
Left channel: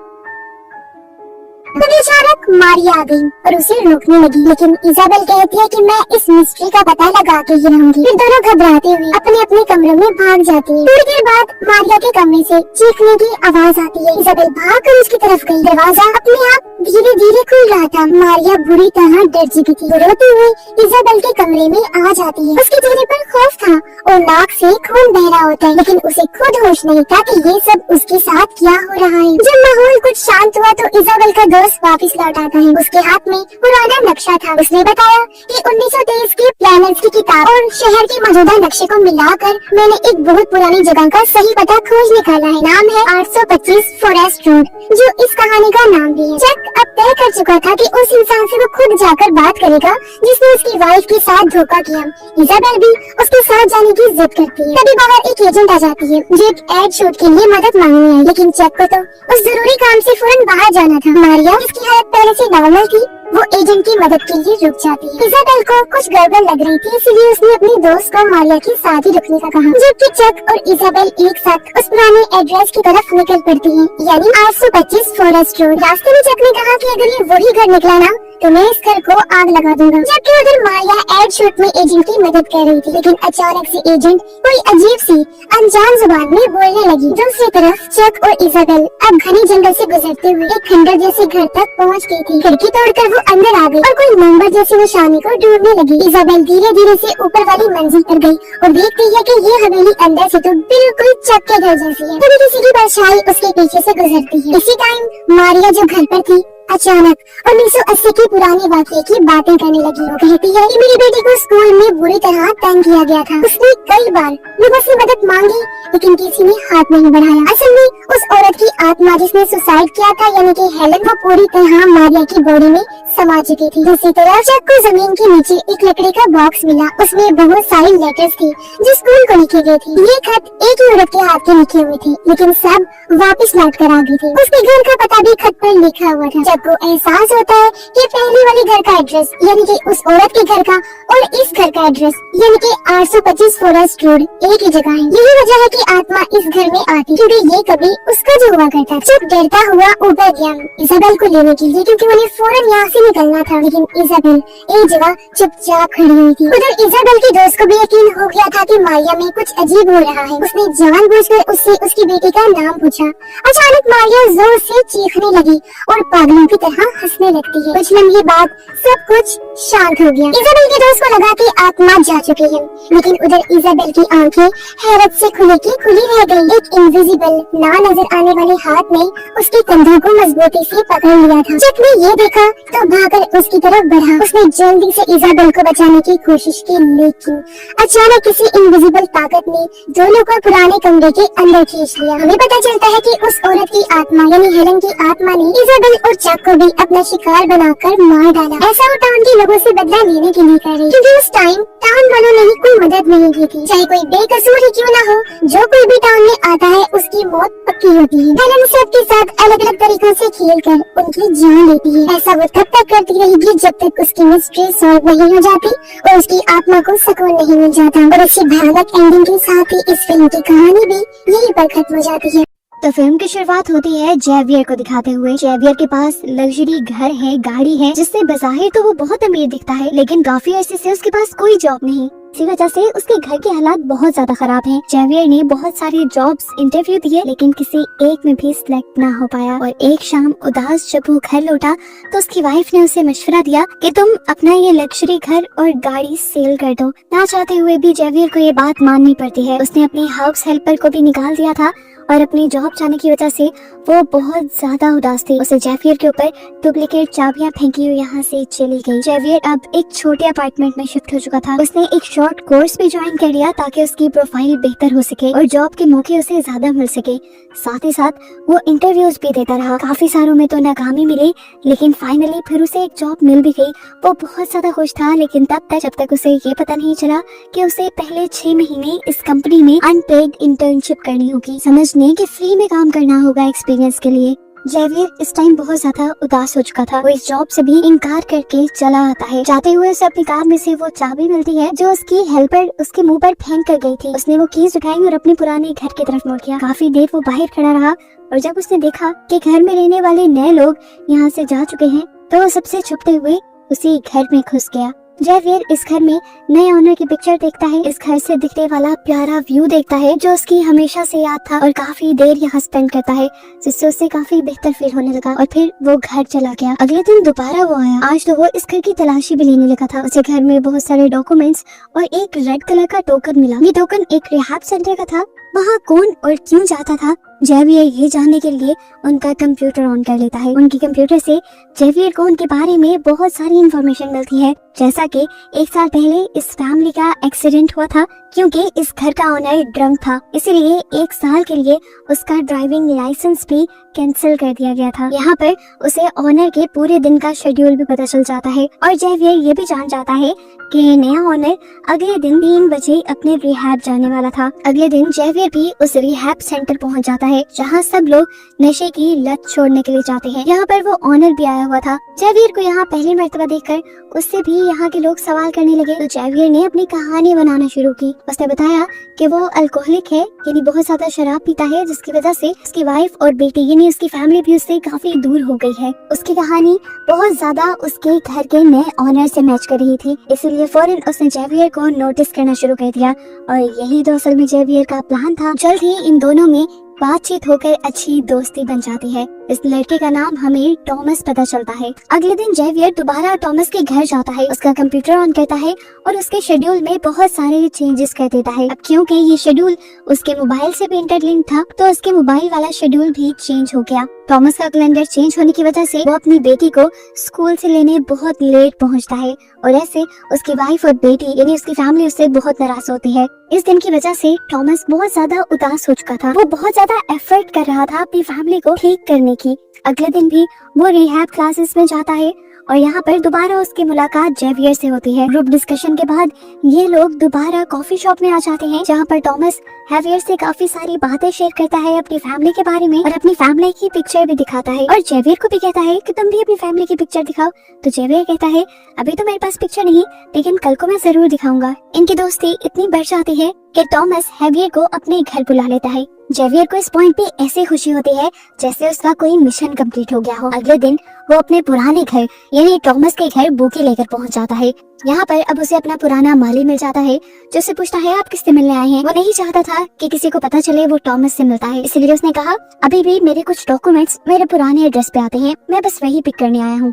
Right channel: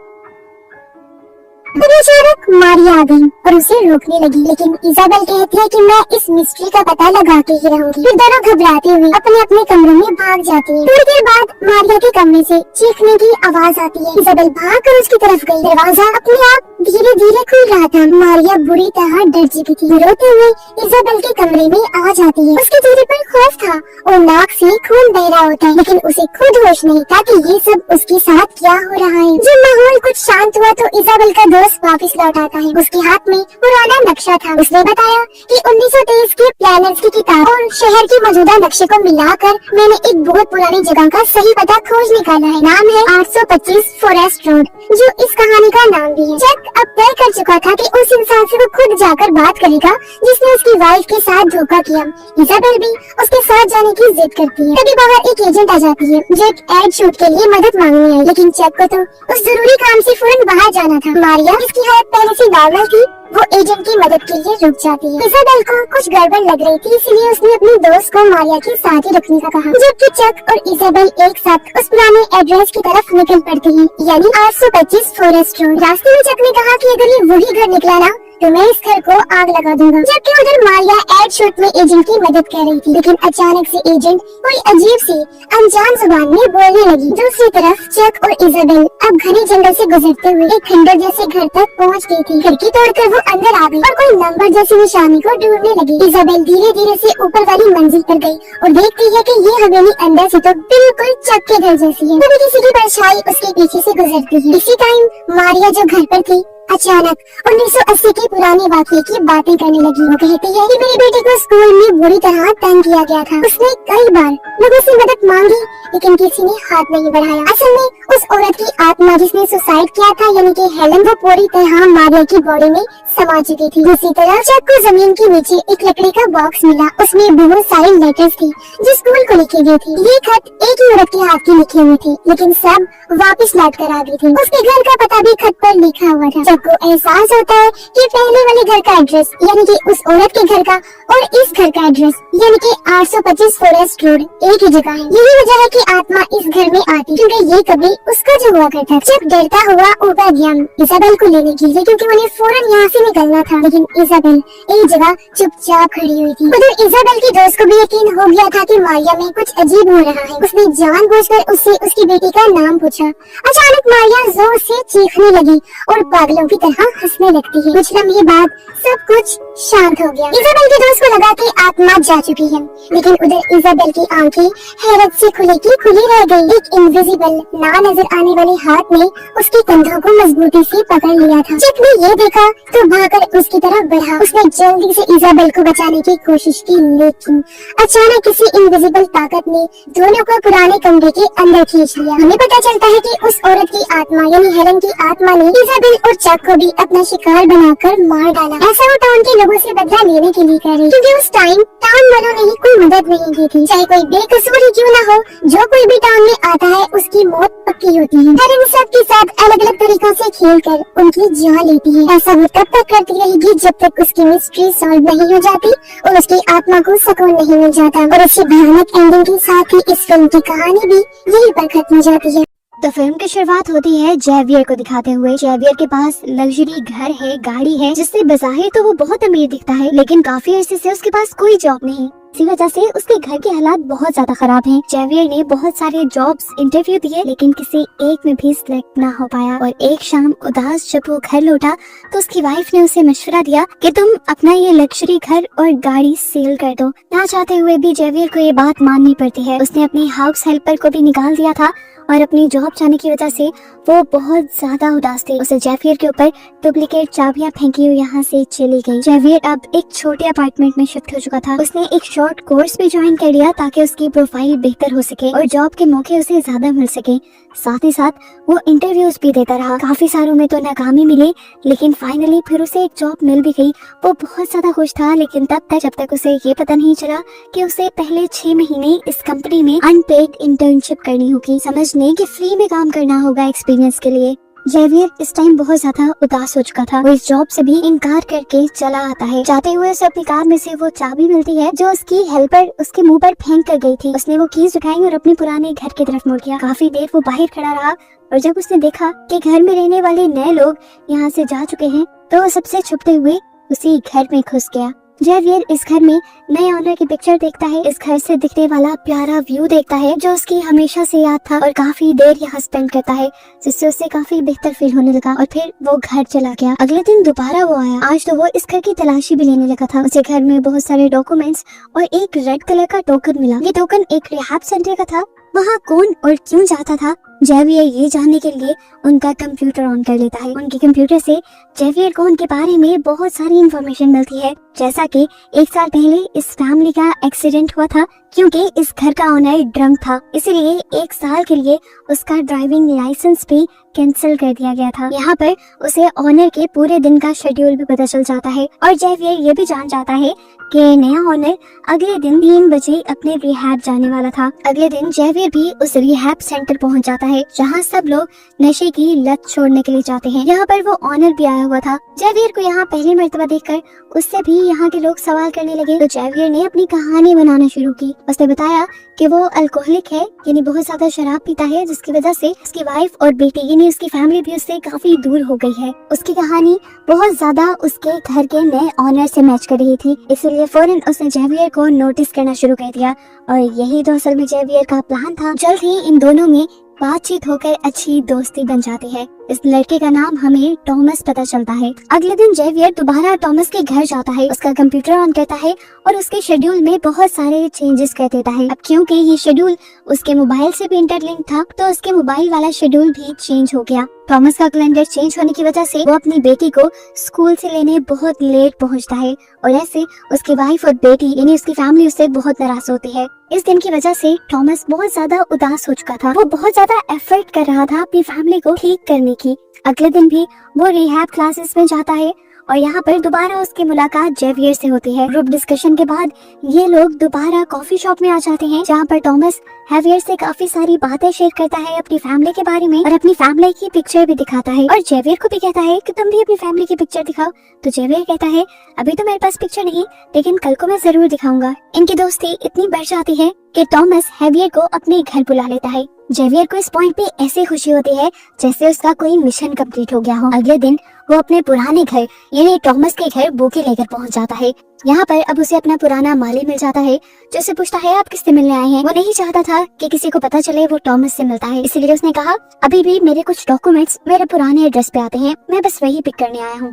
तभी अचानक मारिया आ गई और उसे रोकने लगी लेकिन इजाबेल कहती है कि मैं इस मिस्ट्री का पता लगा के ही रहूंगी। फिर दोनों घबराते हुए अपने अपने कमरों में भाग जाती हैं। थोड़ी देर बाद मारिया के कमरे से चीखने की आवाज आती है। इजाबेल भागकर उसकी तरफ गई। दरवाजा अपने आप धीरे धीरे खुल रहा था। मारिया बुरी तरह डर चुकी थी। रोते हुए इजाबेल के कमरे में आ जाती है। उसके चेहरे पर खौफ था और नाक से खून बह रहा होता है लेकिन उसे खुद होश नहीं था कि ये सब उसके साथ क्या हो रहा है। जब माहौल कुछ शांत हुआ तो इजाबेल का दोस्त वापस लौट आता है। उसके हाथ में पुराना नक्शा था। उसने बताया कि 1923 के प्लानर्स की किताब और शहर के मौजूदा नक्शे को मिलाकर मैंने एक बहुत पुरानी जगह का सही पता खोज निकाला है। नाम है 825 फॉरेस्ट रोड जो इस कहानी का नाम भी है। चक अब तय कर चुका था कि उस इंसान से वो खुद जाकर बात करेगा जिसने उसकी वाइफ के साथ धोखा किया। इजाबेल भी उसके साथ जाने की जिद करती है। तभी बाहर एक एजेंट आ जाती है जो एक एड शूट के लिए मदद मांगने आई लेकिन चक को तो उस जरूरी काम से फौरन बाहर जाना था। मारिया इसकी हालत पहले से नॉर्मल थी। वो एजेंट की मदद के लिए रुक जाती है। इजाबेल को कुछ गड़बड़ लग रही थी इसलिए उसने अपने दोस्त को मारिया के साथ ही रुकने का कहा। जबकि चक और इजाबेल एक साथ उस पुराने एड्रेस की तरफ निकल पड़ती हैं, यानी 825 फॉरेस्ट रोड। रास्ते में चक ने कहा कि अगर ये वही घर निकला ना तो मैं इस घर को आग लगा दूंगा। जबकि उधर मारिया एड शॉट में एजेंट की मदद कर रही थी लेकिन अचानक से एजेंट कोई अजीब सी अनजान जुबान में बोलने लगी। दूसरी तरफ चक और इजाबेल अब घने जंगल से गुजरते हुए एक खंडर जैसे घर तक पहुंच गई थी। खिड़की तोड़कर वो अंदर आ गई और कोई नंबर जैसी निशानी को ढूंढने लगी। इजाबेल धीरे धीरे से ऊपर वाली मंजिल पर गई और देखती है कि ये हवेली अंदर से तो बिल्कुल चक के घर जैसी है। तभी किसी की परछाई उसके पीछे से गुजरती है। इसी टाइम मारिया जो घर पर थी अचानक 1980 के पुराने वाक़ये की बातें करने लगी। वो कहती है कि मेरी बेटी को स्कूल में बुरी तरह तंग किया गया था। उसने कई बार लोगों से मदद मांगी लेकिन किसी ने हाथ नहीं बढ़ाया। असल में उस औरत की आत्मा जिसने सुसाइड किया था यानी कि हेलन वो पूरी तरह मारिया की बॉडी में समा चुकी थी। दूसरी तरफ जब को जमीन के नीचे एक लकड़ी का बॉक्स मिला, उसमें बहुत सारी लेटर्स थी जो स्कूल को लिखी गई थी। ये खत एक ही औरत के हाथ के लिखे हुए थे, लेकिन सब वापस लौट कर आ गए थे। उसके घर का पता भी खत पर लिखा हुआ था। जब को एहसास होता है कि पहले वाले घर का एड्रेस यानी कि उस औरत के घर का और इस घर का एड्रेस यानी कि 825 फॉरेस्ट रोड एक ही जगह है। यही वजह है कि आत्मा इस घर में आती, क्योंकि ये कभी उसका जो हुआ करता। जब डरता हुआ ऊपर गया इजाबेल को लेने के लिए, क्योंकि उन्हें फौरन यहाँ से निकलना था, लेकिन इजाबेल एक जगह चुपचाप खड़ी हुई थी। उधर इजाबेल के दोस्त को भी यकीन हो गया था कि मारिया में कुछ अजीब हो रहा है। उसने जानबूझकर उससे उसकी बेटी का नाम पूछा। अचानक मारिया जोर से चीखने लगी और पागलों की तरह हंसने लगती है। कुछ लम्हे बाद सब कुछ शांत हो गया। इजाबेल के दोस्त को लगा कि आत्मा जा चुकी है, लेकिन उधर इजाबेल की आंखें हैरत से खुली की खुली रह गई। एक इनविजिबल ना नजर आने वाले हाथ ने उसके कंधों को मजबूती से पकड़ लिया था। जब ने ये देखा तो भागकर उसकी तरफ बढ़ा। उसने जल्दी से इजाबेल को बचाने की कोशिश की, लेकिन अचानक किसी इनविजिबल ताकत ने दोनों को पुराने कमरे के अंदर खींच लिया। हमें पता चलता है कि उस औरत की आत्मा यानी हेलन की आत्मा ने इजाबेल और चक को भी अपना शिकार बनाकर मार डाला। ऐसा वो टाउन के लोगों से बदला लेने के लिए कर रही, क्योंकि उस टाइम टाउन वालों ने ही कोई मदद नहीं की थी। चाहे कोई बेकसूर ही क्यों न हो, जो कोई भी टाउन में आता है उसकी मौत पक्की होती है। हेलन सबके साथ अलग अलग तरीकों से खेलकर उनकी जान लेती है। ऐसा वो तब तक करती रहेगी जब तक उसकी मिस्ट्री सॉल्व नहीं हो जाती और उसकी आत्मा को सुकून नहीं मिल जाता। और इसी भयानक एंडिंग के साथ ही इस फिल्म की कहानी भी यहीं पर खत्म हो जाती है। तो फिल्म की शुरुआत होती है जेवियर को दिखाते हुए। जेवियर के पास लग्जरी घर है, गाड़ी है, जिससे बज़ाहिर तो वो बहुत अमीर दिखता है, लेकिन काफी अरसे से उसके पास कोई जॉब नहीं। इसी वजह से उसके घर के हालात बहुत ज्यादा खराब हैं। जेवियर ने बहुत सारे जॉब्स इंटरव्यू दिए, लेकिन किसी एक में भी सिलेक्ट ना हो पाया। और एक शाम उदास जब वो घर लौटा तो उसकी वाइफ ने उसे मशवरा दिया कि तुम अपना ये लग्जरी घर और गाड़ी सेल कर दो। ना चाहते हुए भी जेवियर को ये बात माननी पड़ती है। उसने अपनी हाउस हेल्पर को भी निकाल दिया था और अपनी जॉब जाने की वजह से वो बहुत ज्यादा उदास थी। उसे जेवियर के ऊपर डुप्लीकेट चाबियां फेंकी और यहाँ से चली गई। जेवियर अब एक छोटे अपार्टमेंट में शिफ्ट हो चुका था। उसने एक शॉर्ट कोर्स भी ज्वाइन कर लिया ताकि उसकी प्रोफाइल बेहतर हो सके और जॉब के मौके उसे ज्यादा मिल सके। साथ ही साथ वो इंटरव्यूज भी देता रहा। काफी सारों में तो नाकामी मिली, लेकिन फाइनली फिर उसे एक जॉब मिल भी गई। वो बहुत ज्यादा खुश था, लेकिन तब तक जब तक उसे ये पता नहीं चला कि उसे पहले 6 महीने इस कंपनी में अनपेड इंटर्नशिप करनी होगी। समझने कि फ्री में काम करना होगा एक्सपीरियंस के लिए। जेवियर इस टाइम बहुत ज्यादा उदास हो चुका था। वो इस जॉब से भी इनकार करके चला आता है। जाते हुए उसे अपनी कार में से वो चाबी मिलती है जो उसकी हेल्पर उसके मुंह पर फेंक कर गई थी। उसने वो कीज उठाई और अपने पुराने घर की तरफ मुड़ गया। काफी देर वो बाहर खड़ा रहा और जब उसने देखा कि घर में रहने वाले नए लोग यहाँ से जा चुके हैं तो वो सबसे छुपते हुए उसी घर में घुस गया। जेवियर इस घर में नए ऑनर की पिक्चर देखता है। इस घर से दिखने वाला प्यारा व्यू देखता है जो उसकी हमेशा से याद था और काफी देर यहाँ स्पेंड करता है, जिससे उसे काफी बेहतर फील होने लगा। और फिर वो घर चला गया। अगले दिन दोबारा वो आया। आज तो वो इस घर की तलाशी भी लेने लगा था। उसे घर में बहुत सारे डॉक्यूमेंट्स और एक रेड कलर का टोकन मिला। ये टोकन एक रिहाब सेंटर का था। वहाँ कौन और क्यों जाता था, जेवियर ये जानने के लिए उनका कंप्यूटर ऑन कर लेता है। उनके कंप्यूटर से जेवियर को उनके बारे में बहुत सारी इंफॉर्मेशन मिलती है, जैसा कि 1 साल पहले इस फैमिली का एक्सीडेंट हुआ था क्योंकि इस घर का ओनर ड्रंक था, इसीलिए 1 साल के लिए उसका ड्राइविंग लाइसेंस भी कैंसिल कर दिया गया था। यहाँ पर उसे ओनर के पूरे दिन का शेड्यूल भी पता चल जाता है और जेवियर ये भी जान जाता है कि नया ओनर अगले दिन 3 बजे अपने रिहैब जाने वाला था। अगले दिन जेवियर भी उस रिहैब सेंटर पहुँच जाता है जहाँ सब लोग नशे की लत छोड़ने के लिए जाते हैं। यहाँ पर वो ओनर भी आया हुआ था। जेवियर को यहाँ पहली मर्तबा देखकर उससे भी यहाँ के लोग सवाल करने लगे तो जेवियर ने अपनी कहानी बनाना शुरू की। उसने बताया कि वो अल्कोहलिक है, यानी बहुत ज्यादा शराब पीता है, जिसकी वजह से उसकी वाइफ और बेटी यानी उसकी फैमिली भी उससे काफी दूर हो गई है। उसकी कहानी बहुत ज्यादा उसके घर के नए ऑनर से मैच कर रही थी, इसीलिए फौरन उसने जेवियर को नोटिस करना शुरू कर दिया और यही दरअसल में जेवियर का प्लान था। जल्द ही इन दोनों में बातचीत होकर अच्छी दोस्ती बन जाती है। इस लड़के का नाम हमें टॉमस पता चलता है। अगले दिन जेवियर दोबारा टॉमस के घर जाता है, उसका कंप्यूटर ऑन करता है और उसके शेड्यूल में बहुत सारे चेंजेस कर देता है। अब क्योंकि ये शेड्यूल उसके मोबाइल से भी इंटरलिंक था तो उसके मोबाइल वाला शेड्यूल भी चेंज हो गया। टॉमस का कैलेंडर चेंज होने की वजह से वो अपनी बेटी को स्कूल से लेने बहुत लेट पहुंचता है और ऐसे उसकी वाइफ और बेटी यानी उसकी फैमिली उससे बहुत नाराज होती है। इस दिन की वजह से टॉमस बहुत ज्यादा उदास हो चुका था। वो बहुत ज्यादा एफर्ट कर रहा था अपनी फैमिली को ठीक करने की। अगले दिन भी वो रिहैब क्लासेस में जाता है और यहाँ पर दोबारा उसकी मुलाकात जेवियर से होती है। ग्रुप डिस्कशन के बाद ये लोग दोबारा कॉफी शॉप में आ जाते हैं, जहाँ पर टॉमस जेवियर से काफी सारी बातें शेयर करता है अपनी फैमिली के बारे में और अपनी फैमिली की पिक्चर भी दिखाता है और जेवियर को भी कहता है कि तुम भी अपनी फैमिली की पिक्चर दिखाओ। तो जेवियर कहता है अभी तो मेरे पास पिक्चर नहीं, लेकिन कल को मैं जरूर दिखाऊंगा। इनकी दोस्ती इतनी बढ़ जाती है कि टॉमस जेवियर को अपने घर बुला लेता है। जेवियर को इस पॉइंट पे ऐसी खुशी होती है जैसे उसका कोई मिशन कंप्लीट हो गया हो। अगले दिन वो अपने पुराने घर यानी टॉमस के घर बुके लेकर पहुंच जाता है। यहाँ पर अब उसे अपना पुराना माली मिल जाता है, जो उसे पूछता है आप किससे मिलने आए हैं। वो नहीं चाहता था कि किसी को पता चले वो टॉमस से मिलता है, इसलिए उसने कहा अभी भी मेरे कुछ डॉक्यूमेंट्स मेरे पुराने एड्रेस पे आते हैं, मैं बस वही पिक करने आया हूँ।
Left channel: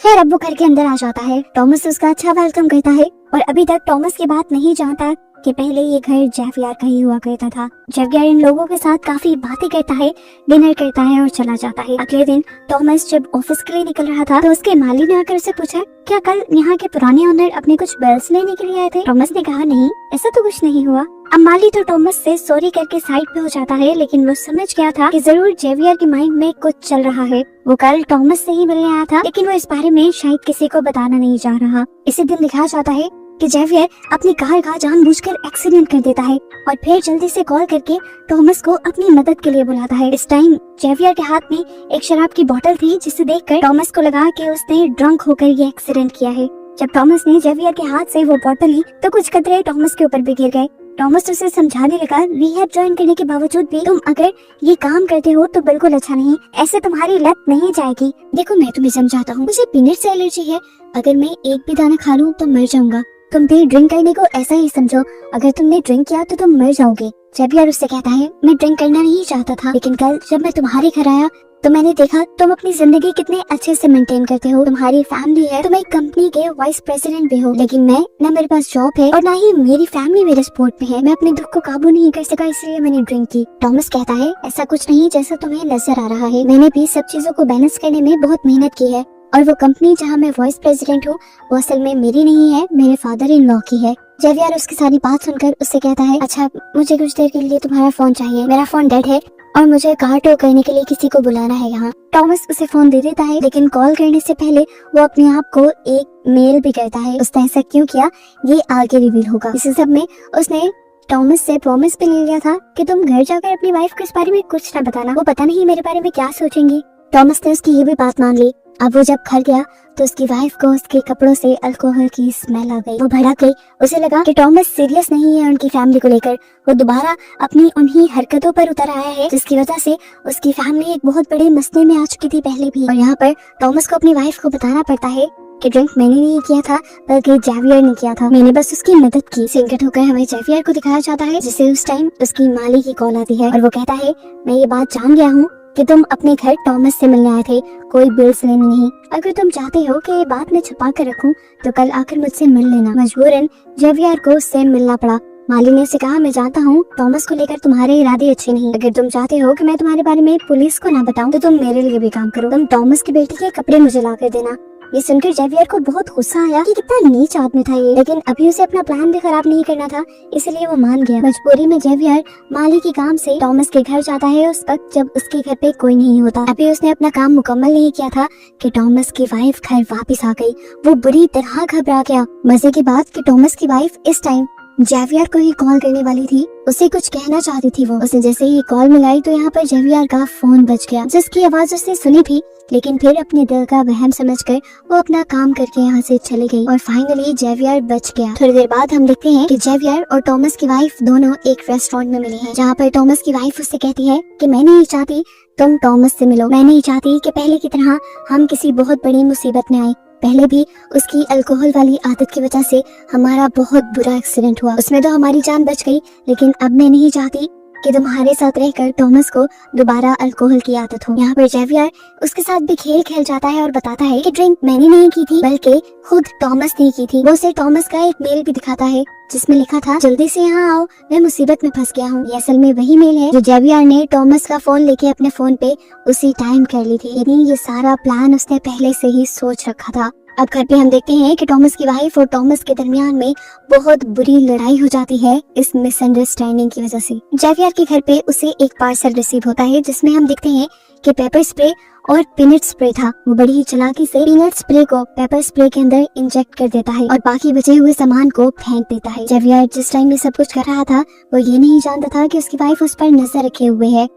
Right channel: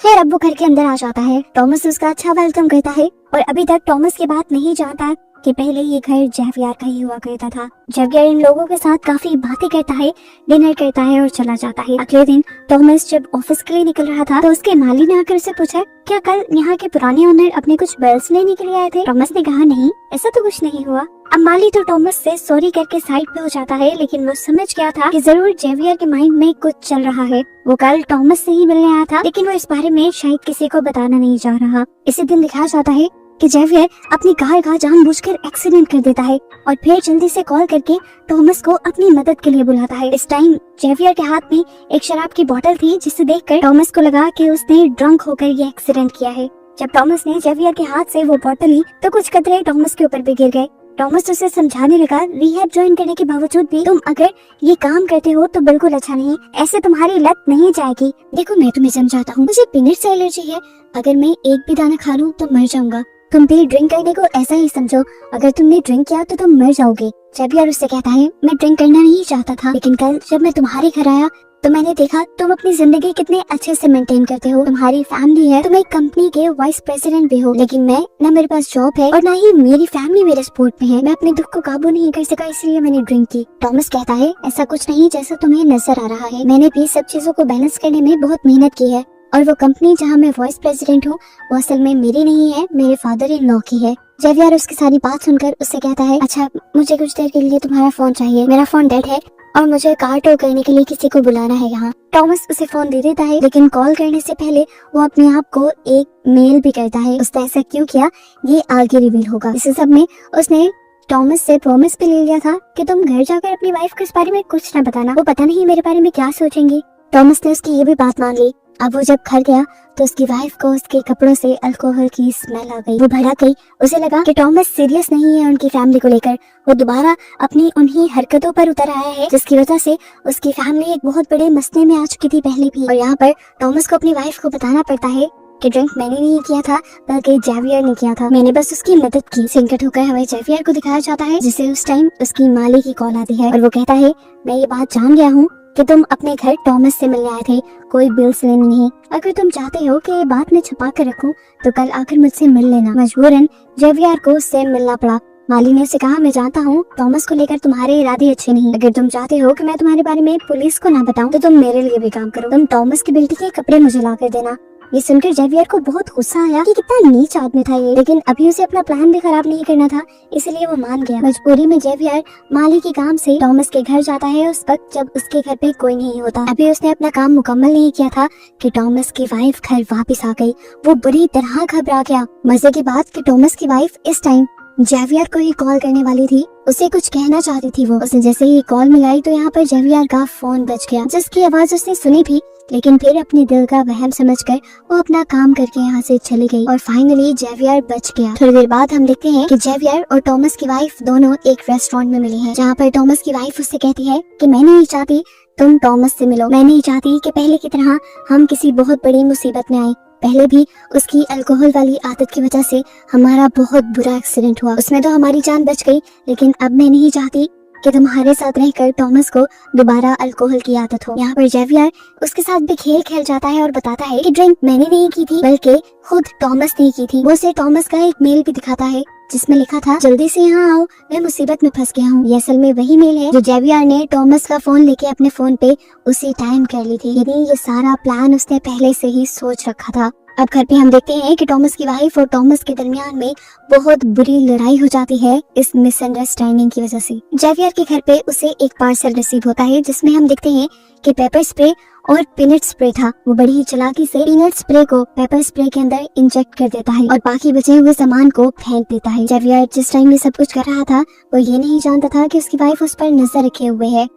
खैर अब वो घर के अंदर आ जाता है। टॉमस उसका अच्छा वेलकम करता है और अभी तक टॉमस की बात नहीं जानता कि पहले ये घर जेवियर का ही हुआ करता था। जेवियर इन लोगों के साथ काफी बातें करता है, डिनर करता है और चला जाता है। अगले दिन टॉमस जब ऑफिस के लिए निकल रहा था तो उसके माली ने आकर उससे पूछा क्या कल यहाँ के पुराने ओनर अपने कुछ बिल्स लेने के लिए आए थे। टॉमस ने कहा नहीं, ऐसा तो कुछ नहीं हुआ। अब माली तो टॉमस से सॉरी करके साइड पे हो जाता है, लेकिन वो समझ गया था कि जरूर जेवियर के माइंड में कुछ चल रहा है। वो कल टॉमस से ही मिलने आया था, लेकिन वो इस बारे में शायद किसी को बताना नहीं चाह रहा। इसी दिन दिखाया जाता है कि जेवियर अपनी कार का जानबूझकर एक्सीडेंट कर देता है और फिर जल्दी से कॉल करके टॉमस को अपनी मदद के लिए बुलाता है। इस टाइम जेवियर के हाथ में एक शराब की बोतल थी, जिसे देखकर टॉमस को लगा कि उसने ड्रंक होकर ये एक्सीडेंट किया है। जब टॉमस ने जेवियर के हाथ से वो बोतल ली तो कुछ कतरे टॉमस के ऊपर भी गिर गए। टॉमस उसे समझाने लगा रिहैब ज्वाइन करने के बावजूद भी तुम अगर ये काम करते हो तो बिल्कुल अच्छा नहीं, ऐसे तुम्हारी लत नहीं जाएगी। देखो मैं तुम्हें समझाता हूँ, मुझे पीनट से एलर्जी है, अगर मैं एक भी दाना खा लूँ तो मर जाऊंगा। तुम भी ड्रिंक करने को ऐसा ही समझो, अगर तुमने ड्रिंक किया तो तुम मर जाओगे। जेवियर उससे कहता है मैं ड्रिंक करना नहीं चाहता था, लेकिन कल जब मैं तुम्हारे घर आया तो मैंने देखा तुम अपनी जिंदगी कितने अच्छे से मेंटेन करते हो, तुम्हारी फैमिली है, तुम एक कंपनी के वाइस प्रेसिडेंट भी हो, लेकिन मैं ना मेरे पास जॉब है और ना ही मेरी फैमिली मेरे सपोर्ट में है। मैं अपने दुख को काबू नहीं कर सका, इसलिए मैंने ड्रिंक की। टॉमस कहता है ऐसा कुछ नहीं जैसा तुम्हें नजर आ रहा है, मैंने भी सब चीजों को बैलेंस करने में बहुत मेहनत की है और वो कंपनी जहाँ मैं वाइस प्रेसिडेंट हूँ वो असल में मेरी नहीं है, मेरे फादर इन लॉ की है। जेवियर उसकी सारी बात सुनकर उससे कहता है अच्छा मुझे कुछ देर के लिए तुम्हारा फोन चाहिए, मेरा फोन डेड है और मुझे कार टो करने के लिए किसी को बुलाना है यहाँ। टॉमस उसे फोन दे देता है, लेकिन कॉल करने से पहले वो अपने आप को एक मेल भी करता है। उसने ऐसा क्यों किया ये आगे रिवील होगा। इस सब में उसने टॉमस से प्रॉमिस भी ले लिया था कि तुम घर जाकर अपनी वाइफ को इस बारे में कुछ न बताना, वो पता नहीं मेरे बारे में क्या सोचेंगी। टॉमस ने उसकी ये भी बात मान ली। अब वो जब घर गया तो उसकी वाइफ को उसके कपड़ों से अल्कोहल की स्मेल आ गई। वो भड़क गई, उसे लगा कि टॉमस सीरियस नहीं है उनकी फैमिली को लेकर। वो दोबारा अपनी उन्हीं हरकतों पर उतर आया है जिसकी वजह से उसकी फैमिली एक बहुत बड़े मसले में आ चुकी थी पहले भी। और यहाँ पर टॉमस को अपनी वाइफ को बताना पड़ता है कि ड्रिंक मैंने नहीं किया था बल्कि जेवियर ने किया था, मैंने बस उसकी मदद की। सिंकट होकर हमें जेवियर को दिखाया जाता है, जिसे उस टाइम उसकी माली की कॉल आती है और वो कहता है मैं ये बात जान गया हूँ कि तुम अपने घर टॉमस से मिलने आए थे, कोई बिल्स लेने नहीं। अगर तुम चाहते हो कि ये बात मैं छुपा कर रखूं तो कल आकर मुझसे मिल लेना। मजबूरन जेवियर को उससे मिलना पड़ा। माली ने उसे कहा मैं जानता हूँ टॉमस को लेकर तुम्हारे इरादे अच्छे नहीं, अगर तुम चाहते हो कि मैं तुम्हारे बारे में पुलिस को ना बताऊं तो तुम मेरे लिए भी काम करो, तुम टॉमस की बेटी के कपड़े मुझे ला कर देना। ये सुनकर जेवियर को बहुत गुस्सा आया कि कितना नीच आदमी था ये, लेकिन अभी उसे अपना प्लान भी खराब नहीं करना था, इसलिए वो मान गया। मजबूरी में जेवियर माली के काम से टॉमस के घर जाता है उस वक्त जब उसके घर पे कोई नहीं होता। अभी उसने अपना काम मुकम्मल नहीं किया था कि टॉमस की वाइफ घर वापस आ गई। वो बुरी तरह घबरा गया। मजे की बात कि टॉमस की वाइफ इस टाइम जेवियर को ही कॉल करने वाली थी, उसे कुछ कहना चाहती थी। वो उसने जैसे ही कॉल मिलाई तो यहाँ पर जेवियर का फोन बज गया, जिसकी आवाज उसने सुनी थी, लेकिन फिर अपने दिल का वहम समझकर वो अपना काम करके यहाँ से चली गई और फाइनली जेवियर बच गया। थोड़ी देर बाद हम देखते हैं कि जेवियर और टॉमस की वाइफ दोनों एक रेस्टोरेंट में मिले हैं, जहाँ पर टॉमस की वाइफ उससे कहती है कि मैं नहीं चाहती तुम टॉमस से मिलो, मैं नहीं चाहती कि पहले की तरह हम किसी बहुत बड़ी मुसीबत में आए। पहले भी उसकी अल्कोहल वाली आदत की वजह से हमारा बहुत बुरा एक्सीडेंट हुआ, उसमें तो हमारी जान बच गई, लेकिन अब मैं नहीं चाहती कि तुम्हारे साथ रहकर टॉमस को दोबारा अल्कोहल की आदत हो। यहाँ पर जेवियर उसके साथ भी खेल खेल जाता है और बताता है कि ड्रिंक मैंने नहीं की थी बल्कि खुद टॉमस ने की थी। वो उसे टॉमस का एक मेल भी दिखाता है जिसमें लिखा था जल्दी से यहाँ आओ, मैं मुसीबत में फंस गया हूँ। ये असल में वही मेल है जो जेवियर ने टॉमस का फोन लेके अपने फोन पे उसी टाइम कर ली थी। यानी ये सारा प्लान उसने पहले से ही सोच रखा था। अब घर पे हम देखते हैं कि टॉमस की वाइफ और टॉमस के दरमियान में बहुत बुरी लड़ाई हो जाती है इस मिसअंडरस्टैंडिंग की वजह से। जेवियर के घर पे उसे एक पार्सल रिसीव होता है जिसमें हम देखते हैं कि पेपर स्प्रे और पीनट स्प्रे था। वो बड़ी ही चालाकी से पीनट स्प्रे को पेपर स्प्रे के अंदर इंजेक्ट कर देता है और बाकी बचे हुए सामान को फेंक देता है। जेवियर जिस टाइम में सब कुछ कर रहा था वो ये नहीं जानता था कि उसकी वाइफ उस पर नजर रखे हुए है।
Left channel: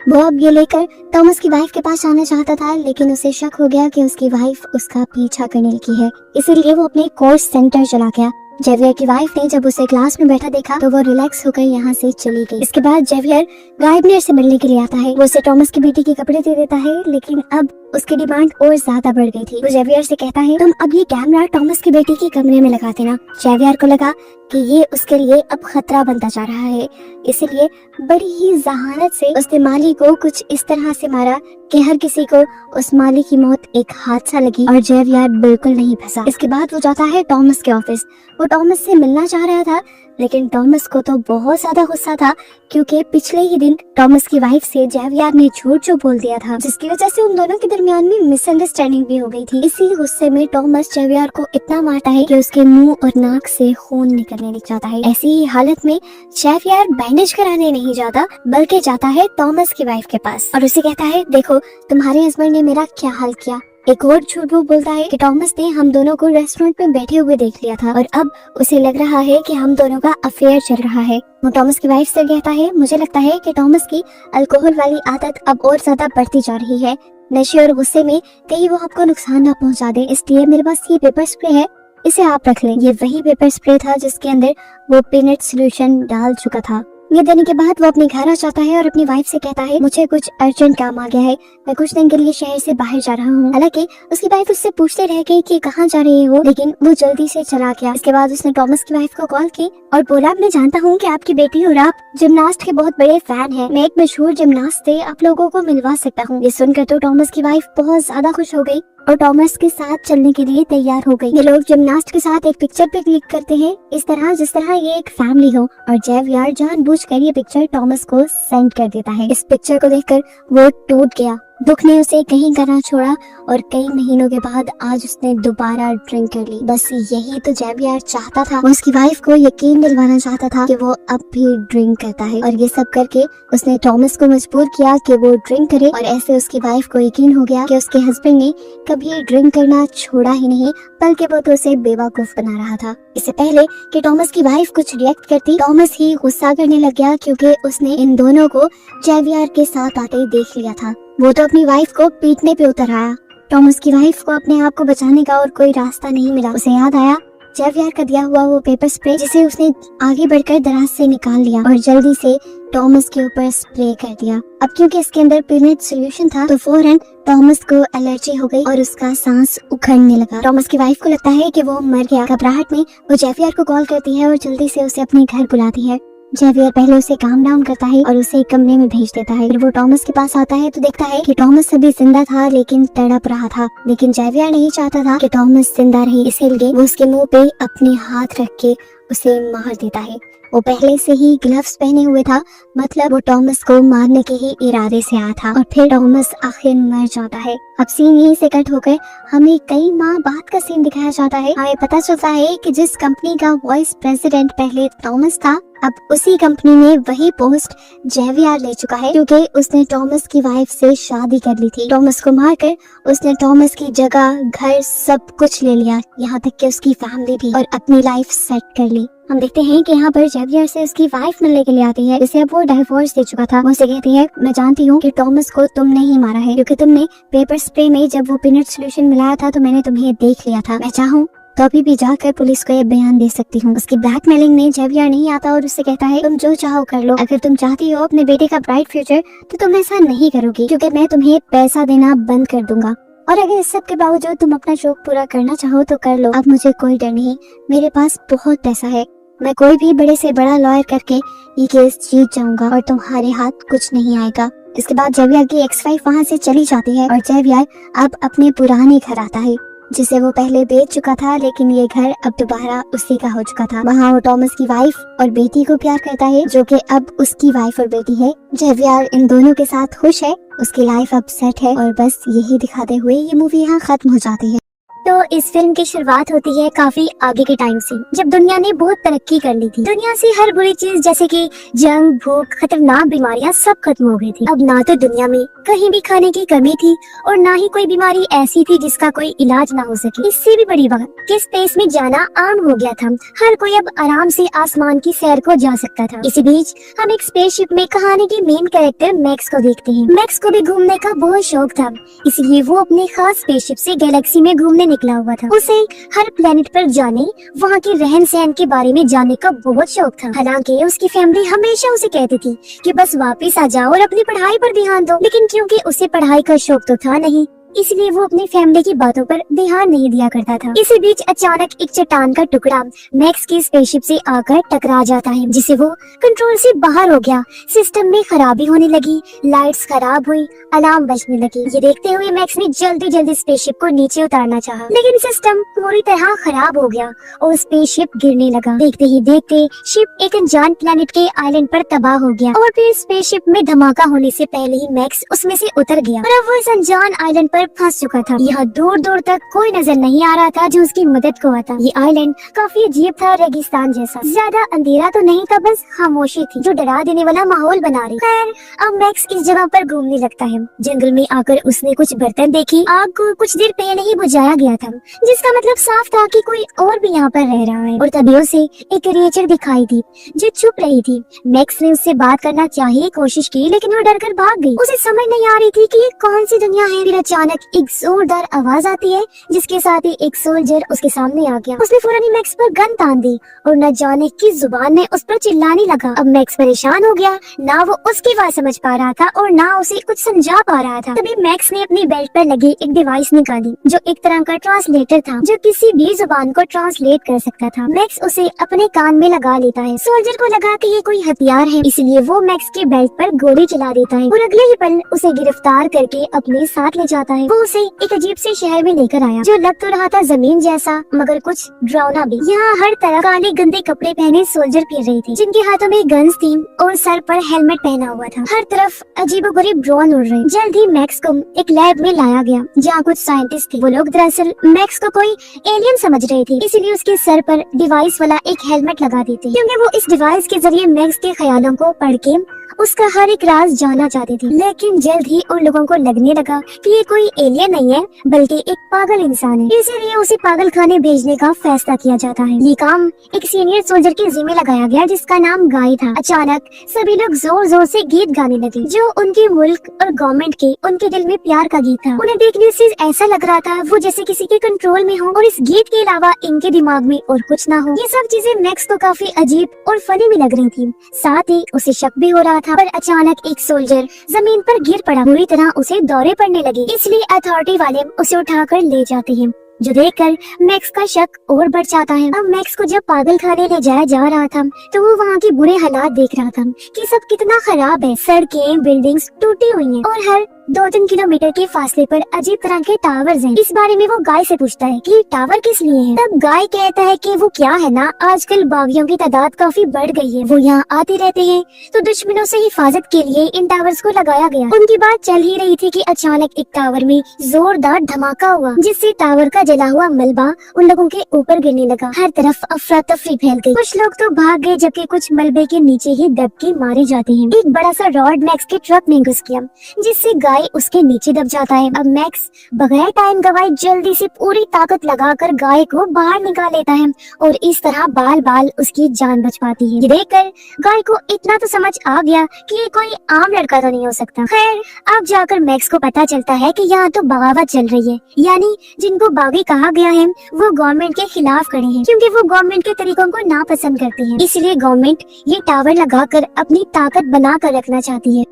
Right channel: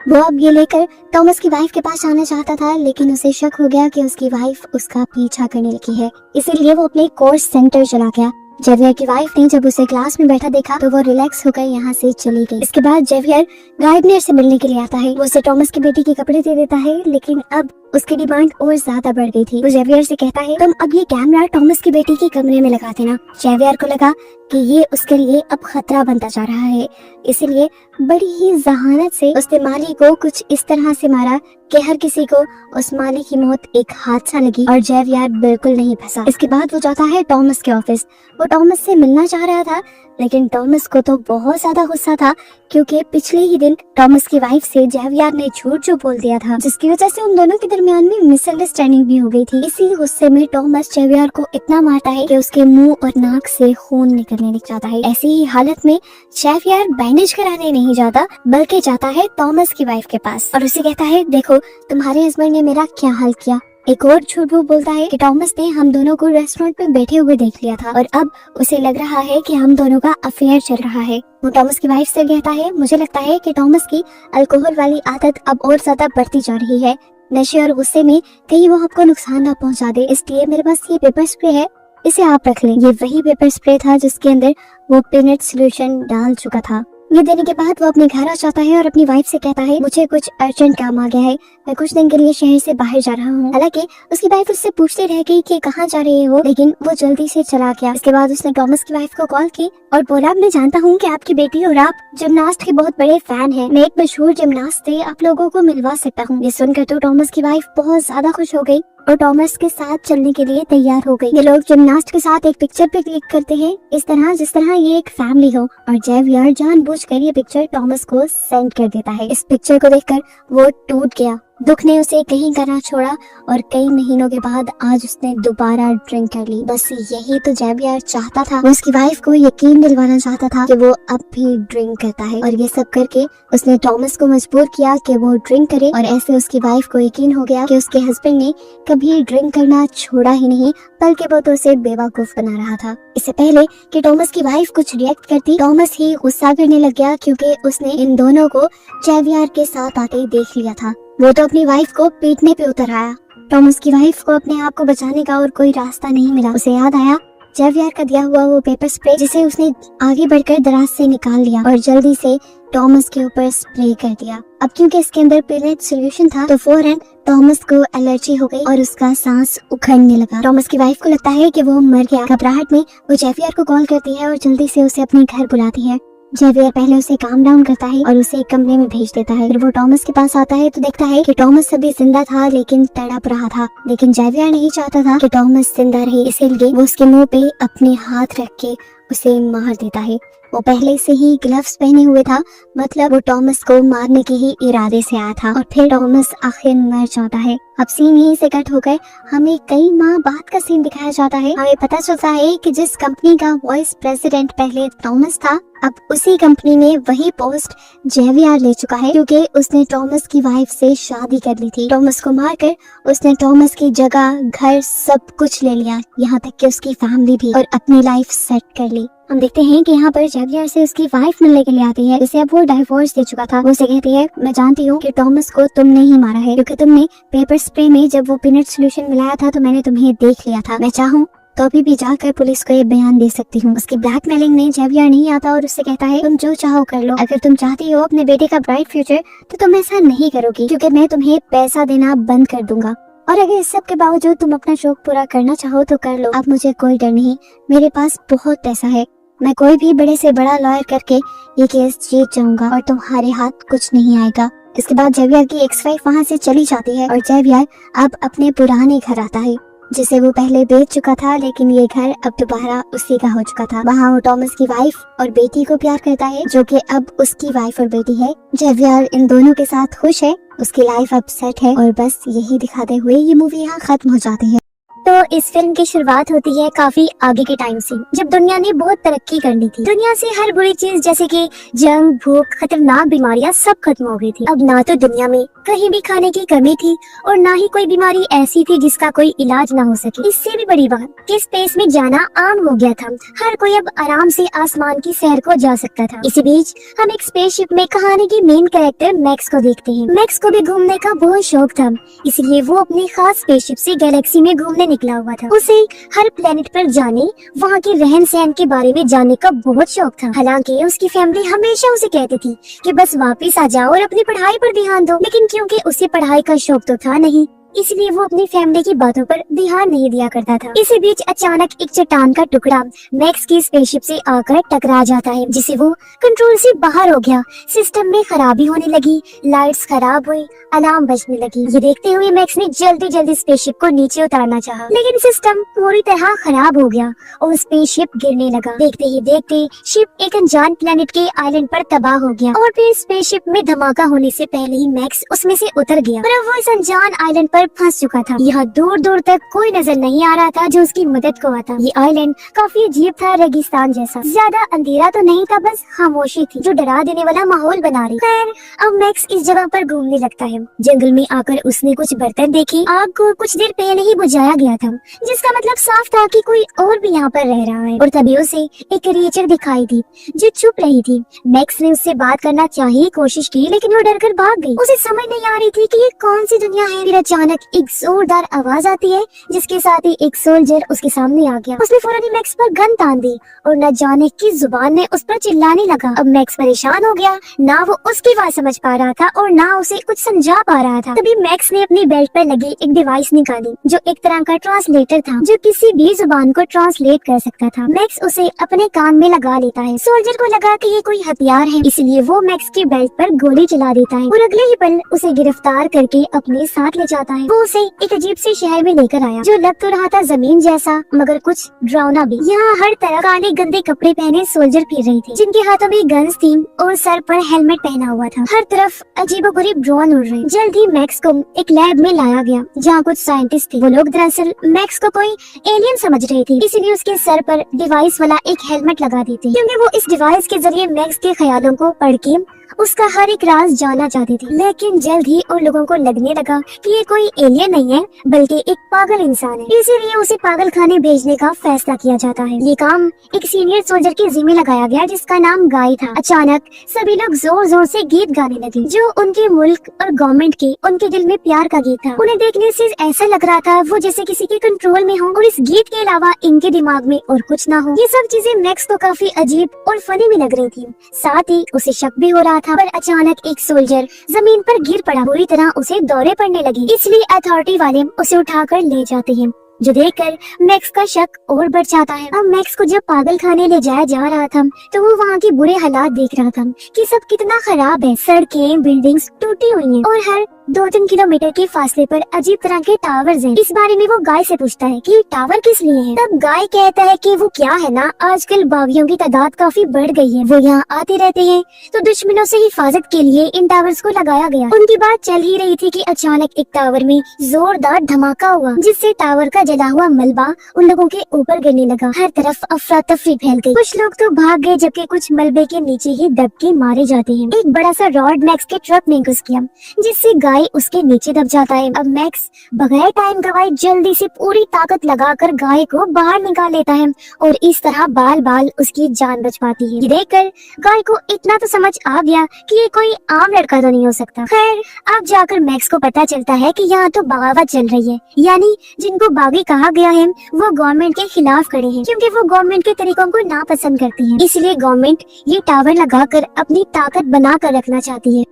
वो अब ये लेकर टॉमस की वाइफ के पास आना चाहता था, लेकिन उसे शक हो गया कि उसकी वाइफ उसका पीछा करने लगी है, इसीलिए वो अपने कोर्स सेंटर चला गया। जेवियर की वाइफ ने जब उसे क्लास में बैठा देखा तो वो रिलैक्स होकर यहाँ से चली गई। इसके बाद जेवियर गार्डनर से मिलने के लिए आता है। वो उसे टॉमस की बेटी के कपड़े दे देता है, लेकिन अब उसकी डिमांड और ज्यादा बढ़ गई थी। वो जेवियर से कहता है तुम अब ये कैमरा टॉमस की बेटी के कमरे में लगा देना। जेवियर को लगा कि ये उसके लिए अब खतरा बनता जा रहा है, इसीलिए बड़ी ही जहानत से उसने माली को कुछ इस तरह से मारा कि हर किसी को उस माली की मौत एक हादसा लगी और जेवियर बिल्कुल नहीं फंसा। इसके बाद वो जाता है टॉमस के ऑफिस। वो टॉमस से मिलना चाह रहा था, लेकिन टॉमस को तो बहुत ज्यादा गुस्सा था क्योंकि पिछले ही दिन टॉमस की वाइफ से जेवियर ने झूठ जो बोल दिया था, जिसकी वजह से उन दोनों के दरमियान में मिसअंडरस्टैंडिंग भी हो गई थी। इसी गुस्से में टॉमस जेवियर को इतना मारता है कि उसके मुंह और नाक से खून निकलने लग जाता है। ऐसी ही हालत में जेवियर बैंडेज कराने नहीं जाता बल्कि जाता है टॉमस की वाइफ के पास और उसे कहता है देखो तुम्हारे हस्बैंड ने मेरा क्या हाल किया। एक और झूठ वो बोलता है कि टॉमस ने हम दोनों को रेस्टोरेंट में बैठे हुए देख लिया था और अब उसे लग रहा है कि हम दोनों का अफेयर चल रहा है। वो टॉमस की वाइफ से कहता है मुझे लगता है कि टॉमस की अल्कोहल वाली आदत अब और ज्यादा बढ़ती जा रही है। नशे और गुस्से में कहीं वो आपको नुकसान न पहुंचा दे, इसलिए मेरे पास ये पेपर स्प्रे है, इसे आप रख लें। ये वही पेपर स्प्रे था जिसके अंदर वो पीनट सोल्यूशन डाल चुका था। ये देने के बाद वो अपने घर आ जाता है और अपनी वाइफ से कहता है मुझे कुछ अर्जेंट काम आ गया है, मैं कुछ दिन के लिए शहर से बाहर जा रहा हूँ। हालांकि उसकी वाइफ उससे पूछते रह गई कि कहाँ जा रही हो, लेकिन वो जल्दी से चला गया। इसके बाद उसने टॉमस की वाइफ को कॉल की और बोला मैं जानता हूँ कि आपकी बेटी और आप जिमनास्ट के बहुत बड़े फैन हैं, मैं एक मशहूर जिमनास्ट से आप लोगों को मिलवा सकता हूँ। ये सुनकर तो टॉमस की वाइफ बहुत ज्यादा खुश हो गई और टॉमस के साथ चलने के लिए तैयार हो गई। ये लोग जिमनास्ट के साथ एक पिक्चर पे क्लिक करते हैं इस तरह जिस तरह ये एक फैमिली हो और जेवियर जानबूझकर ये पिक्चर टॉमस को सेंड कर देता है। इस पिक्चर को देखकर वो टूट गया। दुख ने उसे कहीं का ना छोड़ा और कई महीनों के बाद आज उसने दोबारा ड्रिंक कर ली। बस यही तो जेवियर चाहता था। वो उसकी वाइफ को यकीन दिलवाना चाहता था कि वो अब भी ड्रिंक करता है और ये सब करके उसने टॉमस को मजबूर किया कि वो ड्रिंक करे और ऐसे उसकी वाइफ को यकीन हो गया कि उसके हस्बैंड ने कभी ड्रिंक करना छोड़ा ही नहीं, बल्कि वो तो उसे बेवकूफ बना रहा था। इससे पहले कि टॉमस की वाइफ कुछ रिएक्ट करती, टॉमस ही गुस्सा करने लग गया क्योंकि उसने इन दोनों को जेवियर के साथ आते देख लिया था। वो तो अपनी वाइफ को पीटने पे उतर आया। टॉमस की वाइफ को अपने आप को बचाने का और कोई रास्ता नहीं मिला। उसे याद आया जेवियर का दिया हुआ वो पेपर स्प्रे जिसे उसने आगे बढ़कर दराज से निकाल लिया और जल्दी से टॉमस के ऊपर स्प्रे कर दिया। अब क्योंकि इसके अंदर पीनट सोल्यूशन था तो फौरन टॉमस को एलर्जी हो गई और उसका सांस उखड़ने लगा। टॉमस की वाइफ को लगता है कि वो मर गया। घबराहट में वो जेवियर को कॉल करती है और जल्दी से उसे अपने घर बुलाती है। जेवियर पहले उसे काम डाउन करता है और उसे एक कमरे में भेज देता है। फिर वो टॉमस के पास आता है तो देखता है कि टॉमस अभी जिंदा था लेकिन तड़प रहा था, लेकिन जेवियर नहीं चाहता था कि टॉमस जिंदा रहे, इसीलिए वो उसके मुंह पे अपने हाथ रख के उसे मार देता है। वो पहले से ही ग्लव्स पहने हुए था, मतलब वो टॉमस को मारने के ही इरादे से आया था और फिर टॉमस आखिर मर जाता है। अब सीन यहीं से कट होकर हमें कई माह बाद का सीन दिखाया जाता है। हमें पता चलता है कि जिस कंपनी का वाइस प्रेसिडेंट पहले टॉमस था, अब उसी कंपनी में वही पोस्ट जेवियर ले चुका है क्योंकि उसने टॉमस की वाइफ से शादी कर ली थी। टॉमस को मारकर उसने टॉमस की जगह, घर, सब कुछ ले लिया, यहाँ तक कि उसकी फैमिली भी, और अपनी लाइफ सेट कर ली। हम देखते हैं कि यहाँ पर जेवियर से उसकी वाइफ मिलने के लिए आती है, जिसे अब वो डाइवोर्स दे चुका था। वो उसे कहती है मैं जानती हूँ कि टॉमस को तुमने ही मारा है क्योंकि तुमने पेपर स्प्रे में जब वो पीनट सोल्यूशन मिलाया था तो मैंने तुम्हें देख लिया था। मैं चाहूँ तो अभी भी जाकर पुलिस को ये बयान दे सकती हूँ। उसकी ब्लैकमेलिंग में जेवियर नहीं आता और उससे कहता है तुम जो चाहो कर लो, अगर तुम चाहती हो अपने बेटे का ब्राइट फ्यूचर तो तुम ऐसा नहीं करोगी क्योंकि मैं तुम्हें पैसा देना बंद कर दूंगा, और अगर इस सब के बावजूद तुम अपना शौक पूरा करना चाहो तो कर लो। अब मुझे कोई डर नहीं, मेरे पास बहुत पैसा है, मैं कोई भी बड़े से बड़ा लॉयर करके ये केस जीत जाऊंगा और तुम्हारे हाथ कुछ नहीं आएगा। इसके बाद जेवियर की एक्स वाइफ वहाँ से चली जाती है और जेवियर अब अपने पुराने घर आता है। जिसे वो पहले बेच चुका था, लेकिन ये घर अब दोबारा उसी का हो चुका था। वहाँ वो टॉमस की वाइफ और बेटी को प्यार करता है, जो कि अब उसकी वाइफ और बेटी है। जेवियर इन दोनों के साथ खुश है, उसकी लाइफ अब सेट है और बस यही दिखाते हुए ये मूवी यहाँ खत्म हो जाती है। तो इस फिल्म की शुरुआत होती है काफी आगे के टाइम से, जब दुनिया ने बहुत तरक्की कर ली थी। दुनिया से हर बुरी चीज जैसे कि जंग, भूख, खतरनाक बीमारियां सब खत्म हो गई थी। अब ना तो दुनिया में कहीं भी खाने की कमी थी और ना ही कोई बीमारी ऐसी थी जिसका कोई इलाज ना हो सके। इससे भी बड़ी बात कि स्पेस में जाना आम हो गया था। हर कोई अब आराम से आसमान की सैर को जा सकता था। इसी बीच हम एक स्पेसशिप में कहानी की मेन कैरेक्टर मैक्स को देखते हैं। मैक्स को भी घूमने का बहुत शौक था, इसलिए वो अपनी खास स्पेसशिप से गैलेक्सी में घूमने निकला हुआ था। उसे हर प्लेनेट पर जाने, वहाँ के रहन सहन के बारे में जानने का बहुत शौक था। हालांकि उसकी फैमिली हमेशा उसे कहती थी कि बस वापस आ जाओ और अपनी पढ़ाई पर ध्यान दो, लेकिन क्योंकि उसे पढ़ाई का शौक तो था नहीं, इसलिए वो अपनी फैमिली की बातों पर ध्यान नहीं दिया करता था। इसी बीच अचानक एक चट्टान का टुकड़ा मैक्स की स्पेसशिप से आकर टकरा जाता है, जिसे वो कंट्रोल से बाहर हो गया। सिस्टम में खराबी होने लगी, लाइट्स खराब हुई, अलार्म बजने लगी। ये देखते हुए मैक्स ने जल्दी स्पेसशिप को नीचे उतारना चाहा, लेकिन सिस्टम पूरी तरह खराब हो गया और स्पेसशिप गिरने लगा। देखते ही देखते शिप एक अनजान प्लेनेट के आइलैंड पर तबाह हो गया और फिर स्पेसशिप में धमाका होने से पहले ही मैक्स उसमें से उतर गया और अब वो इस अनजान आइलैंड पर फंस चुका था। यहाँ दूर दूर तक कोई नजर नहीं आ रहा था जो उसकी मदद को आता। ये आइलैंड काफी अजीब था, रेगिस्तान जैसा। ज्यादा अंधेरा तो नहीं था, बस खामोशी थी जो डरा देने वाला माहौल बना रही। खैर अब मैक्स इस जगह पर घूमने लगता है। जंगल में आकर उसने कुछ बर्तन देखे। आग को कुछ देर पहले ही बुझाया गया था, जिसका मतलब साफ था कि कोई और भी यहाँ पर रह रहा है। और तभी उसे एक क्रिएचर दिखाई थी जो छुप रही थी। मैक्स ने उससे बात करना चाहिए कोशिश की, लेकिन वो डरकर भाग गई। उसे समझ नहीं आ रही थी कि ये कौन सी दुनिया है। फिर अचानक एक जोरदार आवाज आती है, जिसके साथ ही एक सोल्जर उसके सामने आ गया। उसने फौरन ही मैक्स पर गन तान दी और न जाने किस जुबान में उस पर चिल्लाने लगा। अब मैक्स परेशान हो गया, ना वो उसकी बात समझ पा रहा था और ना उसे कुछ समझा पा रहा था। तभी मैक्स ने अपनी बेल्ट पर लगी एक डिवाइस निकाली, जो एक तरह का ट्रांसलेटर था, जो किसी भी जुबान को ट्रांसलेट कर सकता था। मैक्स उसे अपने कान में लगा लेता है। सोल्जर को लगा कि ये कोई हथियार है, इसलिए वो मैक्स के बेल्ट पर गोली चला देता है और अगले ही पल उसे गिरफ्तार करके अपने साथ ले जाता है। वो उसे एक अजीब से शहर में लेकर आया, जो लग तो रहा था जमीन जैसा, मगर कुछ डरावना भी। यहाँ हर तरफ काले गंदे कपड़े पहने सोल्जर फिर रही थी, जिनके हाथों में गन्स थी और सर पर हेलमेट पहना हुआ था। हर तरफ अजीबोगरीब ड्रोन उड़ रहे। जल्द ही मैक्स को एक लैब में लाया गया, जहाँ कुछ साइंटिस्ट थे। वो लोग दरअसल मैक्स को कोई एलियन समझ रहे थे, इसीलिए उसके सर पर डिवाइस वाला एक हेलमेट लगा देते, क्योंकि वो इस डिवाइस के जरिए मैक्स के ख्यालों को पढ़ के उसका हर एक राज जानना चाहती थी। लेकिन जल्द ही उन लोगों को लगने लगा कि ये कोई एलियन नहीं है, बल्कि एक पागल इंसान है। इसीलिए उसे पागल खाने भेजने का फैसला किया जाता है। ये काम एक सीनियर सोल्जर के जिम्मे लगाया गया, जिसका नाम गाय था। अचानक सभी लोग जोर जोर से गीत गाने लगे, जो उनके मुल्क और गवर्नमेंट के उनके दिल में प्यार का गीत था। उन्हें देखने से ऐसा लग रहा था वो जैसे किसी के कंट्रोल में हो और इस गीत के अलावा इनके दिमाग में और कुछ ना हो। ये सब चीजें मैक्स को काफी अजीब और फनी भी लग रही थी। साथ ही उसे शक भी हो रहा था। पर अचानक एक सोल्जर जमीन पर गिर पड़ा। बुरी तरह उसे दौरे पड़ने लगी, इसलिए अथॉरिटी वाले उसे उठाकर ले जाते हैं, जो देखकर मैक्स का शक और बढ़ जाता है। अब मैक्स को जब पागल खाने ले जाया जा रहा था, तो वो वहाँ के बुरे हालात देख रहा था कि सब कितना खराब है। सड़कें, बिल्डिंग्स टूटी हुई हैं और हर 2-3 किलोमीटर के फासले पर अजीब तरह के टावर्स हैं। इस बारे में वो गाय से पूछता है कि टावर किस लिए है। तब गाय कहता है कि वो क्या है ना, आजकल बागियों की तादाद काफी बढ़ गई है, वो यहाँ आते रहते हैं, तो दुश्मनों से हिफाजत के लिए इन टावर्स को लगाया गया। उनकी बात चल ही रही थी कि अचानक एक टावर में जोरदार धमाका हुआ, जिससे टावर का जला हुआ मलबा उन लोगों के ऊपर गिरने लगा। हर तरफ अफरा तफरी फैल गई। कुछ लोग तो भाग गए, जबकि कुछ मलबे के नीचे ही दब के मारे जाते हैं। एक बड़ा सा रॉड मैक्स के ट्रक में घुस गया, जिससे गाय उसके नीचे दब जाता है। अब मैक्स बगैर टाइम गवाए जल्दी से पूरी ताकत लगाकर गाय को बाहर निकाल लेता है और इस तरह बाल बाल उसकी जान बच पाती है। ये देखकर गाय को इतना तो समझ आ गया कि ये कोई आम लड़का तो नहीं हो सकता। खैर अब जाकर मैक्स को पता चलता है कि यहाँ तो बगावत चल रही है, यानी जिनको बागी कहा गया है वो गवर्नमेंट के खिलाफ खड़ी है, क्योंकि वो गवर्नमेंट के तरीकों को नापसंद करती है। इसलिए गवर्नमेंट ये टावर लगाकर अपनी ताकत बना कर रखना चाहती है।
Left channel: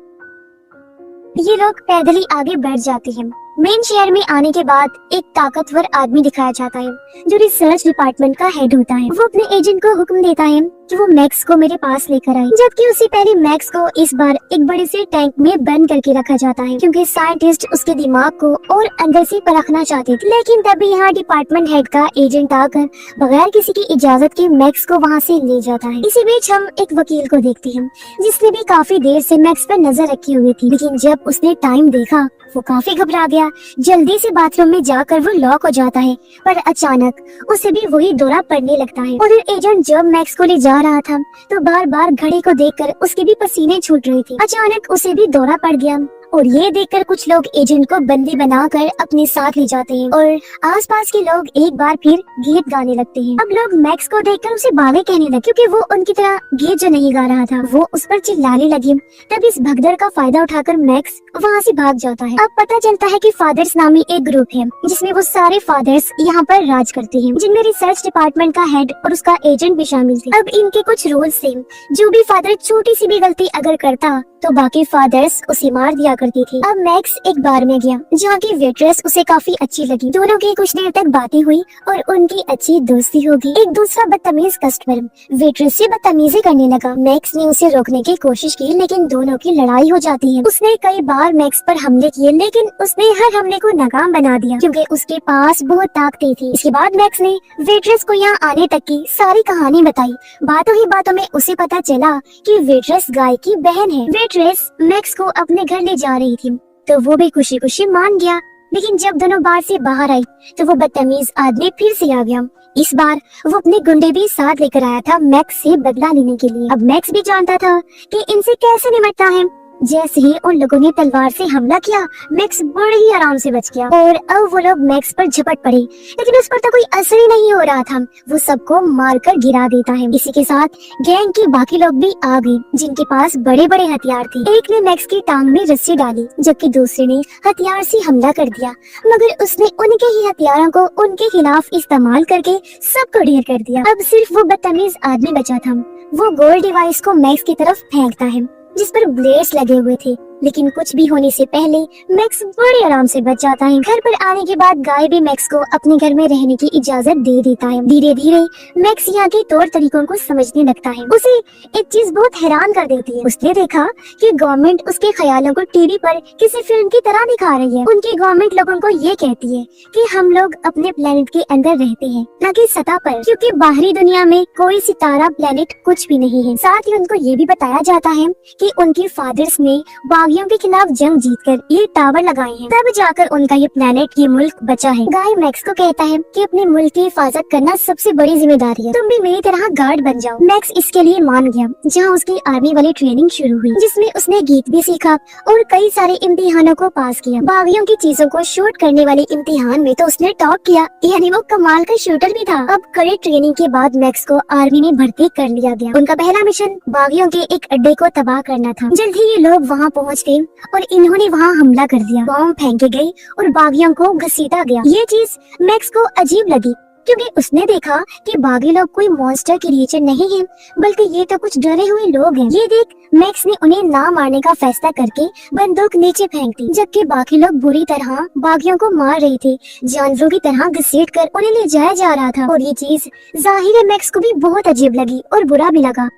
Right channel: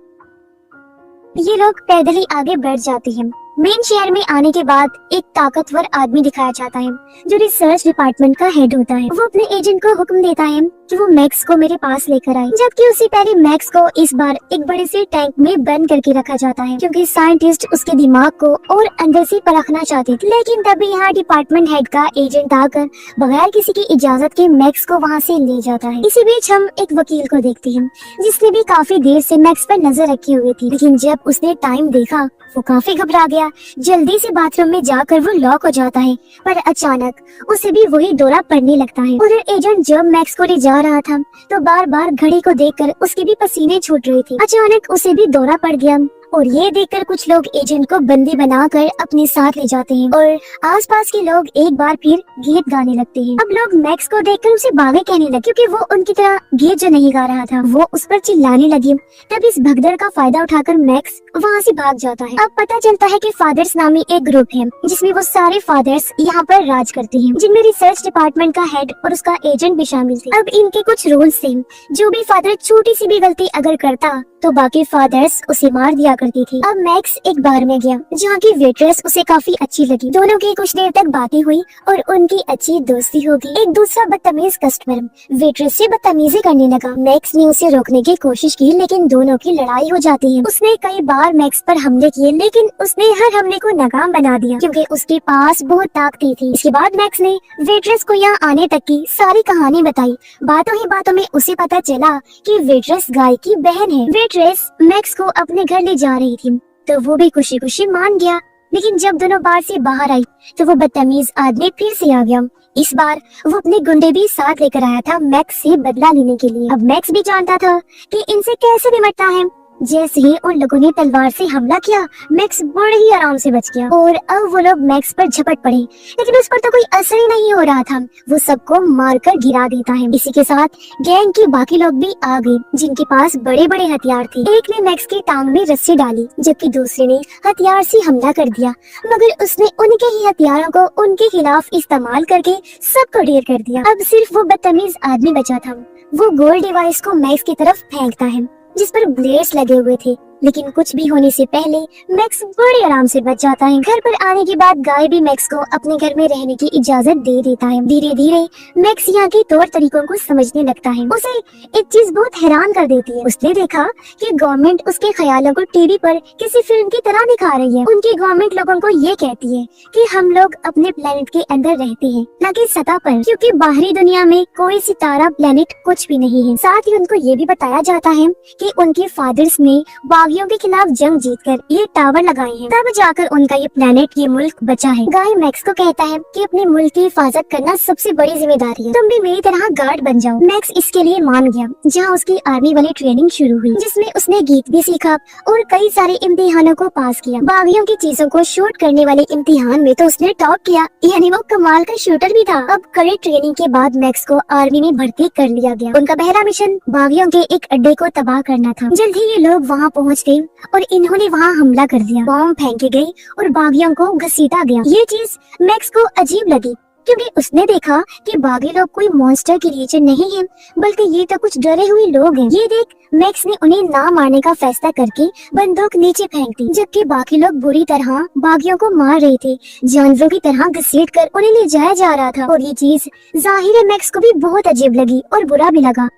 ये लोग पैदल ही आगे बढ़ जाते हैं मेन शहर में आने के बाद एक ताकतवर आदमी दिखाया जाता है जो रिसर्च डिपार्टमेंट का हेड होता है। वो अपने एजेंट को हुक्म देता है कि वो मैक्स को मेरे पास लेकर आए, जबकि उससे पहले मैक्स को इस बार एक बड़े से टैंक में बंद करके रखा जाता है क्योंकि साइंटिस्ट उसके दिमाग को और अंदर से परखना चाहते थे। लेकिन तभी यहाँ डिपार्टमेंट हेड का एजेंट आकर बगैर किसी की इजाजत के मैक्स को वहाँ से ले जाता है। इसी बीच हम एक वकील को देखते हैं जिसने भी काफी देर से मैक्स पर नजर रखी हुई थी, लेकिन जब उसने टाइम देखा वो काफी घबरा गया। जल्दी से बाथरूम में जाकर वो लॉक हो जाता है, पर अचानक उसे भी वही दौरा पड़ने लगता है। उधर एजेंट जब मैक्स को ले जा रहा था तो बार बार घड़ी को देखकर उसके भी पसीने छूट रहे थे। अचानक उसे भी दौरा पड़ गया और ये देखकर कुछ लोग एजेंट को बंदी बनाकर अपने साथ ले जाते हैं और आसपास के लोग एक बार फिर गीत गाने लगते हैं। अब लोग मैक्स को देखकर उसे बाले कहने लगे क्योंकि वो उनकी तरह गीत जो नहीं गा रहा था। वो उस पर चिल्लाने लगे। तब इस भगदड़ का फायदा उठाकर मैक्स वहाँ से भाग जाता है। अब पता चलता है कि फादर्स नामी एक ग्रुप है जिसमें वो सारे फादर्स यहाँ पर राज करते हैं, जिनमें रिसर्च डिपार्टमेंट का हेड और उसका एजेंट भी शामिल थे। अब इनके कुछ रूल्स थे, जो भी फादर छोटी सी भी गलती अगर करता तो बाकी फादर्स उसे मार दिया करती थी। अब मैक्स एक बार में गया जहाँ की वेट्रेस उसे काफी अच्छी लगी। दोनों की कुछ देर तक बातें हुई और उनकी अच्छी दोस्ती होगी। एक दूसरा बदतमीज कस्टमर वेट्रेस से बदतमीजी करने लगा। मैक्स ने उसे रोकने की कोशिश की लेकिन दोनों की लड़ाई हो जाती है। उसने कई बार मैक्स पर हमले किए लेकिन उसने हर हमले को नाकाम बना दिया क्योंकि उसके पास बहुत ताकतें थी। इसके बाद मैक्स ने वेट्रेस को यहाँ आने तक की सारी कहानी बताई। बातों ही बातों में उसे पता चला कि वेट्रेस गाय की बहन है। वेट्रेस मैक्स को अपने घर ले जा रही थी तो वो भी खुशी खुशी मान गया, लेकिन जब दोनों बार से बाहर आई तो वो बदतमीज आदमी फिर से आ गया। इस बार वो अपने गुंडे भी साथ लेकर आया था मैक्स से बदला लेने के लिए। अब मैक्स भी जानता था कि इनसे कैसे निपटना है। जैसे ही उन लोगों ने तलवार से हमला किया मैक्स बड़े ही आराम से बच गया और अब वो लोग मैक्स पर झपट पड़े, लेकिन उस पर तो कोई असर ही नहीं हो रहा था। वो सबको मारकर गिरा देता है। इसी के साथ गैंग की बाकी लोग भी आ गए जिनके पास बड़े बड़े हथियार थे। एक ने मैक्स की टांग में रस्सी डाली जबकि दूसरे ने हथियार से हमला कर दिया, मगर उसने उनके ही हथियारों को उनके खिलाफ इस्तेमाल करके सबको ढेर कर दिया। अब सिर्फ वो बदतमीज आदमी बचा था। वो गोल्ड डिवाइस को मैक्स की तरफ फेंकता है जिस पर ब्लेड्स लगे हुए थे, लेकिन कुछ भी होने से पहले मैक्स बड़े आराम से बच जाता है। घर पर आने के बाद गाय भी मैक्स को अपने घर में रहने की इजाजत दे देता है। धीरे धीरे मैक्स यहाँ के तौर तरीकों को समझने लगता है। उसे एक चीज बहुत हैरान कर देती है। उसने देखा कि गवर्नमेंट उसके ख्यालों को टीवी पर किसी फिल्म की तरह दिखा रही है। उनकी गवर्नमेंट लोगों को ये कहती है कि हम लोग अपने प्लेनेट के अंदर रहते हैं, न कि सतह पर, क्योंकि बाहरी दुनिया में कोई सितारा प्लेनेट कुछ भी नहीं है। साथ ही उनको ये भी बताया जाता है कि उनके फादर्स ने बागियों के खिलाफ जंग जीतकर ये टावर लगाए हैं, तब जाकर उनका ये प्लेनेट, ये मुल्क बचा है। गाय मैक्स को कहता है कि अपने मुल्क की हिफाजत करना सबसे बड़ी जिम्मेदारी है, तुम भी मेरी तरह गार्ड बन जाओ। मैक्स इसके लिए मान गया, जहाँ उसकी आर्मी वाली ट्रेनिंग शुरू हुई जिसमें उसने गीत भी सीखा और कई सारे इम्तिहानों को पास किया। बागियों की चीजों को शूट करने वाले इम्तिहान में तो उसने टॉप किया, यानी वो कमाल का शूटर भी था। अब कड़ी ट्रेनिंग के बाद मैक्स को आर्मी में भर्ती कर लिया गया। उनका पहला मिशन बागियों के एक अड्डे को तबाह करना था। जल्द ही ये लोग वहाँ पहुँचते और इन्होंने वहाँ हमला कर दिया। बॉम्ब फेंके गई और बागियों को घसीटा गया। ये चीज मैक्स को अजीब लगी क्योंकि उसने देखा कि बागी लोग कोई मॉन्स्टर क्रिएचर नहीं है, बल्कि ये तो कुछ डरे हुए लोग हैं। ये देख मैक्स ने उन्हें ना मारने का फैसला करके बंदूक नीचे फेंक दी, जबकि बाकी लोग बुरी तरह बागियों को मार रहे थे, जानवरों की तरह घसीट कर उन्हें ले जाया जा रहा था। और ये चीज जाहिर मैक्स को भी बहुत अजीब लगी और बुरा भी लगा।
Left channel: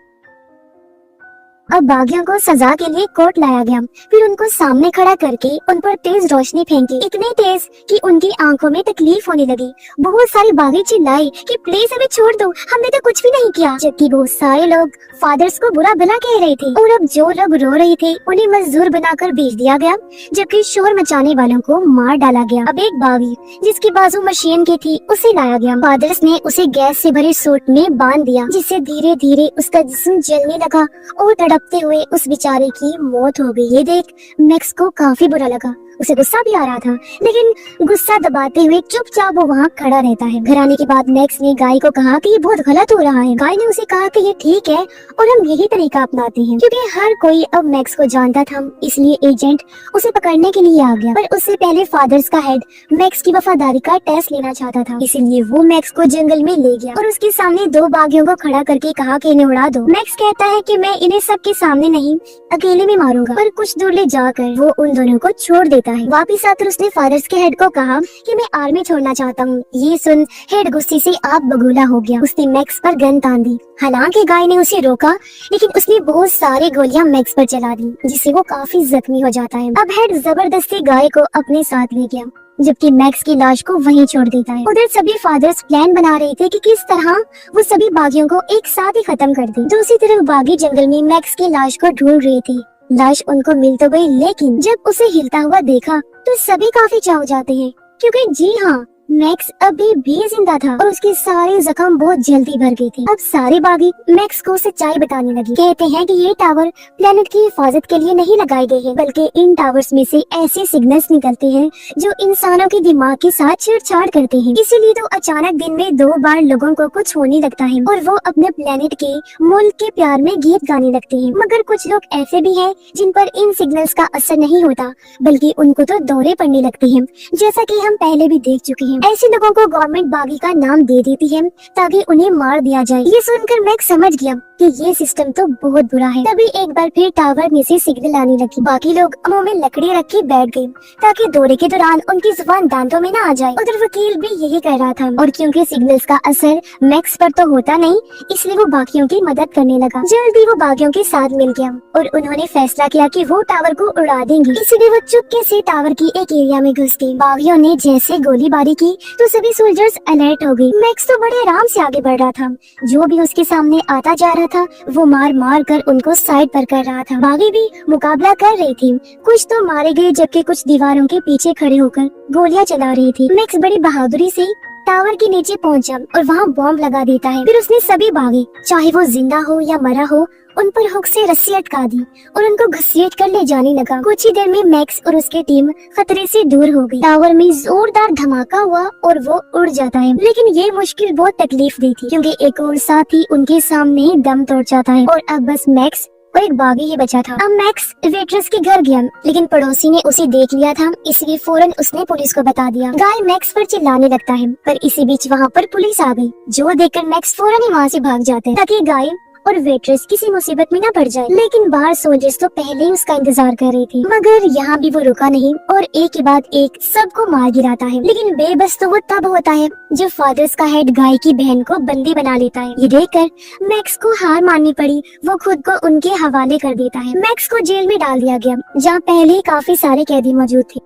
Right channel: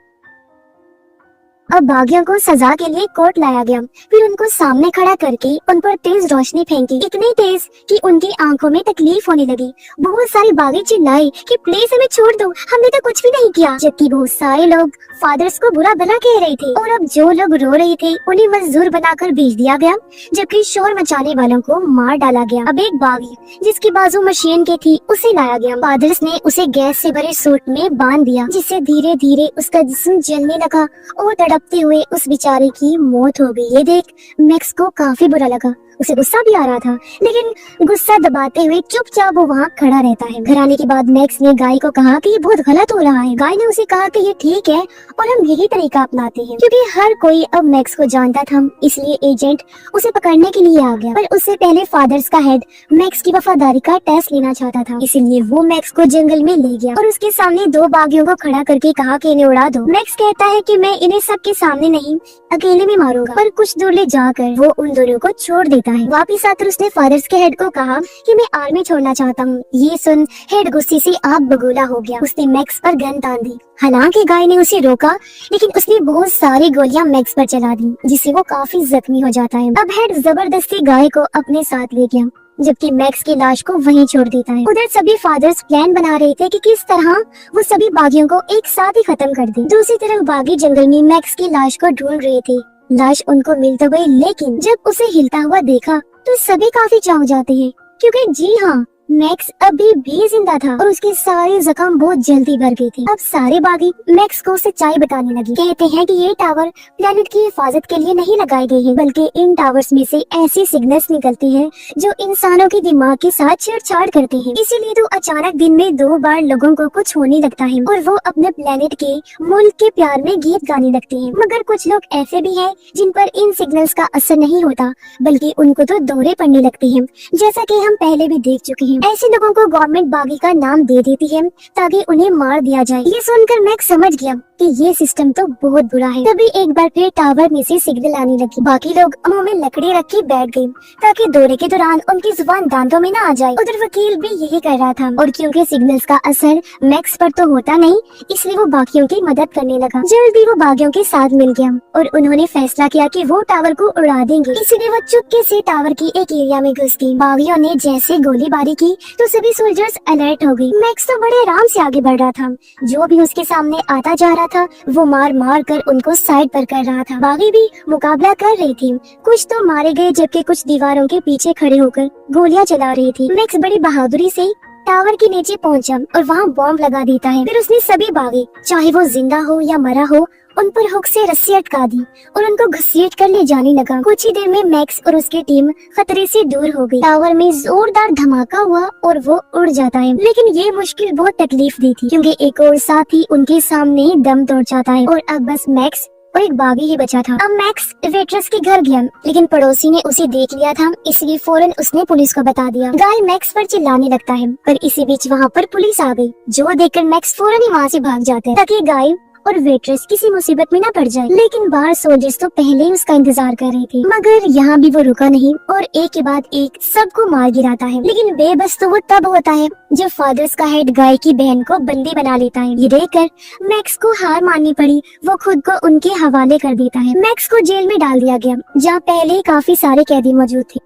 अब बागियों को सजा के लिए कोर्ट लाया गया, फिर उनको सामने खड़ा करके उन पर तेज रोशनी फेंकी, इतनी तेज कि उनकी आंखों में तकलीफ होने लगी। बहुत सारे बागी चिल्लाए कि प्लीज हमें छोड़ दो, हमने तो कुछ भी नहीं किया, जबकि बहुत सारे लोग फादर्स को बुरा भला कह रहे थे। और अब जो लोग रो रहे थे उन्हें मजदूर बनाकर भेज दिया गया, जबकि शोर मचाने वालों को मार डाला गया। अब एक बागी जिसकी बाजू मशीन की थी उसे लाया गया। फादर्स ने उसे गैस से भरे सूट में बांध दिया, जिससे धीरे धीरे उसका जिस्म जलने लगा और तड़पते हुए उस बेचारे की मौत हो गई। ये देख मैक्स को काफी बुरा लगा। उसे गुस्सा भी आ रहा था, लेकिन गुस्सा दबाते हुए चुपचाप वो वहाँ खड़ा रहता है। घर आने के बाद मैक्स ने गाय को कहा कि ये बहुत गलत हो रहा है। गाय ने उसे कहा कि ये ठीक है और हम यही तरीका अपनाते हैं, क्योंकि हर कोई अब मैक्स को जानता था, इसलिए एजेंट उसे पकड़ने के लिए आ गया। पर उससे पहले फादर्स का हेड मैक्स की वफादारी का टेस्ट लेना चाहता था, इसलिए वो मैक्स को जंगल में ले गया और उसके सामने दो बागियों को खड़ा करके कहा कि इन्हें उड़ा दो। मैक्स कहता है कि मैं इन्हें सबके सामने नहीं, अकेले में मारूंगा। पर कुछ दूर ले जाकर वो उन दोनों को छोड़ देता देता है। वापिस आकर उसने फादर्स के हेड को कहा कि मैं आर्मी छोड़ना चाहता हूँ। ये सुन हेड गुस्से से आग बगूला हो गया। उसने मैक्स पर गन तान दी। हालांकि गाय ने उसे रोका, लेकिन उसने बहुत सारी गोलियां मैक्स पर चला दी, जिससे वो काफी जख्मी हो जाता है। अब हेड जबरदस्ती गाय को अपने साथ ले गया, जबकि मैक्स की लाश को वहीं छोड़ देता है। उधर सभी फादर्स प्लान बना रहे थे कि किस तरह वो सभी बागियों को एक साथ ही खत्म कर दे। दूसरी तरफ बागी जंगल में मैक्स की लाश को ढूंढ रहे थे। लाश उनको मिल तो गई, लेकिन जब उसे हिलता हुआ देखा तो सभी काफी चौंक जाते हैं, क्योंकि जी हाँ, मैक्स अभी भी जिंदा था और उसके सारे जख्म बहुत जल्दी भर गए थे। अब सारे बागी मैक्स को सच्चाई बताने लगे। कहते हैं कि ये टावर प्लेनेट की हिफाजत के लिए नहीं लगाए गए हैं, बल्कि इन टावर्स में से ऐसे सिग्नल्स निकलते हैं जो इंसानों के दिमाग के साथ छेड़छाड़ करते हैं। इसीलिए तो अचानक दिन में 2 बार लोगों को कुछ होने लगता है और वो अपने प्लेनेट के मुल्क के प्यार में गीत गाने लगते हैं। मगर कुछ लोग ऐसे भी हैं जिन पर इन सिग्नल्स का असर नहीं होता, बल्कि उनको तो दौरे पड़ने लगते हैं, जैसा कि हम पहले भी देख चुके हैं। ऐसे लोगों को गवर्नमेंट बागी का नाम दे देती है ताकि उन्हें मार दिया जाए। ये सुनकर मैक्स समझ गया कि ये सिस्टम तो बहुत बुरा है। तभी एक बार फिर टावर में से सिग्नल आने लगी। बाकी लोग मुंह में लकड़ी रख के बैठ गए ताकि दौरे के दौरान उनकी जुबान दांतों में न आ जाए। उधर वकील भी यही कह रहा था, और क्योंकि सिग्नल्स का असर मैक्स पर तो होता नहीं, इसलिए वो बाकियों की मदद करने लगा। जल्दी वो बागियों के साथ मिल गया और उन्होंने फैसला किया कि वो टावर को उड़ा देंगे। इसलिए वो चुपके से टावर की एक एरिया में घुस गए। बागियों ने जैसे गोलीबारी की तो सभी सोल्जर्स अलर्ट हो गए। मैक्स तो बड़े आराम से आगे बढ़ रहा था। जो भी उसके सामने आता जा रहा था वो मार मार कर उनको साइड पर कर रहा था। बागी भी मुकाबला कर रहे थे। कुछ तो मारे गए, जबकि कुछ दीवारों के पीछे खड़े होकर गोलियां चला रहे थे। मैक्स बड़ी बहादुरी से टावर के नीचे पहुंचा और वहाँ बॉम्ब लगा देता है। फिर उसने सभी बागी, चाहे वो जिंदा हो या मरा हो, उन पर हुक से रस्सी अटका दी और उनको घसीट कर ले जाने लगा। कुछ ही देर में मैक्स और उसकी टीम खतरे से दूर हो गई। टावर में जोरदार धमाका हुआ और वो उड़ जाता है, लेकिन ये मुश्किल बहुत तकलीफ दी थी, क्योंकि एक और साथी उनके सामने दम तोड़ जाता है और अब बस मैक्स और एक बागी ही बचा था। अब मैक्स वेट्रेस के घर गया, लेकिन पड़ोसी ने उसे देख लिया था, इसलिए फौरन उसने पुलिस को बता दिया। गाय मैक्स पर चिल्लाने लगता है, पर इसी बीच वहाँ पर पुलिस आ गई, जो देखकर मैक्स फौरन ही वहाँ से भाग जाते हैं ताकि गाय और वेट्रेस किसी मुसीबत में न पड़ जाए। लेकिन बाहर सोल्जर्स तो पहले ही उसका इंतजार कर रहे थे, मगर यहाँ भी वो रुका नहीं और एक के बाद एक सबको मार गिराता है। लेकिन बेबस तो वो तब होता है जब फादर्स का हेड गाय की बहन को बंदी बना लेता है। ये देखकर मैक्स को हार माननी पड़ी। वो खुद को उनके हवाले कर देता है। मैक्स को जेल में डाल दिया गया, जहाँ पहले काफी सारे कैदी मौजूद थे।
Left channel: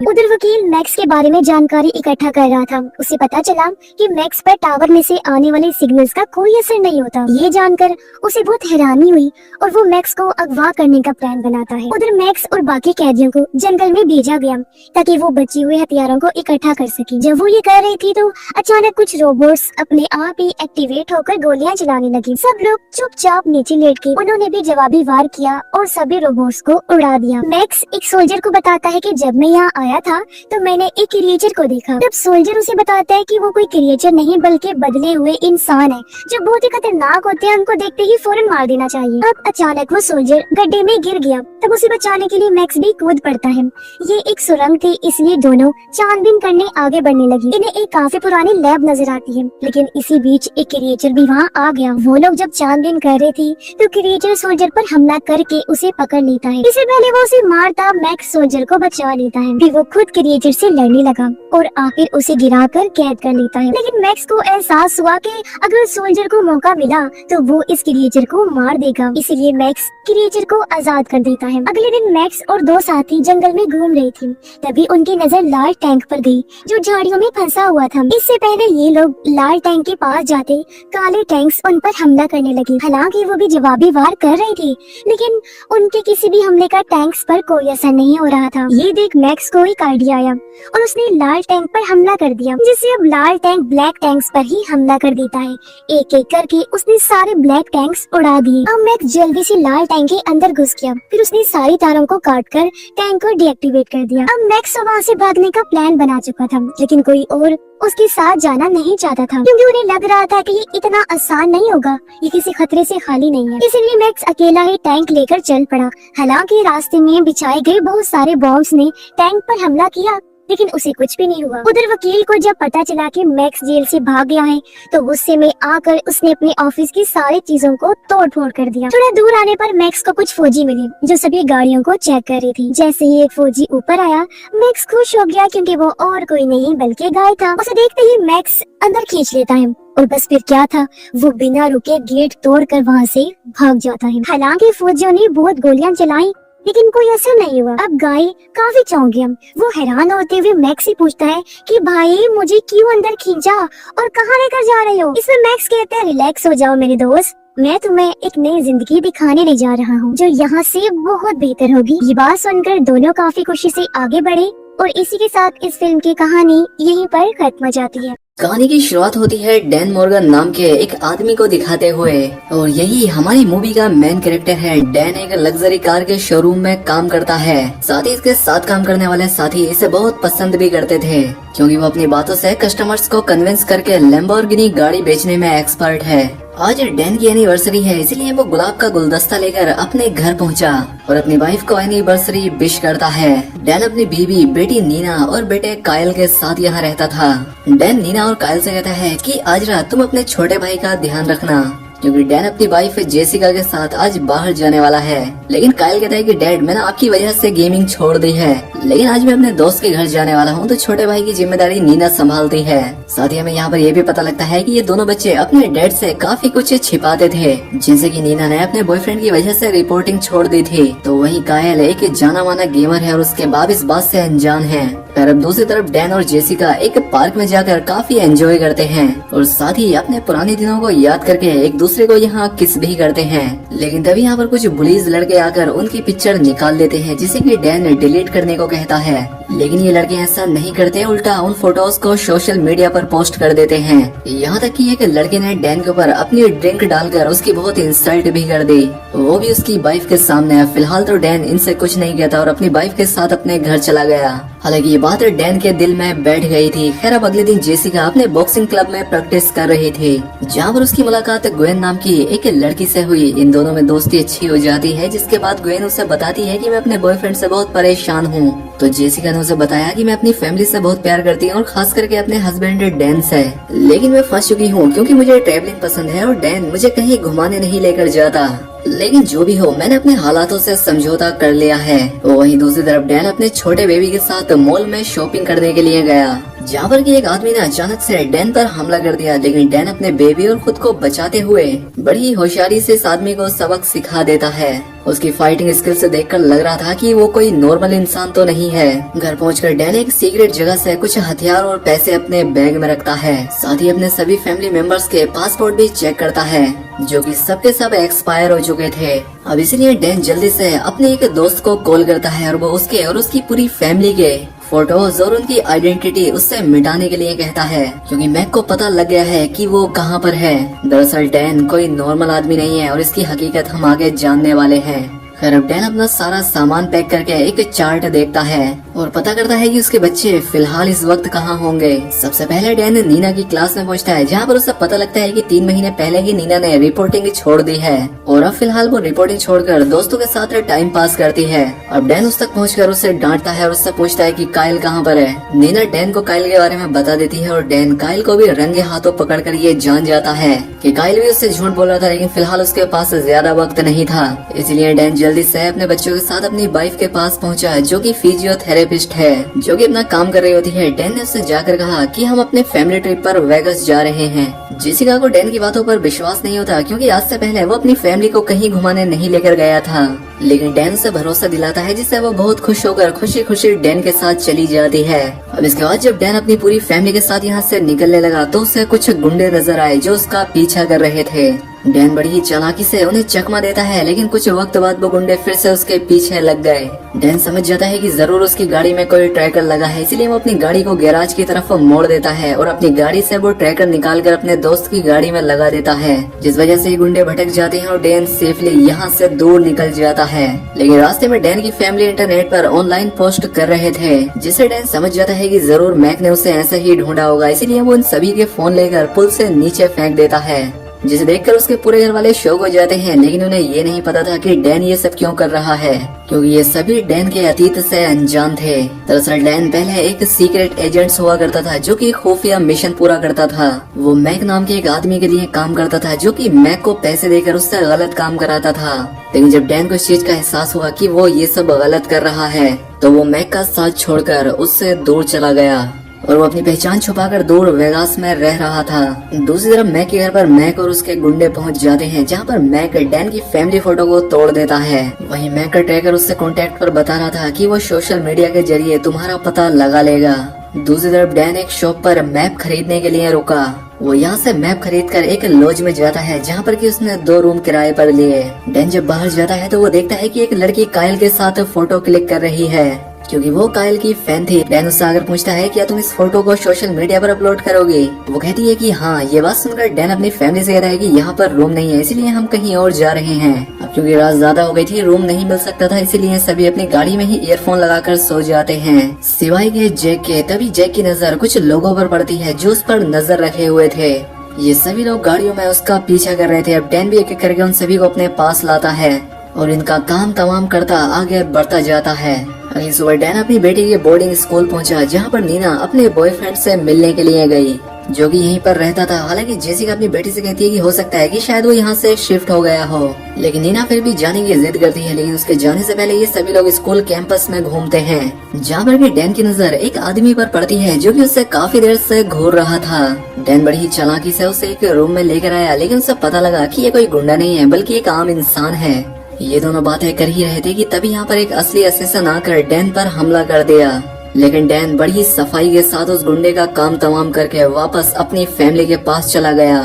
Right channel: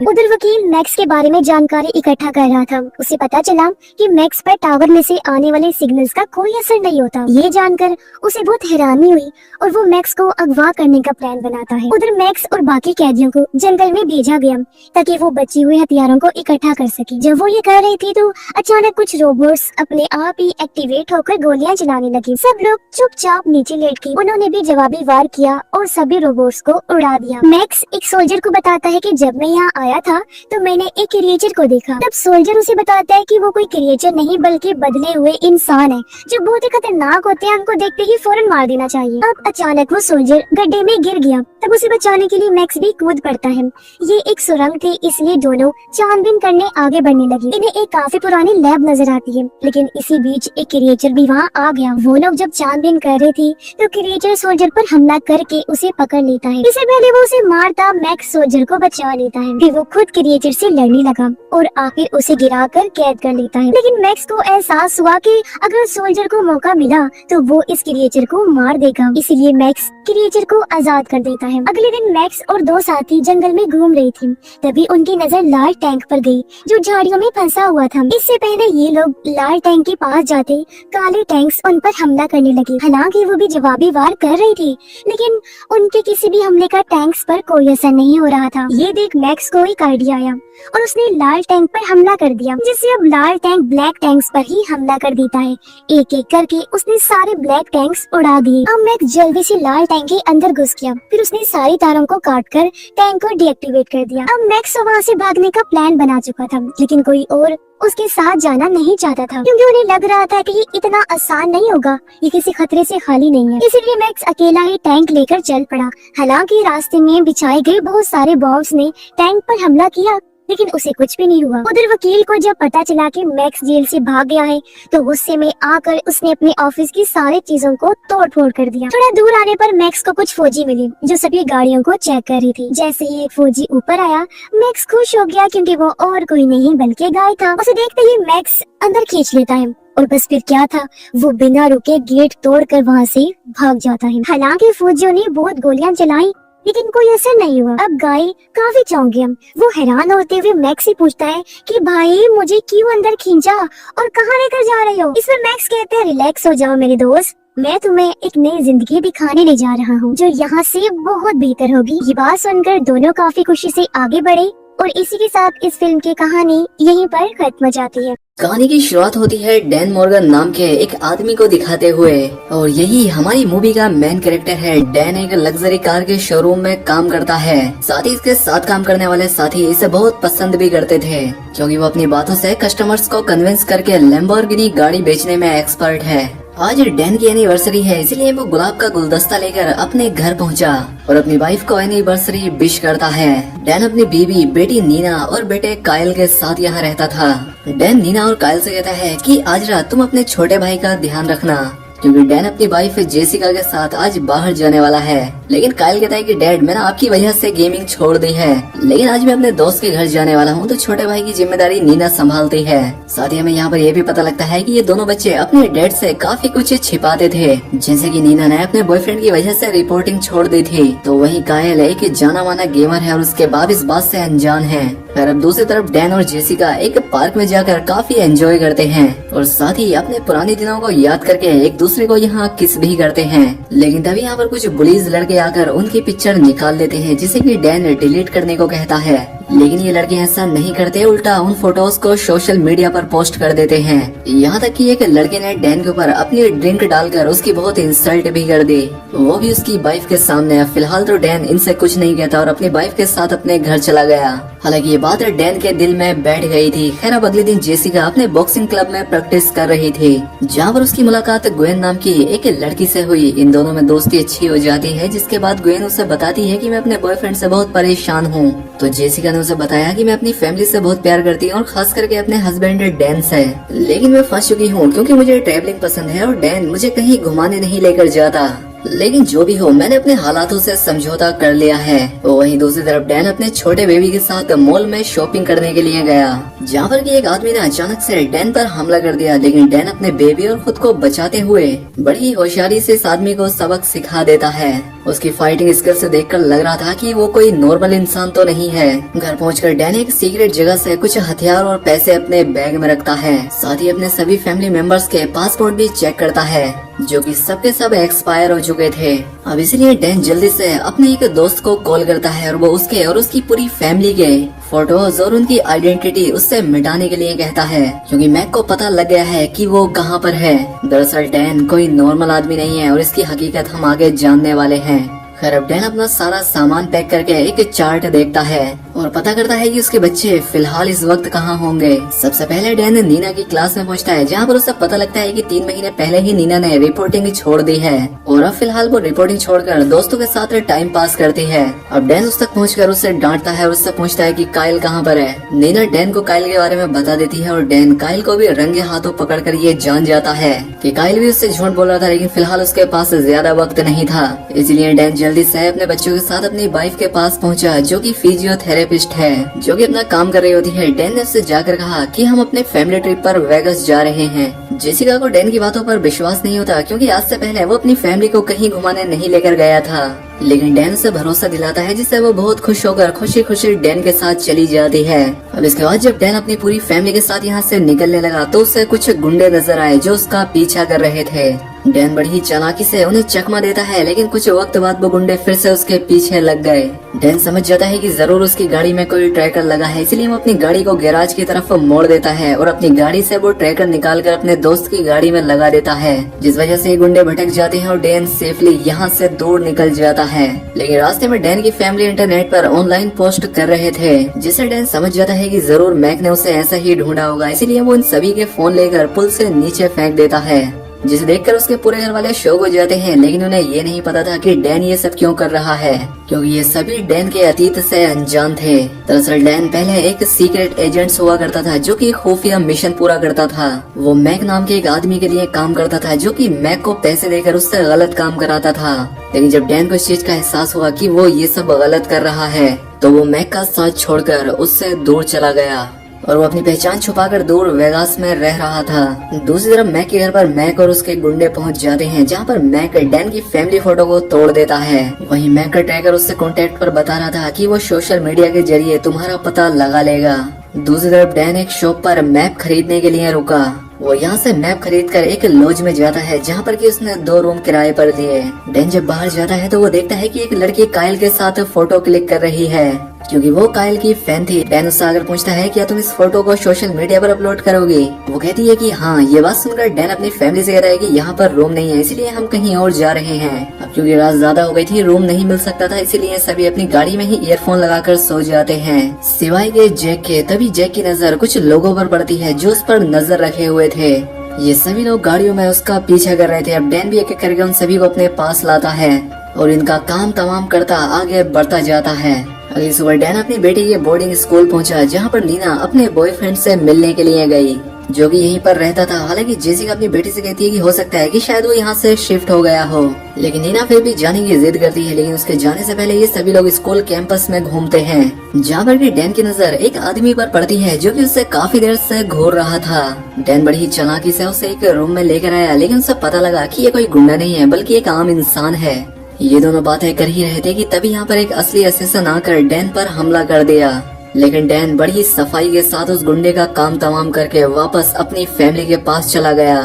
उधर वकील मैक्स के बारे में जानकारी इकट्ठा कर रहा था। उसे पता चला कि मैक्स पर टावर में से आने वाले सिग्नल्स का कोई असर नहीं होता। ये जानकर उसे बहुत हैरानी हुई और वो मैक्स को अगवा करने का प्लान बनाता है। उधर मैक्स और बाकी कैदियों को जंगल में भेजा गया ताकि वो बचे हुए हथियारों को इकट्ठा कर सके। जब वो ये कर रही थी तो अचानक कुछ रोबोट्स अपने आप ही एक्टिवेट होकर गोलियां चलाने लगे। सब लोग चुपचाप नीचे लेट गए। उन्होंने भी जवाबी वार किया और सभी रोबोट्स को उड़ा दिया। मैक्स एक सोल्जर को बताता है कि जब मैं यहाँ आया था तो मैंने एक क्रिएचर को देखा। तब सोल्जर उसे बताता है कि वो कोई क्रिएचर नहीं बल्कि बदले हुए इंसान है, जो बहुत ही खतरनाक होते हैं। हमको देखते ही फौरन मार देना चाहिए। अब अचानक वो सोल्जर गड्ढे में गिर गया। तब उसे बचाने के लिए मैक्स भी कूद पड़ता है। ये एक सुरंग थी, इसलिए दोनों छानबीन करने आगे बढ़ने लगी। इन्हें एक काफी पुरानी लैब नजर आती है, लेकिन इसी बीच एक क्रिएचर भी वहाँ आ गया। वो लोग जब छानबीन कर रहे थे तो क्रिएचर सोल्जर पर हमला करके उसे पकड़ लेता है। इससे पहले वो उसे मारता मैक्स सोल्जर को बचा लेता है। फिर वो खुद क्रिएचर से लड़ने लगा और आखिर उसे गिराकर कैद कर लेता है। लेकिन मैक्स को एहसास हुआ कि अगर सोल्जर को मौका मिला तो वो इस क्रिएचर को मार देगा, इसलिए मैक्स क्रिएचर को आजाद कर देता है। अगले दिन मैक्स और 2 साथी जंगल में घूम रहे थे, तभी उनकी नजर लाल टैंक पर गई जो झाड़ियों में फंसा हुआ था। इससे पहले ये लोग लाल टैंक के पास जाते काले टैंक्स उन पर हमला करने लगे। हालांकि वो भी जवाबी वार कर रहे थे, लेकिन उनके किसी भी हमले का टैंक्स पर कोई असर नहीं हो रहा था। ये देख मैक्स को एक आइडिया आया और उसने लाल टैंक पर हमला कर दिया, जिससे अब लाल टैंक ब्लैक टैंक्स पर ही हमला कर देता है। एक एक करके उसने सारे ब्लैक टैंक्स उड़ा दिए। अब मैक्स जल्दी से लाल टैंक के अंदर घुस गया। फिर उसने सारी तारों को काटकर टैंक को डीएक्टिवेट कर दिया। अब मैक्स वहाँ से भागने का प्लान बना चुका था, लेकिन कोई और उसके साथ जाना नहीं चाहता था, क्योंकि उन्हें लग रहा था कि ये इतना आसान नहीं होगा, ये किसी खतरे से खाली नहीं है। इसलिए मैक्स अकेला ही टैंक लेकर चल पड़ा। हालांकि रास्ते में बिछाए गए बहुत सारे बॉम्ब्स ने टैंक पर हमला किया, लेकिन उसे कुछ भी नहीं हुआ। उधर वकील को जब पता चला कि मैक्स जेल से भाग गया है तो गुस्से में आकर उसने अपने ऑफिस की सारी चीजों को तोड़ फोड़ कर दिया। थोड़ा दूर आने पर मैक्स को कुछ फौजी मिले जो सभी गाड़ियों को चेक कर रही थी। जैसे ही एक फौजी ऊपर आया, मैक्स खुश हो गया क्योंकि वो और कोई नहीं बल्कि गाय था। उसे देखते ही मैक्स अंदर खींच लेता है और बस फिर क्या था, वो बिना रुके गेट तोड़कर वहाँ से भाग जाता है। हालांकि फौजियों ने बहुत गोलियां चलाई लेकिन कोई असर नहीं हुआ। अब गाय काफी चौंक गया। वो हैरान होते हुए मैक्स से पूछता है कि भाई मुझे क्यों अंदर खींचा और कहाँ लेकर जा रहे हो। इसमें मैक्स कहते हैं रिलैक्स हो जाओ मेरे दोस्त, मैं तुम्हें एक नई जिंदगी दिखाने ले जा रहा हूँ जो यहाँ से बहुत बेहतर होगी। ये बात सुनकर दोनों काफी खुशी से आगे बढ़े और इसी के साथ इस फिल्म की कहानी यहीं पर खत्म हो जाती है। कहानी की शुरुआत होती है डैन मॉर्गन नाम के एक आदमी को दिखाते हुए और यही हमारी मूवी का मेन कैरेक्टर है। डैन एक लग्जरी कार के शोरूम में काम करता है। साथ ही इसके साथ काम करने वाले साथी इसे बहुत पसंद भी करते थे क्योंकि वो अपनी बातों से कस्टमर्स को कन्विंस करके लैम्बोर्गिनी गाड़ी बेचने में एक्सपर्ट है। आज डैन की एनिवर्सरी है, इसलिए वो गुलाब का गुलदस्ता लेकर अपने घर पहुंचा और अपनी वाइफ को एनिवर्सरी विश करता है। डैन अपनी बीवी, बेटी नीना और बेटे कायल के साथ यहाँ रहता था। डैन नीना और कायल से कहता है कि आज रात तुम अपने छोटे भाई का ध्यान रखना क्योंकि डैन अपनी वाइफ जेसिका के साथ आज बाहर जाने वाला है। लेकिन कायल कहता है कि डैड मैंने आपकी वजह से गेमिंग छोड़ दी है, लेकिन आज मैं अपने दोस्त के घर जाने वाला हूँ तो छोटे भाई की जिम्मेदारी नीना संभालती है। साथ ही हमें यहाँ पर यह भी पता लगता है कि ये दोनों बच्चे अपने डैड से काफी कुछ छिपाते थे, जैसे कि नीना ने अपने बॉयफ्रेंड की वजह से रिपोर्टिंग छोड़ दी थी। तो वहीं कायल एक जाना माना गेमर है और उसके बाप इस बात से अनजान है। और अब दूसरी तरफ डैन और जेसिका एक पार्क में जाकर काफी एंजॉय करते हैं और साथ ही अपने पुराने दिनों को याद करके एक दूसरे को यहाँ किस भी करते हैं। लेकिन तभी यहाँ पर कुछ बुलीज लड़के आकर उनकी पिक्चर निकाल लेते हैं जिसे कि डैन डिलीट करने को कहता है। लेकिन ये लड़के ऐसा नहीं करते, उल्टा उन फोटोज को सोशल मीडिया पर पोस्ट कर देते हैं। यहाँ तक कि एक लड़के ने डैन के ऊपर अपनी ड्रिंक डालकर उसकी बहुत इंसल्ट भी कर दी, वो भी उसकी वाइफ के सामने। फिलहाल तो डैन इनसे कुछ नहीं कहता और अपनी वाइफ के साथ अपने घर चला गया। हालांकि ये बात डैन के दिल में बैठ गई थी। खैर अब अगले दिन जेसिका अपने बॉक्सिंग क्लब में प्रैक्टिस कर रही थी जहाँ पर उसकी मुलाकात ग्वेन नाम की एक लड़की से हुई। इन दोनों में दोस्ती अच्छी हो जाती है, जिसके बाद ग्वेन उसे बताती है कि मैं अपने बॉयफ्रेंड से बहुत परेशान हूँ। तो जेसिका ने उसे बताया कि मैं अपनी फैमिली से बहुत प्यार करती हूँ और खास करके अपने हस्बैंड डैन से, लेकिन मैं फंस चुकी हूँ क्योंकि मुझे ट्रैवलिंग पसंद है और डैन मुझे कहीं घुमाने नहीं लेकर जाता। लेकिन जो भी हो मैंने अपने हालातों से समझौता कर लिया है। वहीं दूसरी तरफ डैन अपने छोटे बेबी के साथ मॉल में शॉपिंग करने के लिए गया जहाँ पर कि एक आदमी ने अचानक से डैन पर हमला कर दिया। लेकिन डैन अपने बेबी और खुद को बचाते हुए बड़ी होशियारी से इस आदमी को सबक सिखा देता है। उसकी फाइटिंग स्किल से देखकर लग रहा था कि वो कोई नॉर्मल इंसान तो नहीं है। घर पहुंचकर डैन एक सीक्रेट जगह से कुछ हथियार और पैसे अपने बैग में रखता है। साथ ही अपने सभी फैमिली मेंबर्स के पासपोर्ट भी चेक करता है जो कि सबके सब एक्सपायर हो चुके थे। अब इसलिए डैन जल्दी से अपने एक दोस्त को कॉल करता है और वो उसके और उसकी पूरी फैमिली के फोटोज और उनकी आइडेंटिटी उससे मिटाने के लिए कहता है क्योंकि मैक को पता लग गया है कि वो कहाँ पर है। दरअसल डैन कोई नॉर्मल आदमी नहीं है और इसकी हकीकत हम आगे जानने वाले हैं। खैर अब डैन अपना सारा सामान पैक करके एक चार्ट देखता है और पता करता है कि उसके बच्चे फिलहाल इस वक्त कहाँ होंगे। सबसे पहले डैन नीना की क्लास में पहुंचता है जहाँ पर उसे पता लगता है कि 3 महीने पहले ही नीना ने रिपोर्टिंग छोड़ दी है और अब फिलहाल वो रिपोर्टिंग छोड़कर दोस्तों के साथ टाइम पास करती है। अब डैन उस तक पहुंचकर उसे डांटता है और उससे पूछता है कि कायल कहाँ पर है। नीना डैन को कायल के बारे में बता देती है और डैन कायल को भी रंगे हाथों पकड़कर ये जान जाता है कि कायल भी उससे झूठ बोल रहा था, लेकिन फिलहाल उसके पास ज्यादा वक्त नहीं था। इसलिए डैन जल्दी से अपने बच्चों के साथ अपनी वाइफ के पास पहुंचा जो कि फिजियोथेरेपिस्ट है, जो कि अपना काम कर रही होती है। डैन ने उससे जाकर कहा कि हम अपने फैमिली ट्रिप पर वेगस जा रहे हैं। जेसिका को डैन की बातों पर विश्वास नहीं होता क्योंकि आज से पहले वो अपनी फैमिली को कहीं घुमाने नहीं लेकर गया था, लेकिन डैन से भरोसा दिलाता है जिससे वो बहुत खुश होकर खुशी खुशी डैन के साथ चली जाती है। अब इसके बाद जब डैन अपनी पूरी फैमिली के साथ यहाँ से निकलने लगा तो उसे कुछ गुंडे नजर आए जो उसका पीछा कर रहे थे। डैन बड़ी ही चालाकी से उन्हें चकमा देता है, लेकिन कुछ वक्त बाद वो गुंडे फिर से उसके पीछे लग गए। डैन समझ जाता है कि जरूर उसकी गाड़ी में कोई ट्रैकर लगा है, इसलिए वो अपनी गाड़ी को गैराज की तरफ मोड़ देता है और अपनी गाड़ी से वो ट्रैकर निकालकर अपने दोस्त की गाड़ी में लगा देता है, जिस वजह से गुंडे भटक जाते हैं और डैन सेफली यहाँ से दूर निकल जाता है। लेकिन रास्ते में डैन की फैमिली इंटरनेट पर ऑनलाइन पोस्ट कर रहे थे, जिससे डैन समझ जाता है कि जरूर मैक ने उसे ऐसे ही ढूंढा होगा, इसीलिए वो उन सभी के फोन लेकर पुल से नीचे फेंक देता है। जिसे देखकर उसके पूरे घर वाले शॉक हो जाते हैं, लेकिन उन्हें ये नहीं पता था कि डैन ये सब क्यों कर रहा है, क्योंकि ये सभी डैन के अतीत से अनजान थे। दरअसल डैन पहले एक सीक्रेट एजेंट हुआ करता था जो कि खुफिया मिशन पूरा करता था। वो मैक नाम के एक आदमी के लिए काम करता था जो कि मैक को पैसे देकर उससे गलत काम कराता था। लेकिन जब डैन को इस चीज का एहसास हुआ कि वो ये सब गलत कर रहा है, तो वो मैक का साथ छोड़कर उससे दूर चला गया और वो अपनी पहचान छुपाकर दूर वेगास में रह रहा था। दूसरी तरफ मैक के घर पर मैक और उसके गुंडे पहुंच जाते हैं, जहां पर मैक डैन की फैमिली फोटो को तोड़ देता है। वहीं मैक का ट्रैकर उससे कांटेक्ट पर बता रहा था कि वो सोशल मीडिया के जरिए तुम्हारा पता लगा लेगा। दूसरी तरफ डैन एक शॉप पर मैप खरीदने के लिए रुका। वो यहाँ से मैप खरीद कर एक लॉज में जाता है, जहाँ पर कि उसने 2 रूम किराए पर लिए। डैन जब बाहर जाता है तो वो देखता है कि एक लड़की कायल के साथ फोटो क्लिक कर रही है, क्योंकि वो कायल की फैन थी। डैन उससे आकर पूछता है क्या तुम इस फोटो को सोशल मीडिया पर अपलोड करोगे। वो कहती है कि हाँ। ये बात सुनकर डैन अपनी फैमिली से कह रहा है कि यहाँ पर रूम नहीं है, इसलिए हम कहीं और जा रहे हैं। अब क्योंकि रात ज्यादा हो गई थी, रूम नहीं मिल सकता था, इसीलिए सभी अपनी गाड़ी में ही ईयरफोन लगाकर सो जाते हैं, सिवाय के जैक के। तभी जैक की नजर कुछ लोगों पर पड़ती है जो उस पर नजर रखे हुए थे। ये सभी लोग गाड़ियों में उसका पीछा कर रहे थे। अब डैन भी एक एक करके उन सभी को अपने पास लाता है और इनका काम तमाम करता आगे बढ़ता जाता है। अगली सुबह डैन अपनी बेटी के बोर्डिंग स्कूल पहुंचा, जहां पर नीना अपने बॉयफ्रेंड से मिलने के लिए गई, जो कि यहीं पर रहता था। हालांकि जेसिका अपनी बेटी से कहती है कि हो सकता है कि शायद वो यहाँ से शिफ्ट हो गया हो, लेकिन नीना फिर भी जाने की जिद करती है। लेकिन उसके जाने से पहले ये सभी लोग स्कूल कैंपस में घूमते हैं, जहाँ पर भी डैन की नजर एक आदमी पर पड़ती है जो कि उससे काफी देर से घूर रहा था। डैन बड़ी ही चालाकी से उसे एक रूम में लेकर आया, लेकिन उसे पता लगा कि ये कोई गुंडा नहीं है बल्कि एक आम इंसान है। ये दोनों बातें कर ही रहे थे कि तभी यहाँ पर एक असली असिस्टेंट आकर डैन पर हमला कर दिया। लेकिन डैन बड़ी ही सफाई के साथ उस गुंडे का काम तमाम करके वापस अपनी फैमिली के पास चला गया।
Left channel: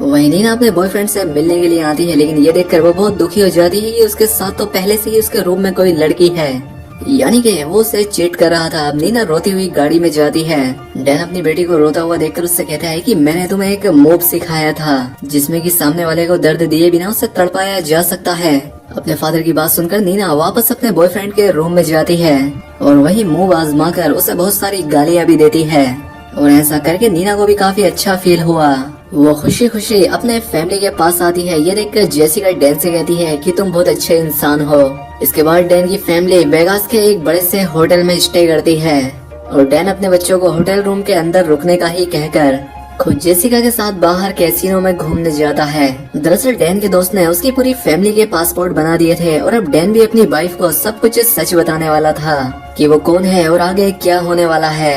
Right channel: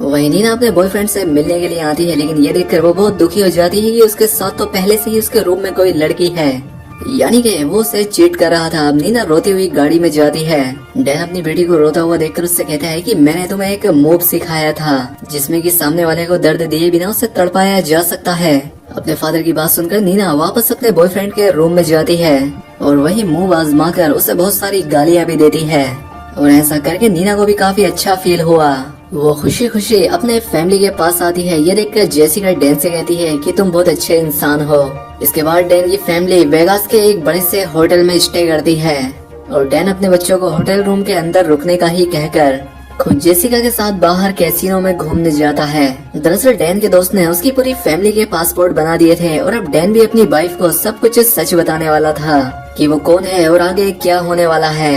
वहीं नीना अपने बॉयफ्रेंड से मिलने के लिए आती है, लेकिन ये देखकर वो बहुत दुखी हो जाती है कि उसके साथ तो पहले से ही उसके रूम में कोई लड़की है, यानी कि वो उसे चीट कर रहा था। अब नीना रोती हुई गाड़ी में जाती है। डैन अपनी बेटी को रोता हुआ देखकर उससे कहता है कि मैंने तुम्हें एक मूव सिखाया था जिसमें कि सामने वाले को दर्द दिए बिना उसे तड़पाया जा सकता है। अपने फादर की बात सुनकर नीना वापस अपने बॉयफ्रेंड के रूम में जाती है और वही मूव आजमा कर उसे बहुत सारी गालियां भी देती है। और ऐसा करके नीना को भी काफी अच्छा फील हुआ। वो खुशी खुशी अपने फैमिली के पास आती है। ये देखकर जेसिका डैन से कहती है कि तुम बहुत अच्छे इंसान हो। इसके बाद डैन की फैमिली वेगास के एक बड़े से होटल में स्टे करती है और डैन अपने बच्चों को होटल रूम के अंदर रुकने का ही कहकर खुद जेसिका के साथ बाहर कैसीनो में घूमने जाता है। दरअसल डैन के दोस्त ने उसकी पूरी फैमिली के पासपोर्ट बना दिए थे और अब डैन भी अपनी वाइफ को सब कुछ सच बताने वाला था कि वो कौन है और आगे क्या होने वाला है।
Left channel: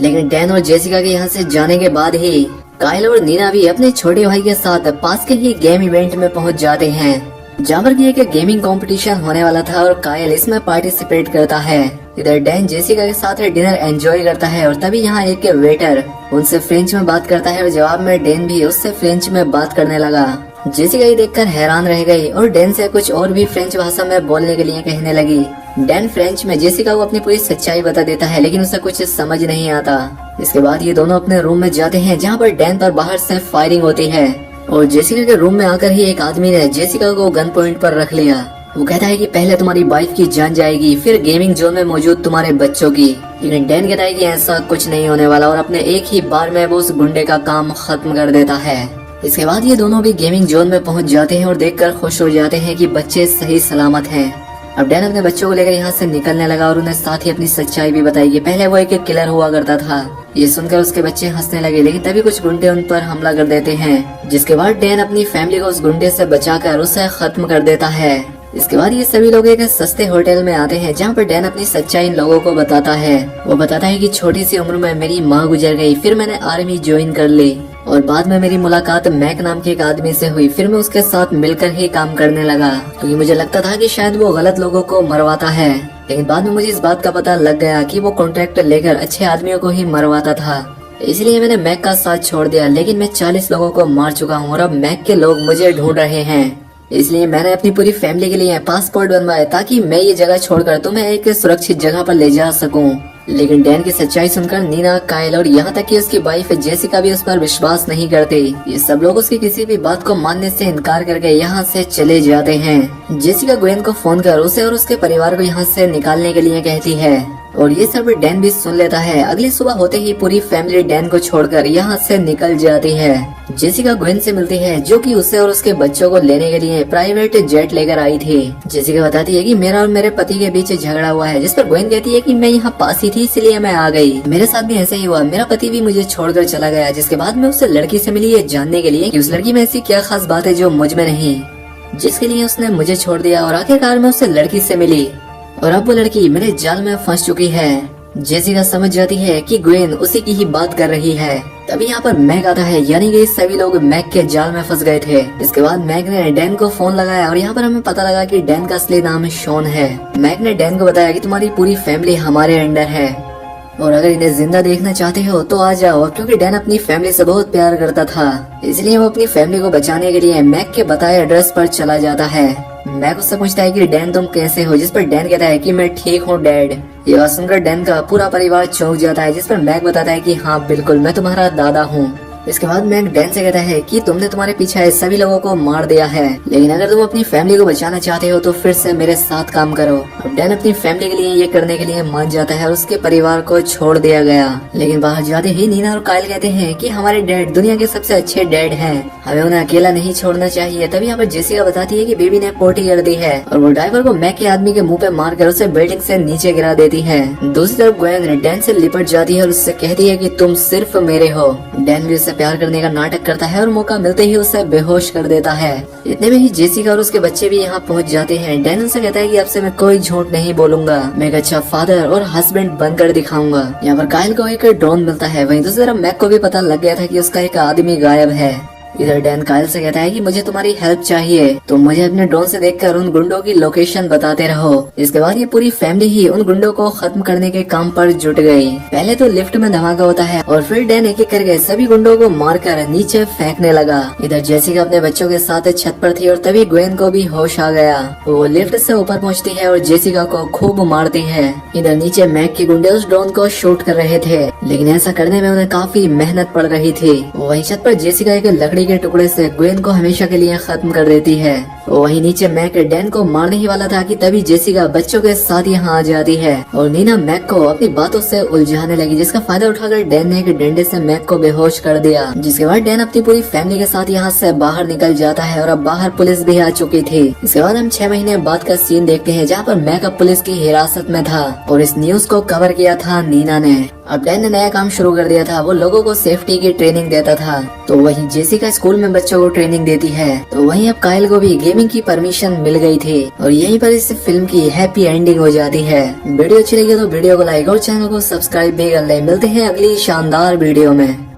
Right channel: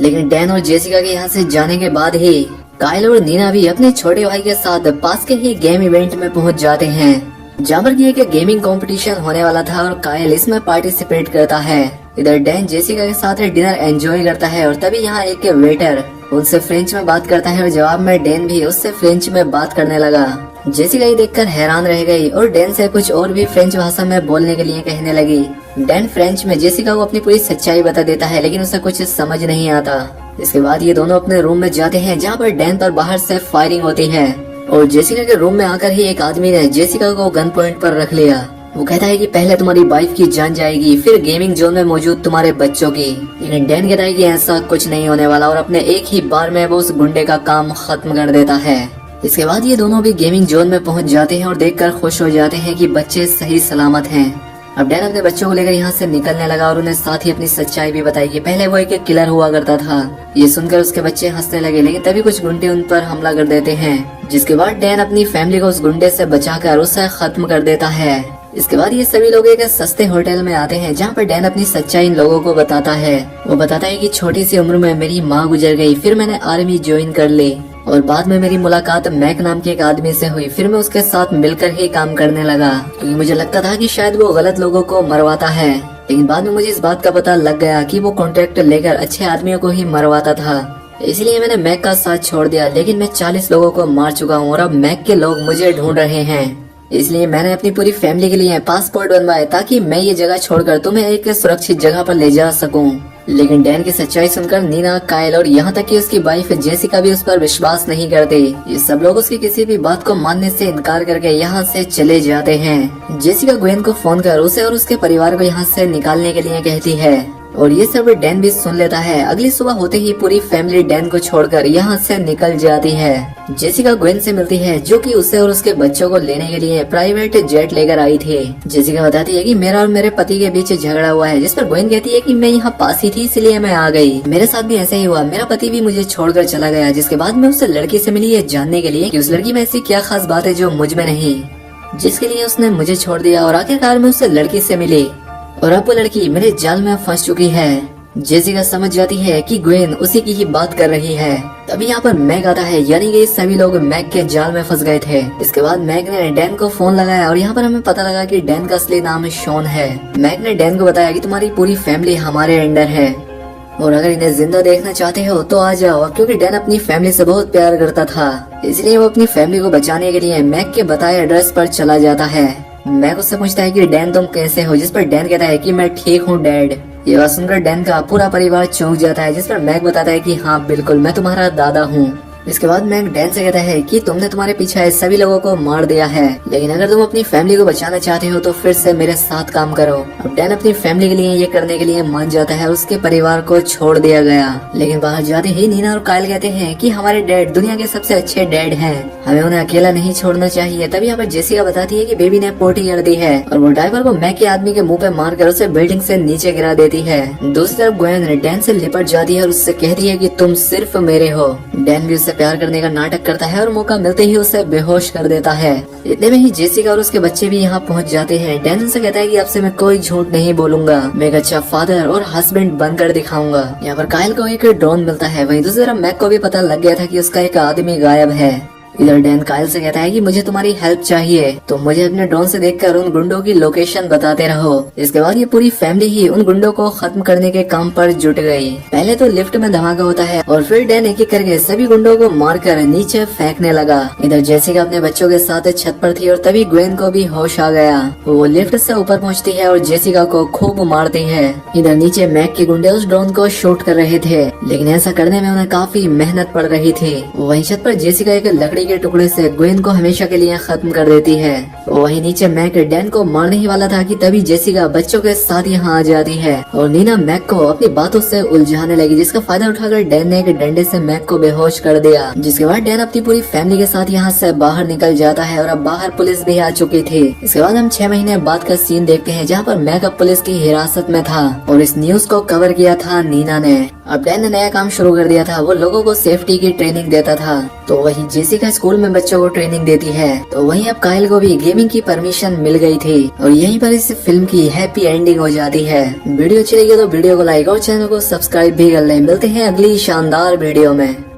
लेकिन डैन और जेसिका के यहाँ से जाने के बाद ही कायल और नीना भी अपने छोटे भाई के साथ पास के ही गेम इवेंट में पहुँच जाते हैं, जहाँ पर एक गेमिंग कंपटीशन होने वाला था और कायल इसमें पार्टिसिपेट करता है। इधर डैन जेसिका के साथ डिनर एंजॉय करता है और तभी यहाँ एक वेटर उनसे फ्रेंच में बात करता है। जवाब में डैन भी उससे फ्रेंच में बात करने लगा। जेसिका ये देखकर हैरान रह गई और डैन से कुछ और भी फ्रेंच भाषा में बोलने के लिए कहने लगी। डैन फ्रेंच में जेसिका को अपनी पूरी सच्चाई बता देता है, लेकिन उसे कुछ समझ नहीं आता। इसके बाद ये दोनों अपने रूम में जाते हैं, जहाँ पर डैन पर बाहर से फायरिंग होती है और जेसिका के रूम में आकर ही एक आदमी ने जेसिका को गन पॉइंट पर रख लिया। वो कहता है कि पहले तुम्हारी वाइफ की जान जाएगी, फिर गेमिंग जोन में मौजूद तुम्हारे बच्चों की। लेकिन डैन कहता है कि ऐसा कुछ नहीं होने वाला और अपने एक ही बार में वो उस गुंडे का काम खत्म कर देता है। इसके बाद ये दोनों भी गेमिंग जोन में पहुंच जाते हैं और देखकर खुश हो जाते हैं कि बच्चे सही सलामत हैं। अब डैन अपने बच्चों को लेकर यहाँ से निकलने लगा और उन्हें साथ ही अपनी सच्चाई भी बताई कि पहले वो एक किलर हुआ करता था। ये सुनकर उसके बच्चे हंसने लगे, लेकिन तभी कुछ गुंडे उन पर हमला कर देते हैं, जिसके बाद डैन अपनी फैमिली को उस गुंडे से बचाकर उसे खत्म कर देता है। इसके बाद ये सभी लोग एक सस्ते होटल में आते हैं, जहाँ पर डैन अपनी सच्चाई इन लोगों को बताता है। वो बताता है कि छोटी सी उम्र में मेरी माँ गुजर गई, फिर मैंने आर्मी ज्वाइन कर ली और बाद में मेरी मुलाकात मैक नाम के एक आदमी से हुई। फिर मैं उसके साथ मिलकर ही काम करने लगा, क्योंकि मुझे लगता था कि शायद वो गलत लोगों को मरवाता है। लेकिन बाद में मुझे इस बात का पता लग गया कि वो कॉन्ट्रैक्ट लेकर अच्छे आदमियों को ही मरवाता था, इसलिए मैंने मैक का साथ छोड़ दिया। लेकिन मैं 40 लोगों को मार चुका हूँ और अब मैक के लोग मुझे ढूंढ रहे हैं, इसलिए मैंने अपनी पूरी फैमिली के लिए पासपोर्ट बनवाए ताकि मैं ये जगह छोड़कर तुम्हें एक सुरक्षित जगह पर ले जा सकूं। लेकिन डैन की सच्चाई सुनकर नीना, कायल और यहाँ तक कि उसकी वाइफ जेसिका भी उस पर विश्वास नहीं करती। ये सब लोग उसकी किसी भी बात को मानने से इनकार करके यहाँ से चले जाते हैं। जेसिका ग्वेन को फोन कर उसे और उसके परिवार को यहाँ से निकालने के लिए कहती है। और ये सब डैन भी सुन लेता है। अगली सुबह होते ही पूरी फैमिली डैन को छोड़कर यहाँ से निकल जाती है। जेसिका ग्वेन से मिलती है जो कि उसे और उसके बच्चों को लेने के लिए प्राइवेट जेट लेकर आई थी। जेसिका बताती है कि मेरा और मेरे पति के बीच झगड़ा हुआ है, जिस पर ग्वेन कहती है कि मैं यहाँ पास ही थी इसलिए मैं आ गई। मेरे साथ भी ऐसे ही हुआ, मेरा पति भी मुझे छोड़कर चला गया। जिसके बाद मैं उस लड़की से मिली ये जानने के लिए कि उस लड़की में ऐसी क्या खास बात है जो मुझ में नहीं, जिसके लिए उसने मुझे छोड़ दिया। और आखिरकार मैं उस लड़की से मिली और अब वो लड़की मेरे जाल में फंस चुकी है। जेसिका समझ जाती है कि ग्वेन उसी की ही बात कर रही है। तभी यहाँ पर मैग आता है, यानी कि सभी लोग मैग के जाल में फंस गए थे। इसके बाद मैग ने डैन को फोन लगाया और यहाँ पर हमें पता लगा कि डैन का असली नाम शॉन है। मैग ने डैन को बताया कि तुम्हारी पूरी फैमिली हमारे अंडर है और अगर इन्हें जिंदा देखना चाहते हो तो आ जाओ, क्योंकि डैन अपनी फैमिली से बहुत प्यार करता था, इसलिए वो अपनी फैमिली को बचाने के लिए मैग के बताए एड्रेस पर चला जाता है। मैग उससे पूछता है कि डैन तुम कैसे हो, जिस पर डैन कहता है कि मैं ठीक हूँ डैड। ये बात सुनकर डैन का पूरा परिवार चौंक जाता है, जिस पर मैग बताता है कि हाँ बिल्कुल मैं तुम्हारा दादा हूँ। इसके बाद मैग डैन से कहता है कि तुमने तुम्हारे पीछे सभी लोगों को मार दिया है, लेकिन अगर तुम अपनी फैमिली को बचाना चाहते हो तो फिर से मेरे साथ काम करो। अब डैन अपनी फैमिली के लिए ये करने के लिए मान जाता है और उसके परिवार को छोड़ दिया गया। लेकिन बाहर जाते ही नीना और कायल कहते हैं कि हमारे डैड दुनिया के सबसे अच्छे डैड हैं, हमें उन्हें अकेला नहीं छोड़ना चाहिए। तभी यहाँ पर जेसिका बताती है कि बेबी ने पोटी कर दी है और वो ड्राइवर को मैग के आदमी के मुंह पे मारकर उसे बिल्डिंग से नीचे गिरा देती है। दूसरी तरफ ग्वेन डैन से लिपट जाती है और उससे कहती है कि तुम सिर्फ मेरे हो। डैन भी उससे प्यार करने का नाटक करता है और मौका मिलते ही उसे बेहोश कर देता है। इतने में ही जेसिका और उसके बच्चे भी यहाँ पहुँच जाते हैं। डैन उनसे कहता है कि आपसे मैं कोई झूठ नहीं बोलूंगा, मैं एक अच्छा फादर और हस्बैंड बनकर दिखाऊंगा। यहाँ पर कायल को एक ड्रोन मिलता है, वहीं दूसरी तरफ मैग को भी पता लग गया था कि उसका एक आदमी गायब है। इधर डैन कायल से कहता है कि मुझे तुम्हारी हेल्प चाहिए, तो मुझे अपने ड्रोन से देखकर उन गुंडों की लोकेशन बताते रहो। इसके बाद ये पूरी फैमिली ही उन गुंडों को खत्म करने के काम पर जुट गई। पहले तो लिफ्ट में धमाका होता है और फिर डैन एक एक करके सभी गुंडों को मारकर नीचे फेंकने लगा। इधर जेसिका अपने बच्चों के साथ छत पर थी और तभी ग्वेन को भी होश आ गया। वो लिफ्ट से ऊपर पहुँचती है और जेसिका को खूब मारती है। इधर नीचे मैग के गुंडे उस ड्रोन को शूट कर रहे थे, लेकिन ऐसा करने में उन्हें काफी मेहनत पड़ रही थी। वहीं छत पर जेसिका एक लकड़ी के टुकड़े से ग्वेन को हमेशा के लिए खत्म कर देती है। वहीं नीचे मैग डैन को मारने ही वाला था कि तभी जेसिका बच्चों के साथ यहाँ आ जाती है और नीना मैग को अपनी बातों से उलझाने लगी, जिसका फायदा उठाकर डैन ने एक डंडे से मैग को बेहोश कर दिया। जिसके बाद डैन अपनी पूरी फैमिली के साथ यहाँ से बाहर निकल जाता है और अब बाहर पुलिस भी आ चुकी थी। इसके बाद हम 6 महीने बाद का सीन देखते हैं जहाँ पर मैग अब पुलिस की हिरासत में था और इस न्यूज को कवर किया था नीना ने। अब डैन ने नया काम शुरू कर दिया था, वो लोगों को सेफ्टी की ट्रेनिंग देता था। तो वहीं जेसिका स्कूल में बच्चों को ट्रेनिंग देती है, तो वहीं अब कायल को भी गेमिंग की परमिशन मिल गई थी और यहीं पर इस फिल्म की हैप्पी एंडिंग हो जाती है। वीडियो अच्छी लगी तो वीडियो को लाइक और चैनल को सब्सक्राइब भी कर ले। मिलते हैं अगली शानदार वीडियो में।